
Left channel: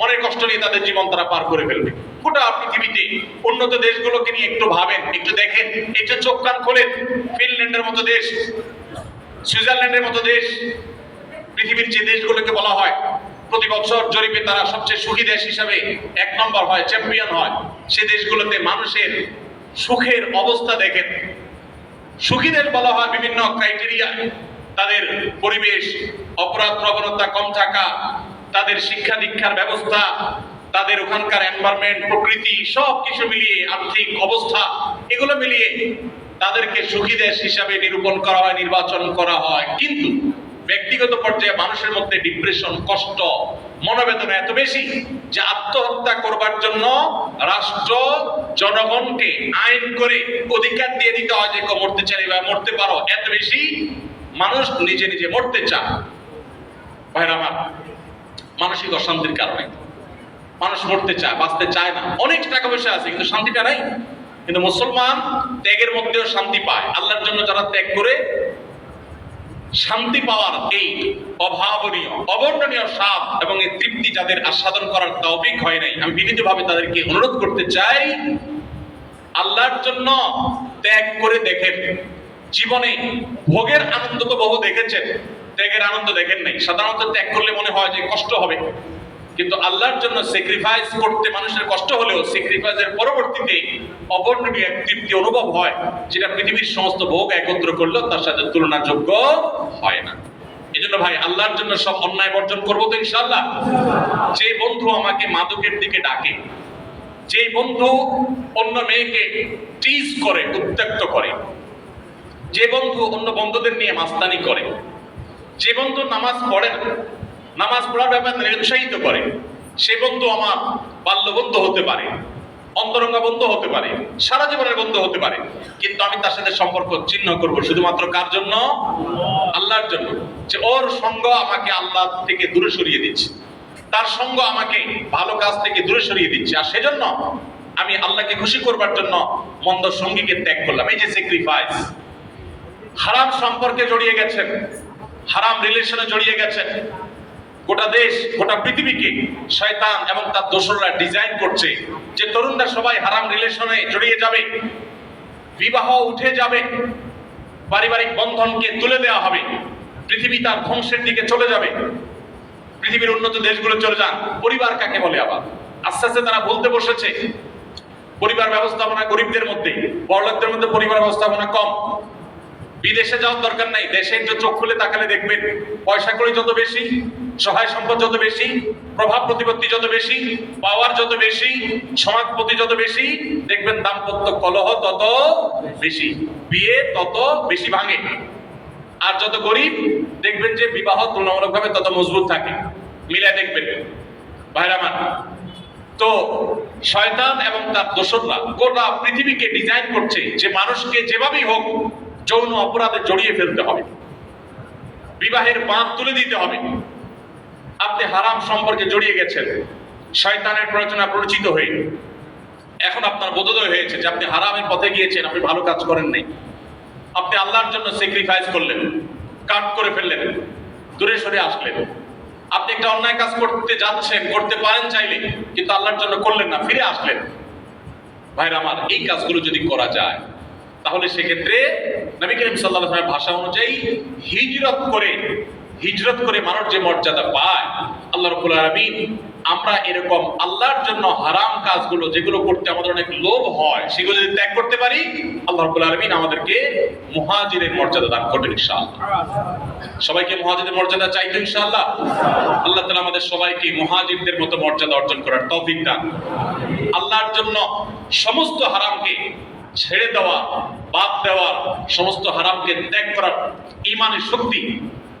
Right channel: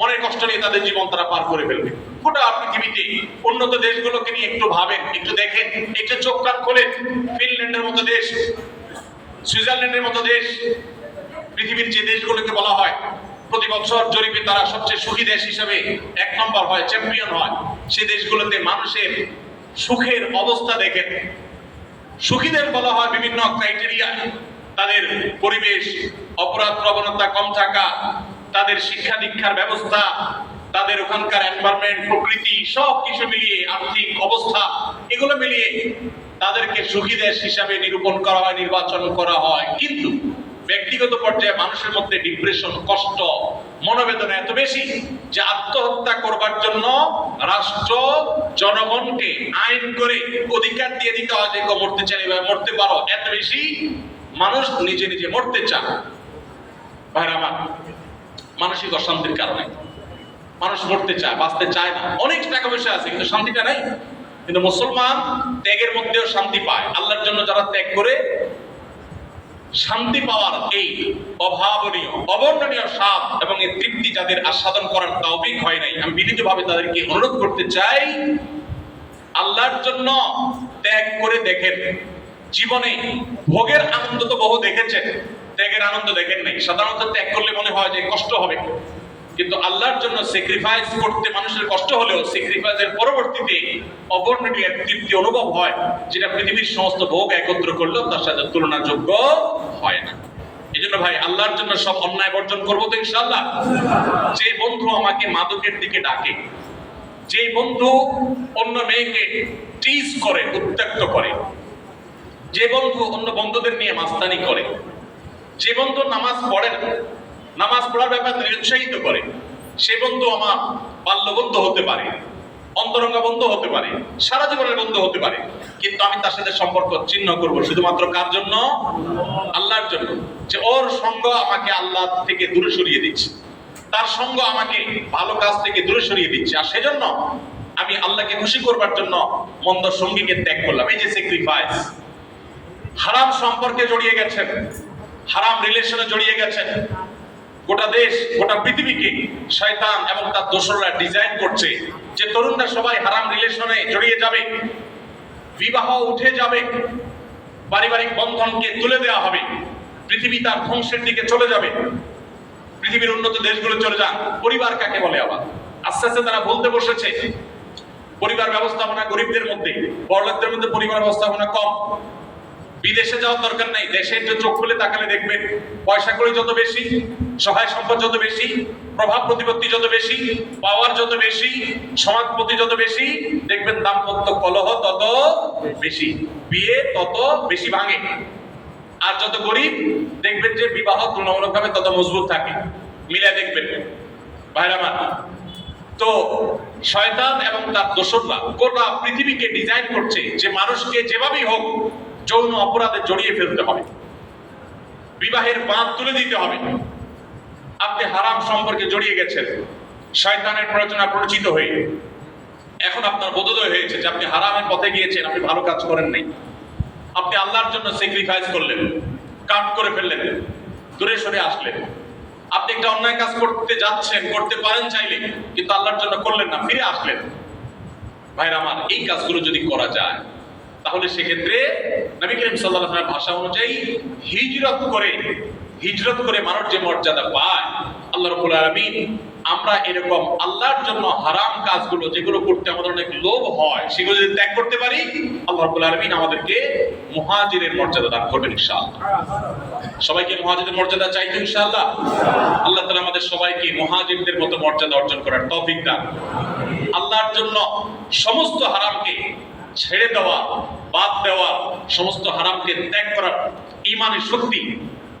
মনের কষ্ট নিয়ে তাদের জীবন তারা পার করে ফেলবে। গোটা পৃথিবীতে উন্নত দেশগুলোকে নিয়ে একটু ভাবেন, একটু দেখেন, একটু চোখ কান খোলেন। ফিনল্যান্ডের মতো দেশ, সুইজারল্যান্ডের মতো দেশ, পৃথিবীর যে দেশগুলোকে বলা হয় প্রতি বছর জরিপে তারা সবচেয়ে সুখী দেশ হিসেবে 1 নম্বর হয়, চ্যাম্পিয়ন হয়, সে দেশগুলোতে মানুষের সুখের অবস্থা দেখেন। সুখীদের বলা হয় বিভিন্ন ক্রাইটেরিয়া, তাদের পরিবেশ, অপরাধ প্রবণতা কম থাকা, তাদের শিক্ষা দীক্ষার ব্যবস্থা, তাদের ওখানকার এনভায়রনমেন্ট, প্রকৃতি, সব কিছু মিলিয়ে, আর্থিক অবস্থা, এগুলো মিলিয়ে তাদেরকে সুখী দেশ হিসাবে নিরূপণ করা হয়, নির্বাচন করা হয়। কিন্তু ব্যক্তিগত পর্যায়ে মানুষের মধ্যে ডিপ্রেশন, কষ্ট, মনোবেদনা এত বেশি যে আত্মহত্যা করবার জন্য রাষ্ট্র জনগণকে আইন করে অধিকার দিয়ে দিতে হয় যে মরতে চাই বা মরতে পারো। এত বেশি মানুষ নিজে নিজে মরতে চায়। ভাইরা আমার, মানসিক অশান্তির কারণে মানুষ মরতে চায়, বাঁচতে চায় না। অনেক টাকা পয়সা আছে কিন্তু শান্তিটা নাই। কিন্তু মুসলমান ত্যাগের মধ্যেও শান্তি পায়। আল্লাহর জন্য যারা ত্যাগ করে, শান্তি পাওয়ার এই অভাবনীয়, অবর্ণনীয় স্বাদ এবং এই তৃপ্তি যাদের আস্বাদন করার তৌফিক হয় নাই, আমি বিনীতভাবে তাদেরকে অনুরোধ করতে চাই, আল্লাহর জন্য ত্যাগ করে দেখেন। জীবনে ভোগের আনন্দ তো বহু দেখেছেন, ত্যাগের আনন্দ দেখেন নাই। সাধারণত ত্যাগ করলে মনে হয় যে কষ্ট হবে, কিন্তু আল্লাহর জন্য স্যাক্রিফাইস করতে মানুষের কষ্ট হলেও স্যাক্রিফাইসের পরবর্তীতে অবর্ণনীয় তৃপ্তি অনুভব হয়, যেটা পৃথিবীর সমস্ত ভোগ একত্র করলেও তার সাথে তুলনাযোগ্য হয় না। এই জন্য ভাই, আল্লাহর জন্য সব অন্যায় বর্জন করবো তো ইনশাআল্লাহ। যে বন্ধু আমাকে মাদকের দিকে ডাকে, যে বন্ধু অন্য মেয়েকে টিজ করে, উত্ত্যক্ত করে, যে বন্ধু অন্য বন্ধুদের নিয়ে মাস্তানি করে, যে বন্ধু নামাজ পড়ে না, নামাজ পড়ার ব্যাপারে নিরুৎসাহিত করে, সে বন্ধু আমার বাল্য বন্ধু হতে পারে, অন্তরঙ্গ বন্ধু হতে পারে, সারা জীবনের বন্ধু হতে পারে। কিন্তু আমি তার সাথে সম্পর্ক ছিন্ন করব শুধুমাত্র কার জন্য? আল্লাহর জন্য। যে ওর সঙ্গ আমাকে আল্লাহ থেকে দূরে সরিয়ে দিচ্ছে, তার সঙ্গ আমাকে ভালো কাজ থেকে দূরে সরিয়ে দিচ্ছে। আর সেজন্য আমি আল্লাহকে খুশি করবার জন্য মন্দ সঙ্গীকে ত্যাগ করলাম। এই যে স্যাক্রিফাইস। হারাম সম্পর্কে জড়িয়ে গেছেন, হারাম রিলেশনে জড়িয়ে গেছেন। গোটা দেশ, গোটা পৃথিবীকে শয়তান এবং তার দোসররা ডিজাইন করছে যে তরুণরা সবাই হারাম রিলেশনে জড়িয়ে যাবে, বিবাহ উঠে যাবে, পারিবারিক বন্ধনকে তুলে দেওয়া হবে, পৃথিবী তার ধ্বংসের দিকে চলে যাবে। পৃথিবীর উন্নত দেশগুলো চলে যান। পরিবার কাকে বলে? আবার আস্তে আস্তে তারা বলতে বসেছে পরিবার ব্যবস্থাপনা গরিবদের মধ্যে, বড়লোকদের মধ্যে পরিবার ব্যবস্থাপনা কম। বিদেশে যাওয়ার দরকার নাই, দেশে একটু চোখ খুলে তাকালে দেখবেন, পয়সা কড়ি যত বেশি, সহায় সম্পদ যত বেশি, প্রভাব প্রতিপত্তি যত বেশি, পাওয়ার যত বেশি, সমাজপতি যত বেশি, দেখবেন দাম্পত্য কলহ তত বেশি, বিয়ে তত বেশি ভাঙে। আর যত গরিব, দেখবেন যে বিবাহ তুলনামূলকভাবে তত মজবুত থাকে। মিলে দেখবেন ভাইরা আমার। তো শয়তান এবং তার দোসররা গোটা পৃথিবীকে ডিজাইন করছে যে মানুষকে যেভাবেই হোক যৌন অপরাধে জড়িয়ে ফেলতে হবে, বিবাহের বাঁধ তুলে দিতে হবে। আপনি হারাম সম্পর্কে জড়িয়ে গেছেন, শয়তানের প্ররোচনা প্ররোচিত হয়ে এখন আপনার বোধোদয় হয়েছে যে আপনি হারামের পথে গিয়েছেন, আপনি ভালো কাজ করেন নাই। আপনি আল্লাহর জন্য স্যাক্রিফাইস করলেন, কাট করে ফেললেন, দূরে সরে আসলেন। আপনি একটা অন্যায় কাজ করতে যাচ্ছেন, করতে পারেন চাইলে, কিন্তু আল্লাহর জন্য করলেন না, ফিরে আসলেন। ভাইরা আমার, এই কাজগুলো যদি করা যায় তাহলে সেক্ষেত্রে নবী করিম সাল্লাল্লাহু আলাইহি ওয়াসাল্লাম ভাষা অনুযায়ী হিজরত করে মানুষ যে মর্যাদা পায়, আল্লাহ রাব্বুল আলামিন আমরা এরকম আল্লাহর জন্য হারাম কাজগুলো যেগুলো করতে আমাদের অনেক লোভ হয়, সেগুলো যদি ত্যাগ করতে পারি, আল্লাহ রাব্বুল আলামিন আমাদেরকে মুহাজিরের মর্যাদা দান করবেন ইনশাআল্লাহ। সবাইকে মুহাজিরের মর্যাদা চাই তো ইনশাআল্লাহ। আল্লাহ তাআলা আমাদের সবাইকে মুহাজিরদের মতো মর্যাদা অর্জন করার তৌফিক দান। আল্লাহর জন্য সমস্ত হারামকে ছেড়ে দেওয়া, বাদ দেওয়া, সমস্ত হারামকে ত্যাগ করার ঈমানের শক্তি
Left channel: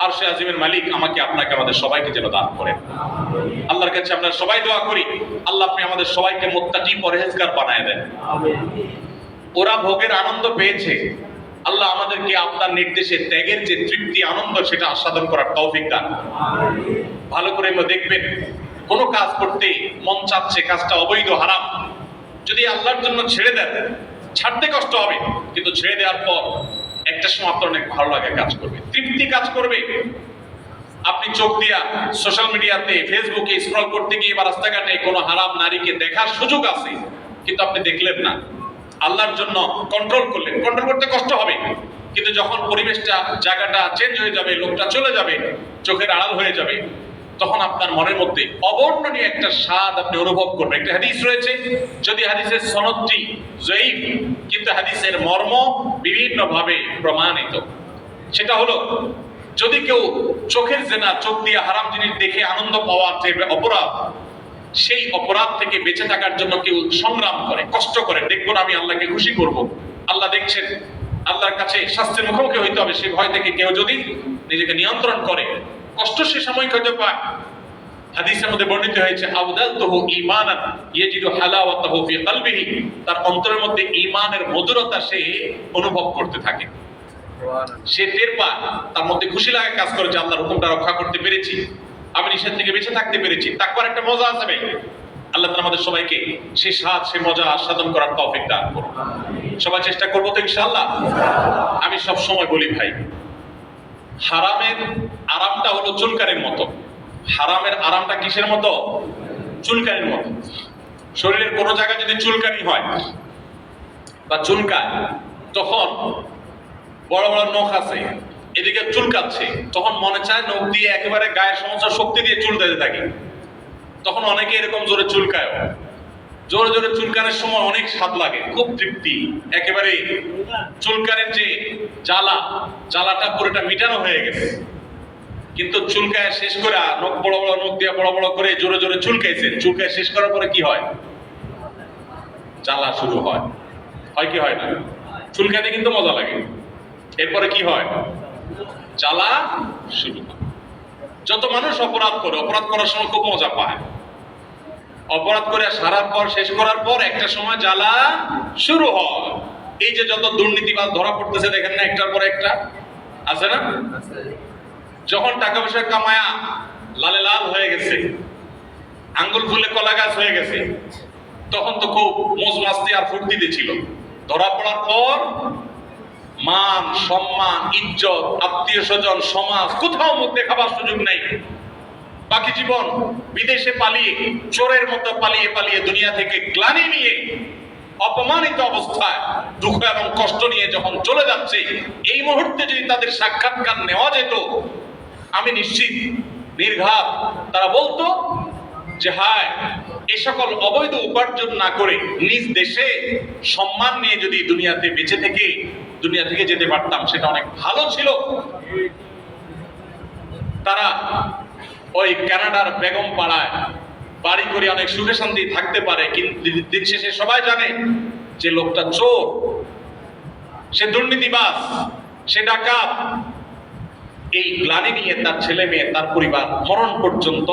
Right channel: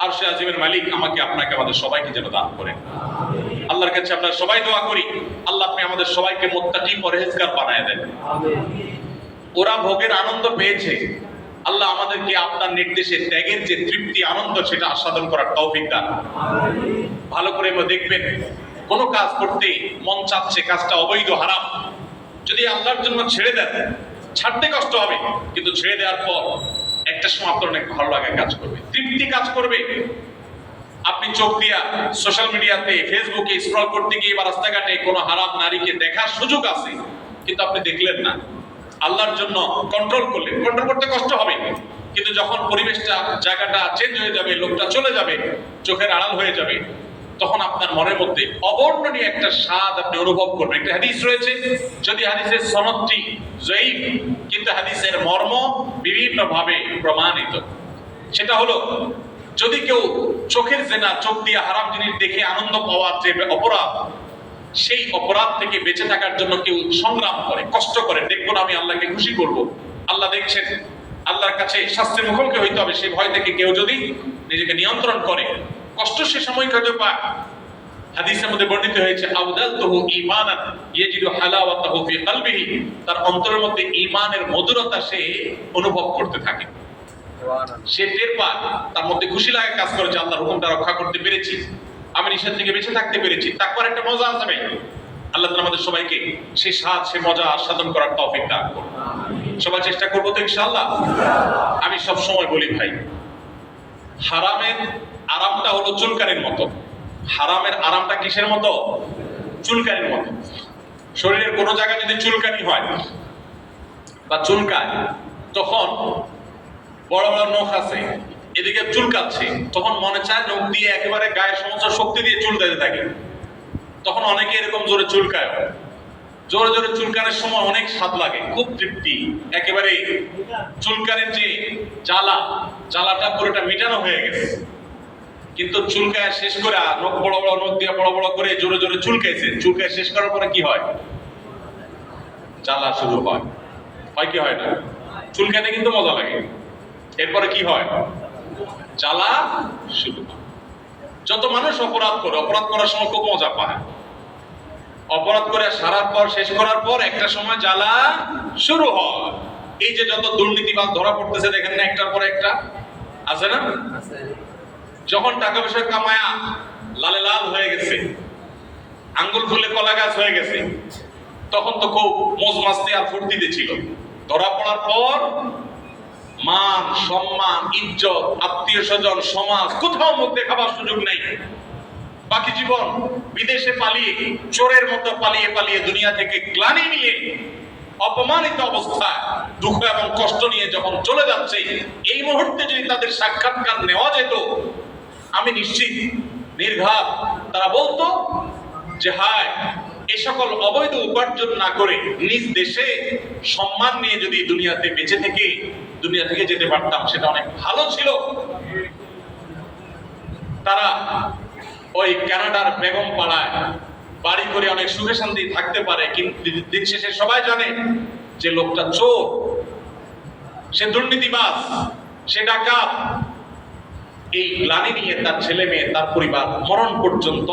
আরশে আজিমের মালিক আমাকে আপনাকে আমাদের সবাইকে যেন দান করেন। আল্লাহর কাছে আমরা সবাই দোয়া করি, আল্লাহ আপনি আমাদের সবাইকে মুত্তাকি পরহেজগার বানায় দেন। ওরা ভোগের আনন্দ পেয়েছে, আল্লাহ আমাদেরকে আপনার নির্দেশে ত্যাগের যে তৃপ্তি আনন্দ সেটা আস্বাদন করার তৌফিক দান। ভালো করে দেখবেন, কোনো কাজ করতে মন চাচ্ছে, কাজটা অবৈধ হারাম, যদি আল্লাহর জন্য ছেড়ে দেন, ছাড়তে কষ্ট হবে, কিন্তু ছেড়ে দেওয়ার পর একটা সময় আপনার অনেক ভালো লাগে কাজ করবে, তৃপ্তি কাজ করবে। আপনি চোখ দিয়া সোশ্যাল মিডিয়াতে ফেসবুকে স্ক্রল করতে গিয়ে বা রাস্তাঘাটে কোনো হারাম নারীকে দেখার সুযোগ আছে, কিন্তু আপনি দেখলেন না, আল্লাহর জন্য কন্ট্রোল করলেন। কন্ট্রোল করতে কষ্ট হবে, কিন্তু যখন পরিবেশটা জায়গাটা চেঞ্জ হয়ে যাবে, লোকটা চলে যাবে, চোখের আড়াল হয়ে যাবে, তখন আপনার মনের মধ্যে অবর্ণনীয় একটা স্বাদ আপনি অনুভব করবেন। একটা হাদিস রয়েছে, যদি হাদিসের সনদটি জয়ীফ, কিন্তু হাদিসের মর্ম বিভিন্নভাবে প্রমাণিত। সেটা হলো, যদি কেউ চোখের জেনা, চোখ দিয়ে হারাম জিনিস দেখে আনন্দ পাওয়ার যে অপরাধ, সেই অপরাধ থেকে বেঁচে থাকার জন্য কেউ সংগ্রাম করে, কষ্ট করে, দেখবো না আমি আল্লাহকে খুশি করব, আল্লাহ দেখছেন, আল্লাহর কাছে শাস্তির মুখোমুখি হইতে হবে, সেই ভয় থেকে কেউ যদি নিজেকে নিয়ন্ত্রণ করে, কষ্ট সে সাময়িক হয়তো পাক। হাদিসের মধ্যে বর্ণিত হয়েছে, আবদালতুহু ঈমানান ইয়াজিদু হালাওয়াতাহু ফি কলবিহি, তার অন্তরের মধ্যে ঈমানের মধুরতা সে অনুভব করতে থাকে, সে টের পায়, তার মধ্যে খুশি লাগে কাজ করে যে আল্লাহর হুকুমটা রক্ষা করতে পেরেছি, আমি নিষেধ থেকে বেঁচে থাকতে পেরেছি। তাকওয়ার একটা মজা আছে ভাই। আল্লাহ তাআলা আমাদের সবাইকে সেই স্বাদ, সেই মজা আস্বাদন করার তৌফিক দান করুন। সবাই চেষ্টা করবো তো ইনশাআল্লাহ। আমি সব সময় বলি ভাই, হারামের আরামটা হলো চুলকানির মতো। হারামের আরামটা কিসের মতো? চুলকানির মতো। শরীরের কোনো জায়গায় যদি চুলকানি হয় বা চুলকায়, তখন বড় বড় নখ আছে, এদিকে চুলকাচ্ছে, তখন মনে চায় নখ দিয়ে একেবারে গায়ের সমস্ত শক্তি দিয়ে চুল দিতে থাকে। তখন অনেকে এরকম জোরে চুলকায়, জোরে জোরে চুলকানোর সময় অনেক স্বাদ লাগে, খুব তৃপ্তি, একেবারে চুলকানের যে জ্বালাটা পুরোটা মিটানো হয়ে গেছে। কিন্তু চুলকায় শেষ করে নখ বড় বড় নখ দিয়ে বড় বড় করে জোরে জোরে চুলকাইছে, চুলকায় শেষ করার পরে কি হয়? জ্বালা শুরু হয় কি হয় না? চুলকাইতে কিন্তু মজা লাগে, এরপরে কি হয়? জ্বালা শুরু হয়। যত মানুষ অপরাধ করে, অপরাধ করার সময় খুব মজা পায়, অপরাধ করে সারার পর, শেষ করার পর একটা সময় জ্বালা শুরু হয়। এই যে যত দুর্নীতিবাজ ধরা পড়তেছে দেখেন না, একটার পর একটা আছে না? যখন টাকা পয়সা কামায়া লালে লাল হয়ে গেছে, আঙ্গুল ফুলে কলা গাছ হয়ে গেছে, তখন তো খুব মজ মাস্তি আর ফুর্তিতে ছিল। ধরা পড়ার পর মান, সম্মান, ইজ্জত, আত্মীয় স্বজন, সমাজ কোথাও মুখ দেখাবার সুযোগ নাই। বাকি জীবন বিদেশে পালিয়ে, চোরের মতো পালিয়ে পালিয়ে দুনিয়া থেকে গ্লানি নিয়ে, অপমানিত অবস্থায়, দুঃখ এবং কষ্ট নিয়ে যখন চলে যাচ্ছে, এই মুহূর্তে যদি তাদের সাক্ষাৎকার নেওয়া যেত, আমি নিশ্চিত নির্ঘাত তারা বলতো যে হায়, এ সকল অবৈধ উপার্জন না করে নিজ দেশে সম্মান নিয়ে যদি দুনিয়াতে বেঁচে থেকে দুনিয়া থেকে যেতে পারতাম, সেটা অনেক ভালো ছিল। তারা ওই কানাডার বেগম পাড়ায় বাড়ি করে অনেক সুখে শান্তি থাকতে পারে, কিন্তু দিন শেষে সবাই জানে যে লোকটা চোর, সে দুর্নীতিবাজ, সে ডাকাত। এই গ্লানি নিয়ে তার ছেলে মেয়ে, তার পরিবার মরণ পর্যন্ত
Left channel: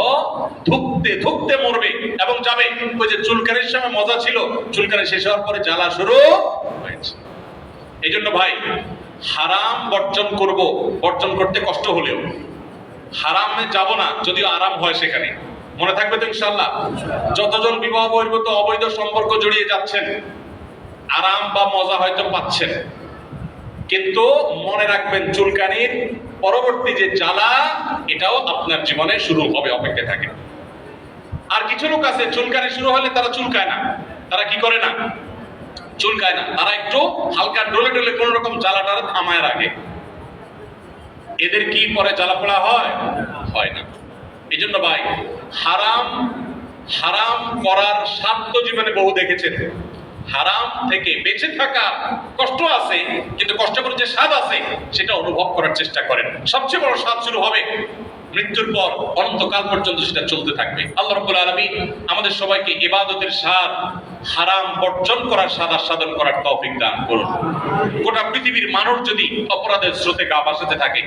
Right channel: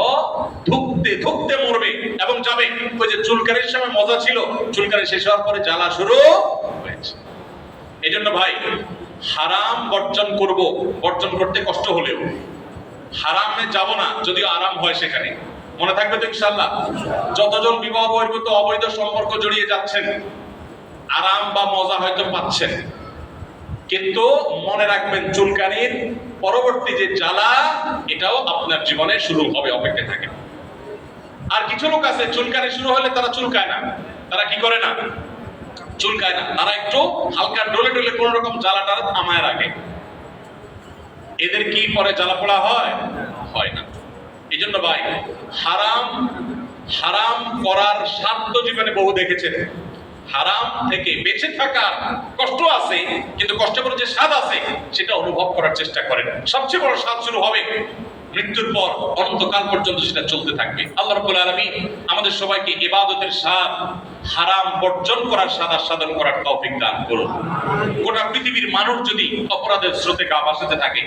ধুকতে ধুকতে মরবে এবং যাবে। ওই যে চুলকানির সময় মজা ছিল, চুলকানি শেষ হওয়ার পরে জ্বালা শুরু হয়েছে। এই জন্য ভাই, হারাম বর্জন করব, বর্জন করতে কষ্ট হলেও হারামে যাব না, যদিও আরাম হয় সেখানে। মনে থাকবে তো ইনশাআল্লাহ? যতজন বিবাহ বহির্ভূত অবৈধ সম্পর্ক জড়িয়ে যাচ্ছেন, আরাম বা মজা হয়তো পাচ্ছেন, কিন্তু মনে রাখবেন চুলকানির পরবর্তী যে জ্বালা, এটাও আপনার জীবনে শুরু হবে, অপেক্ষায় থাকে। আর কিছু লোক আছে, চুলকানি শুরু হলে তারা চুলকায় না। তারা কি করে না? চুলকায় না, তারা একটু হালকা ডলে ডলে কোন রকম জ্বালাটা থামায় রাখে। এদের কি পরে জ্বালা পোড়া হয়? হয় না। এই জন্য ভাই, হারাম করার স্বার্থ জীবনে বহু দেখেছেন। হারাম থেকে বেঁচে থাকার কষ্ট আছে, কিন্তু কষ্টের পর যে স্বাদ আছে সেটা অনুভব করার চেষ্টা করেন। সবচেয়ে বড় স্বাদ শুরু হবে মৃত্যুর পর, অনন্তকাল পর্যন্ত সেটা চলতে থাকবে। আল্লাহ রাব্বুল আলামিন আমাদের সবাইকে ইবাদতের স্বাদ, হারাম বর্জন করার স্বাদ আস্বাদন করার তৌফিক দান করুন। গোটা পৃথিবীর মানুষ যদি অপরাধের স্রোতে গা ভাসাতে থাকে,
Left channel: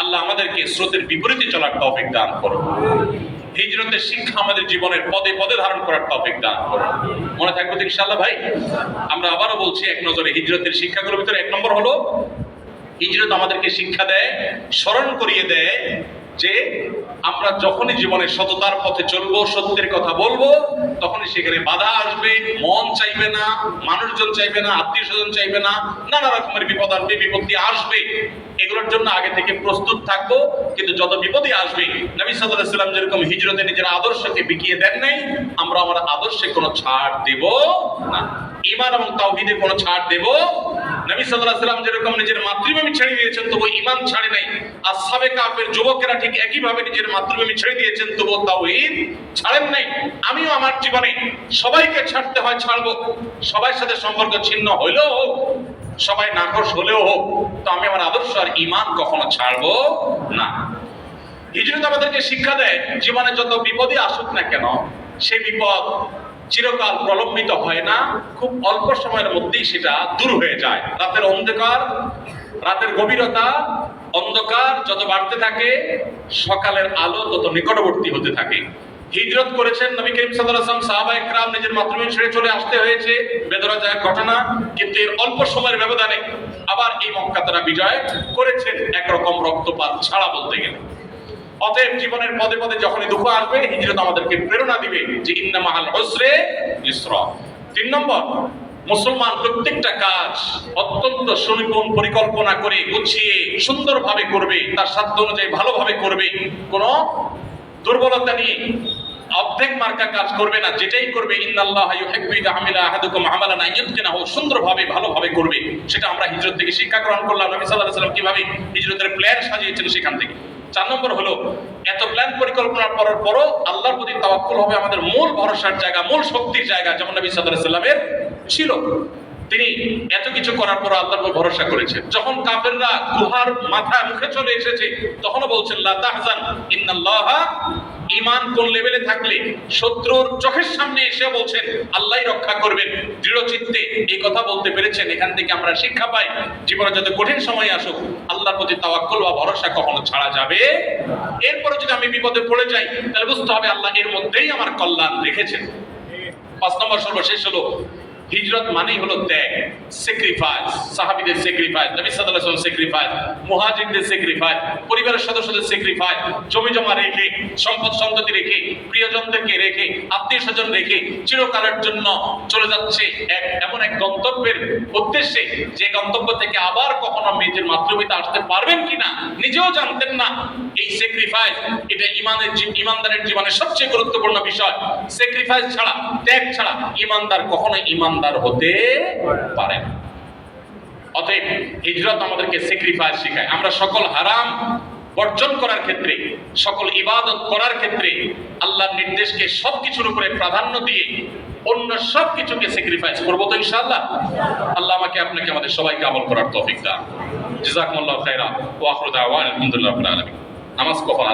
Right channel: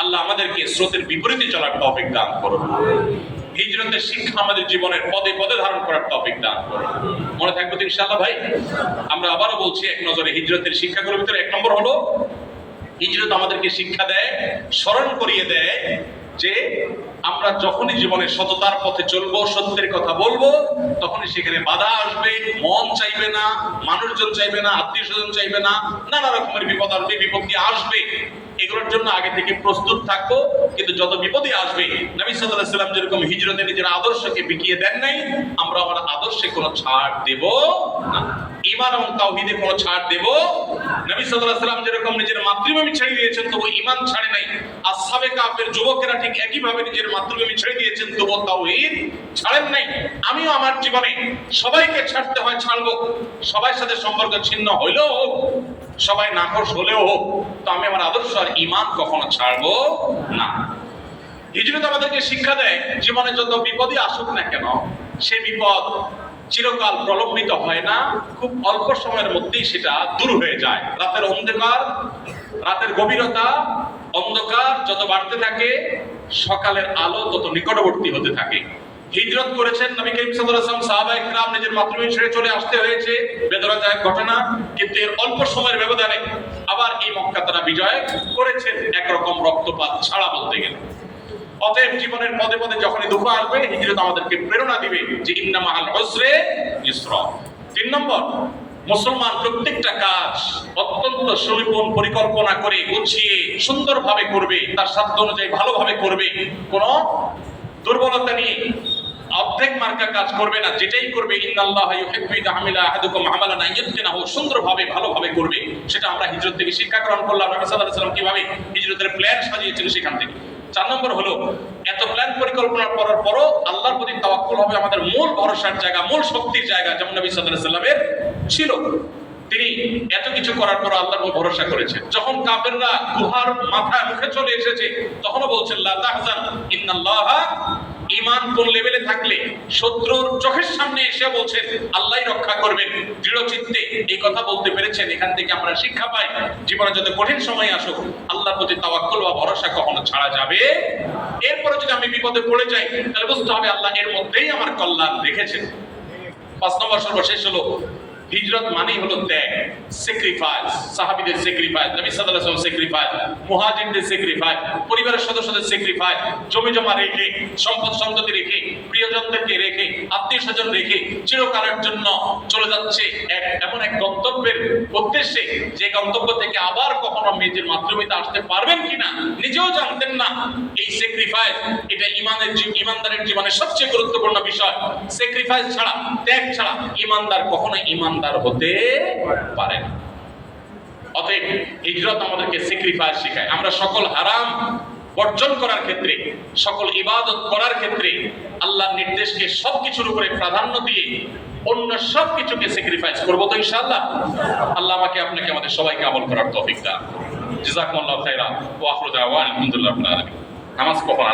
আল্লাহ আমাদেরকে স্রোতের বিপরীতে চলার তৌফিক দান করুন। হিজরতের শিক্ষা আমাদের জীবনের পদে পদে ধারণ করার তৌফিক দান করুন। মনে থাকবে তো ইনশাআল্লাহ ভাই? আমরা আবারও বলছি, এক নজরে হিজরতের শিক্ষাগুলোর ভিতরে 1 নম্বর হলো, হিজরত আমাদেরকে শিক্ষা দেয়, স্মরণ করিয়ে দেয় যে আমরা যখনই জীবনে সততার পথে চলবো, সত্যের কথা বলবো, তখনই সেখানে বাধা আসবে, মন চাইবে না, মানুষজন চাইবে না, আত্মীয় স্বজন চাইবে না, নানা রকমের বিপদ আসবে, বিপত্তি আসবে। এগুলোর জন্য আগে থেকে প্রস্তুত থাকবো। কিন্তু যত বিপদই আসবে, নবী সাল্লাল্লাহু আলাইহি ওয়াসাল্লাম যেরকম হিজরতে নিজের আদর্শকে বিকিয়ে দেন নাই, আমরা আমার আদর্শে কোনো ছাড় দেব না। ঈমান এবং তাওহীদে কোনো ছাড় দেব। নবী সাল্লাল্লাহু আলাইহি ওয়াসাল্লাম যেরকম নিজের মাতৃভূমি ছেড়ে দিয়েছেন, তবু ঈমান ছাড়ে নাই। আসহাবে কাফের যুবকেরা ঠিক একইভাবে নিজের মাতৃভূমি ছেড়ে দিয়েছেন, তবু তাওহীদ ছাড়েন নাই। আমিও আমার জীবনে সবাইকে ছাড়তে হয়, ছাড়বো। সবার সাথে সম্পর্ক ছিন্ন হইলেও হোক, সবাই নাখোশ হলেও হোক, তো আমি আমার আদর্শ আর ঈমান কখনো ছাড়বো না। হিজরত আমাদেরকে শিক্ষা দেয়, জীবনে যত বিপদই আসুক না কেন, সেই বিপদ চিরকাল প্রলম্বিত হয় না, খুব অল্প সময়ের মধ্যেই সেটা দূর হয়ে যায়। রাতের অন্ধকার, রাতের গভীরতা, অন্ধকার যত বাড়তে থাকে, সকালের আলো তত নিকটবর্তী হতে থাকে। হিজরত করেছেন নবী করিম সাল্লাল্লাহু আলাইহি ওয়াসাল্লাম, সাহাবায়ে কেরাম নিজের মাতৃভূমি ছেড়ে চলে আসতে হয়েছে, বেদনাদায়ক ঘটনা। কিন্তু এর অল্প সময়ের ব্যবধানে আবার এই মক্কা তারা বিজয় করেছেন, একরকম রক্তপাত ছাড়া বলতে গেলে। অতএব জীবনের পদে পদে যখনই দুঃখ আসবে, হিজরত আমাদেরকে প্রেরণা দিবে যে ইন্না মাআল উসরি ইউসরা। 3 নম্বর, মুসলমান প্রত্যেকটা কাজ অত্যন্ত সুনিপুণ পরিকল্পনা করে গুছিয়ে সুন্দরভাবে করবে, তার সাধ্য অনুযায়ী ভালোভাবে করবে। কোন দুর্বলতা নিয়ে অর্ধেক মার্কা কাজ করবে না, যেটাই করবে ইন্নাল্লাহা ইউহিব্বু ইযা আমিলা আহাদুকুম আমালান আইয়ুতকিনাহু, সুন্দরভাবে ভালোভাবে করবে। সেটা আমরা হিজরত থেকে শিক্ষা গ্রহণ করলাম। নবী সাল্লাল্লাহু আলাইহি ওয়াসাল্লাম কিভাবে হিজরতের প্ল্যান সাজিয়েছেন সেখান থেকে। 4 নম্বর হলো, এত প্ল্যান পরিকল্পনা করার পরও আল্লাহর প্রতি তাওয়াক্কুল হবে আমাদের মূল ভরসার জায়গা, মূল শক্তির জায়গা, যেমন নবী সাল্লাল্লাহু আলাইহি ওয়াসাল্লামের ছিল। তিনি এত কিছু করার পর আল্লাহর উপর ভরসা করেছেন। যখন কাফেররা গুহার মাথায় মুখে চলে এসেছে, তখনও বলছেন লা তাহজান ইন্নাল্লাহা, ঈমান কোন লেভেলে থাকলে শত্রুর চোখের সামনে এসে বলছেন আল্লাহই রক্ষা করবেন, দৃঢ় চিত্তে এই কথা বলতে পেরেছেন। এখান থেকে আমরা শিক্ষা পাই, জীবনে যত কঠিন সময় আসুক, আল্লাহর প্রতি তাওয়াক্কুল বা ভরসা কখনো ছাড়া যাবে। এরপরে যদি আমি বিপদে পড়ে যাই, তাহলে বুঝতে হবে আল্লাহ এর মধ্যেই আমার কল্যাণ রেখেছেন। 5 নম্বর সর্বশেষ হলো, হিজরত মানেই হলো ত্যাগ, স্যাক্রিফাইস। সাহাবীদের স্যাক্রিফাইস, নবী সাল্লাল্লাহু আলাইহি ওয়াসাল্লাম স্যাক্রিফাইস, মুহাজিরদের স্যাক্রিফাইস, পরিবারের সদস্যদের স্যাক্রিফাইস, জমি জমা রেখে, সম্পদ সম্পত্তি রেখে, প্রিয়জনদেরকে রেখে, আত্মীয় স্বজন রেখে চিরকালের জন্য চলে যাচ্ছে এমন এক গন্তব্যের উদ্দেশ্যে, যে গন্তব্য থেকে আবার কখনো নিজের মাতৃভূমিতে আসতে পারবেন কিনা নিজেও জানতেন না। এই স্যাক্রিফাইস, এটা ঈমানদারের জীবনের সবচেয়ে গুরুত্বপূর্ণ বিষয়। স্যাক্রিফাইস ছাড়া, ত্যাগ ছাড়া ঈমানদার কখনোই ঈমানদার হতে পারে না। অতএব হিজরত আমাদেরকে স্যাক্রিফাইস শেখায়। আমরা সকল হারাম বর্জন করার ক্ষেত্রে, সকল ইবাদত করার ক্ষেত্রে আল্লাহর নির্দেশকে সবকিছুর উপরে প্রাধান্য দিয়ে অন্য সবকিছুকে স্যাক্রিফাইস করব তো ইনশাআল্লাহ। আল্লাহ আমাকে আপনাকে আমাদের সবাইকে আমল করার তৌফিক দান। জাযাকুমুল্লাহু খাইরা ওয়া আখিরু দাওয়ানা আলহামদুলিল্লাহি রাব্বিল আলামিন। নামাজ কখন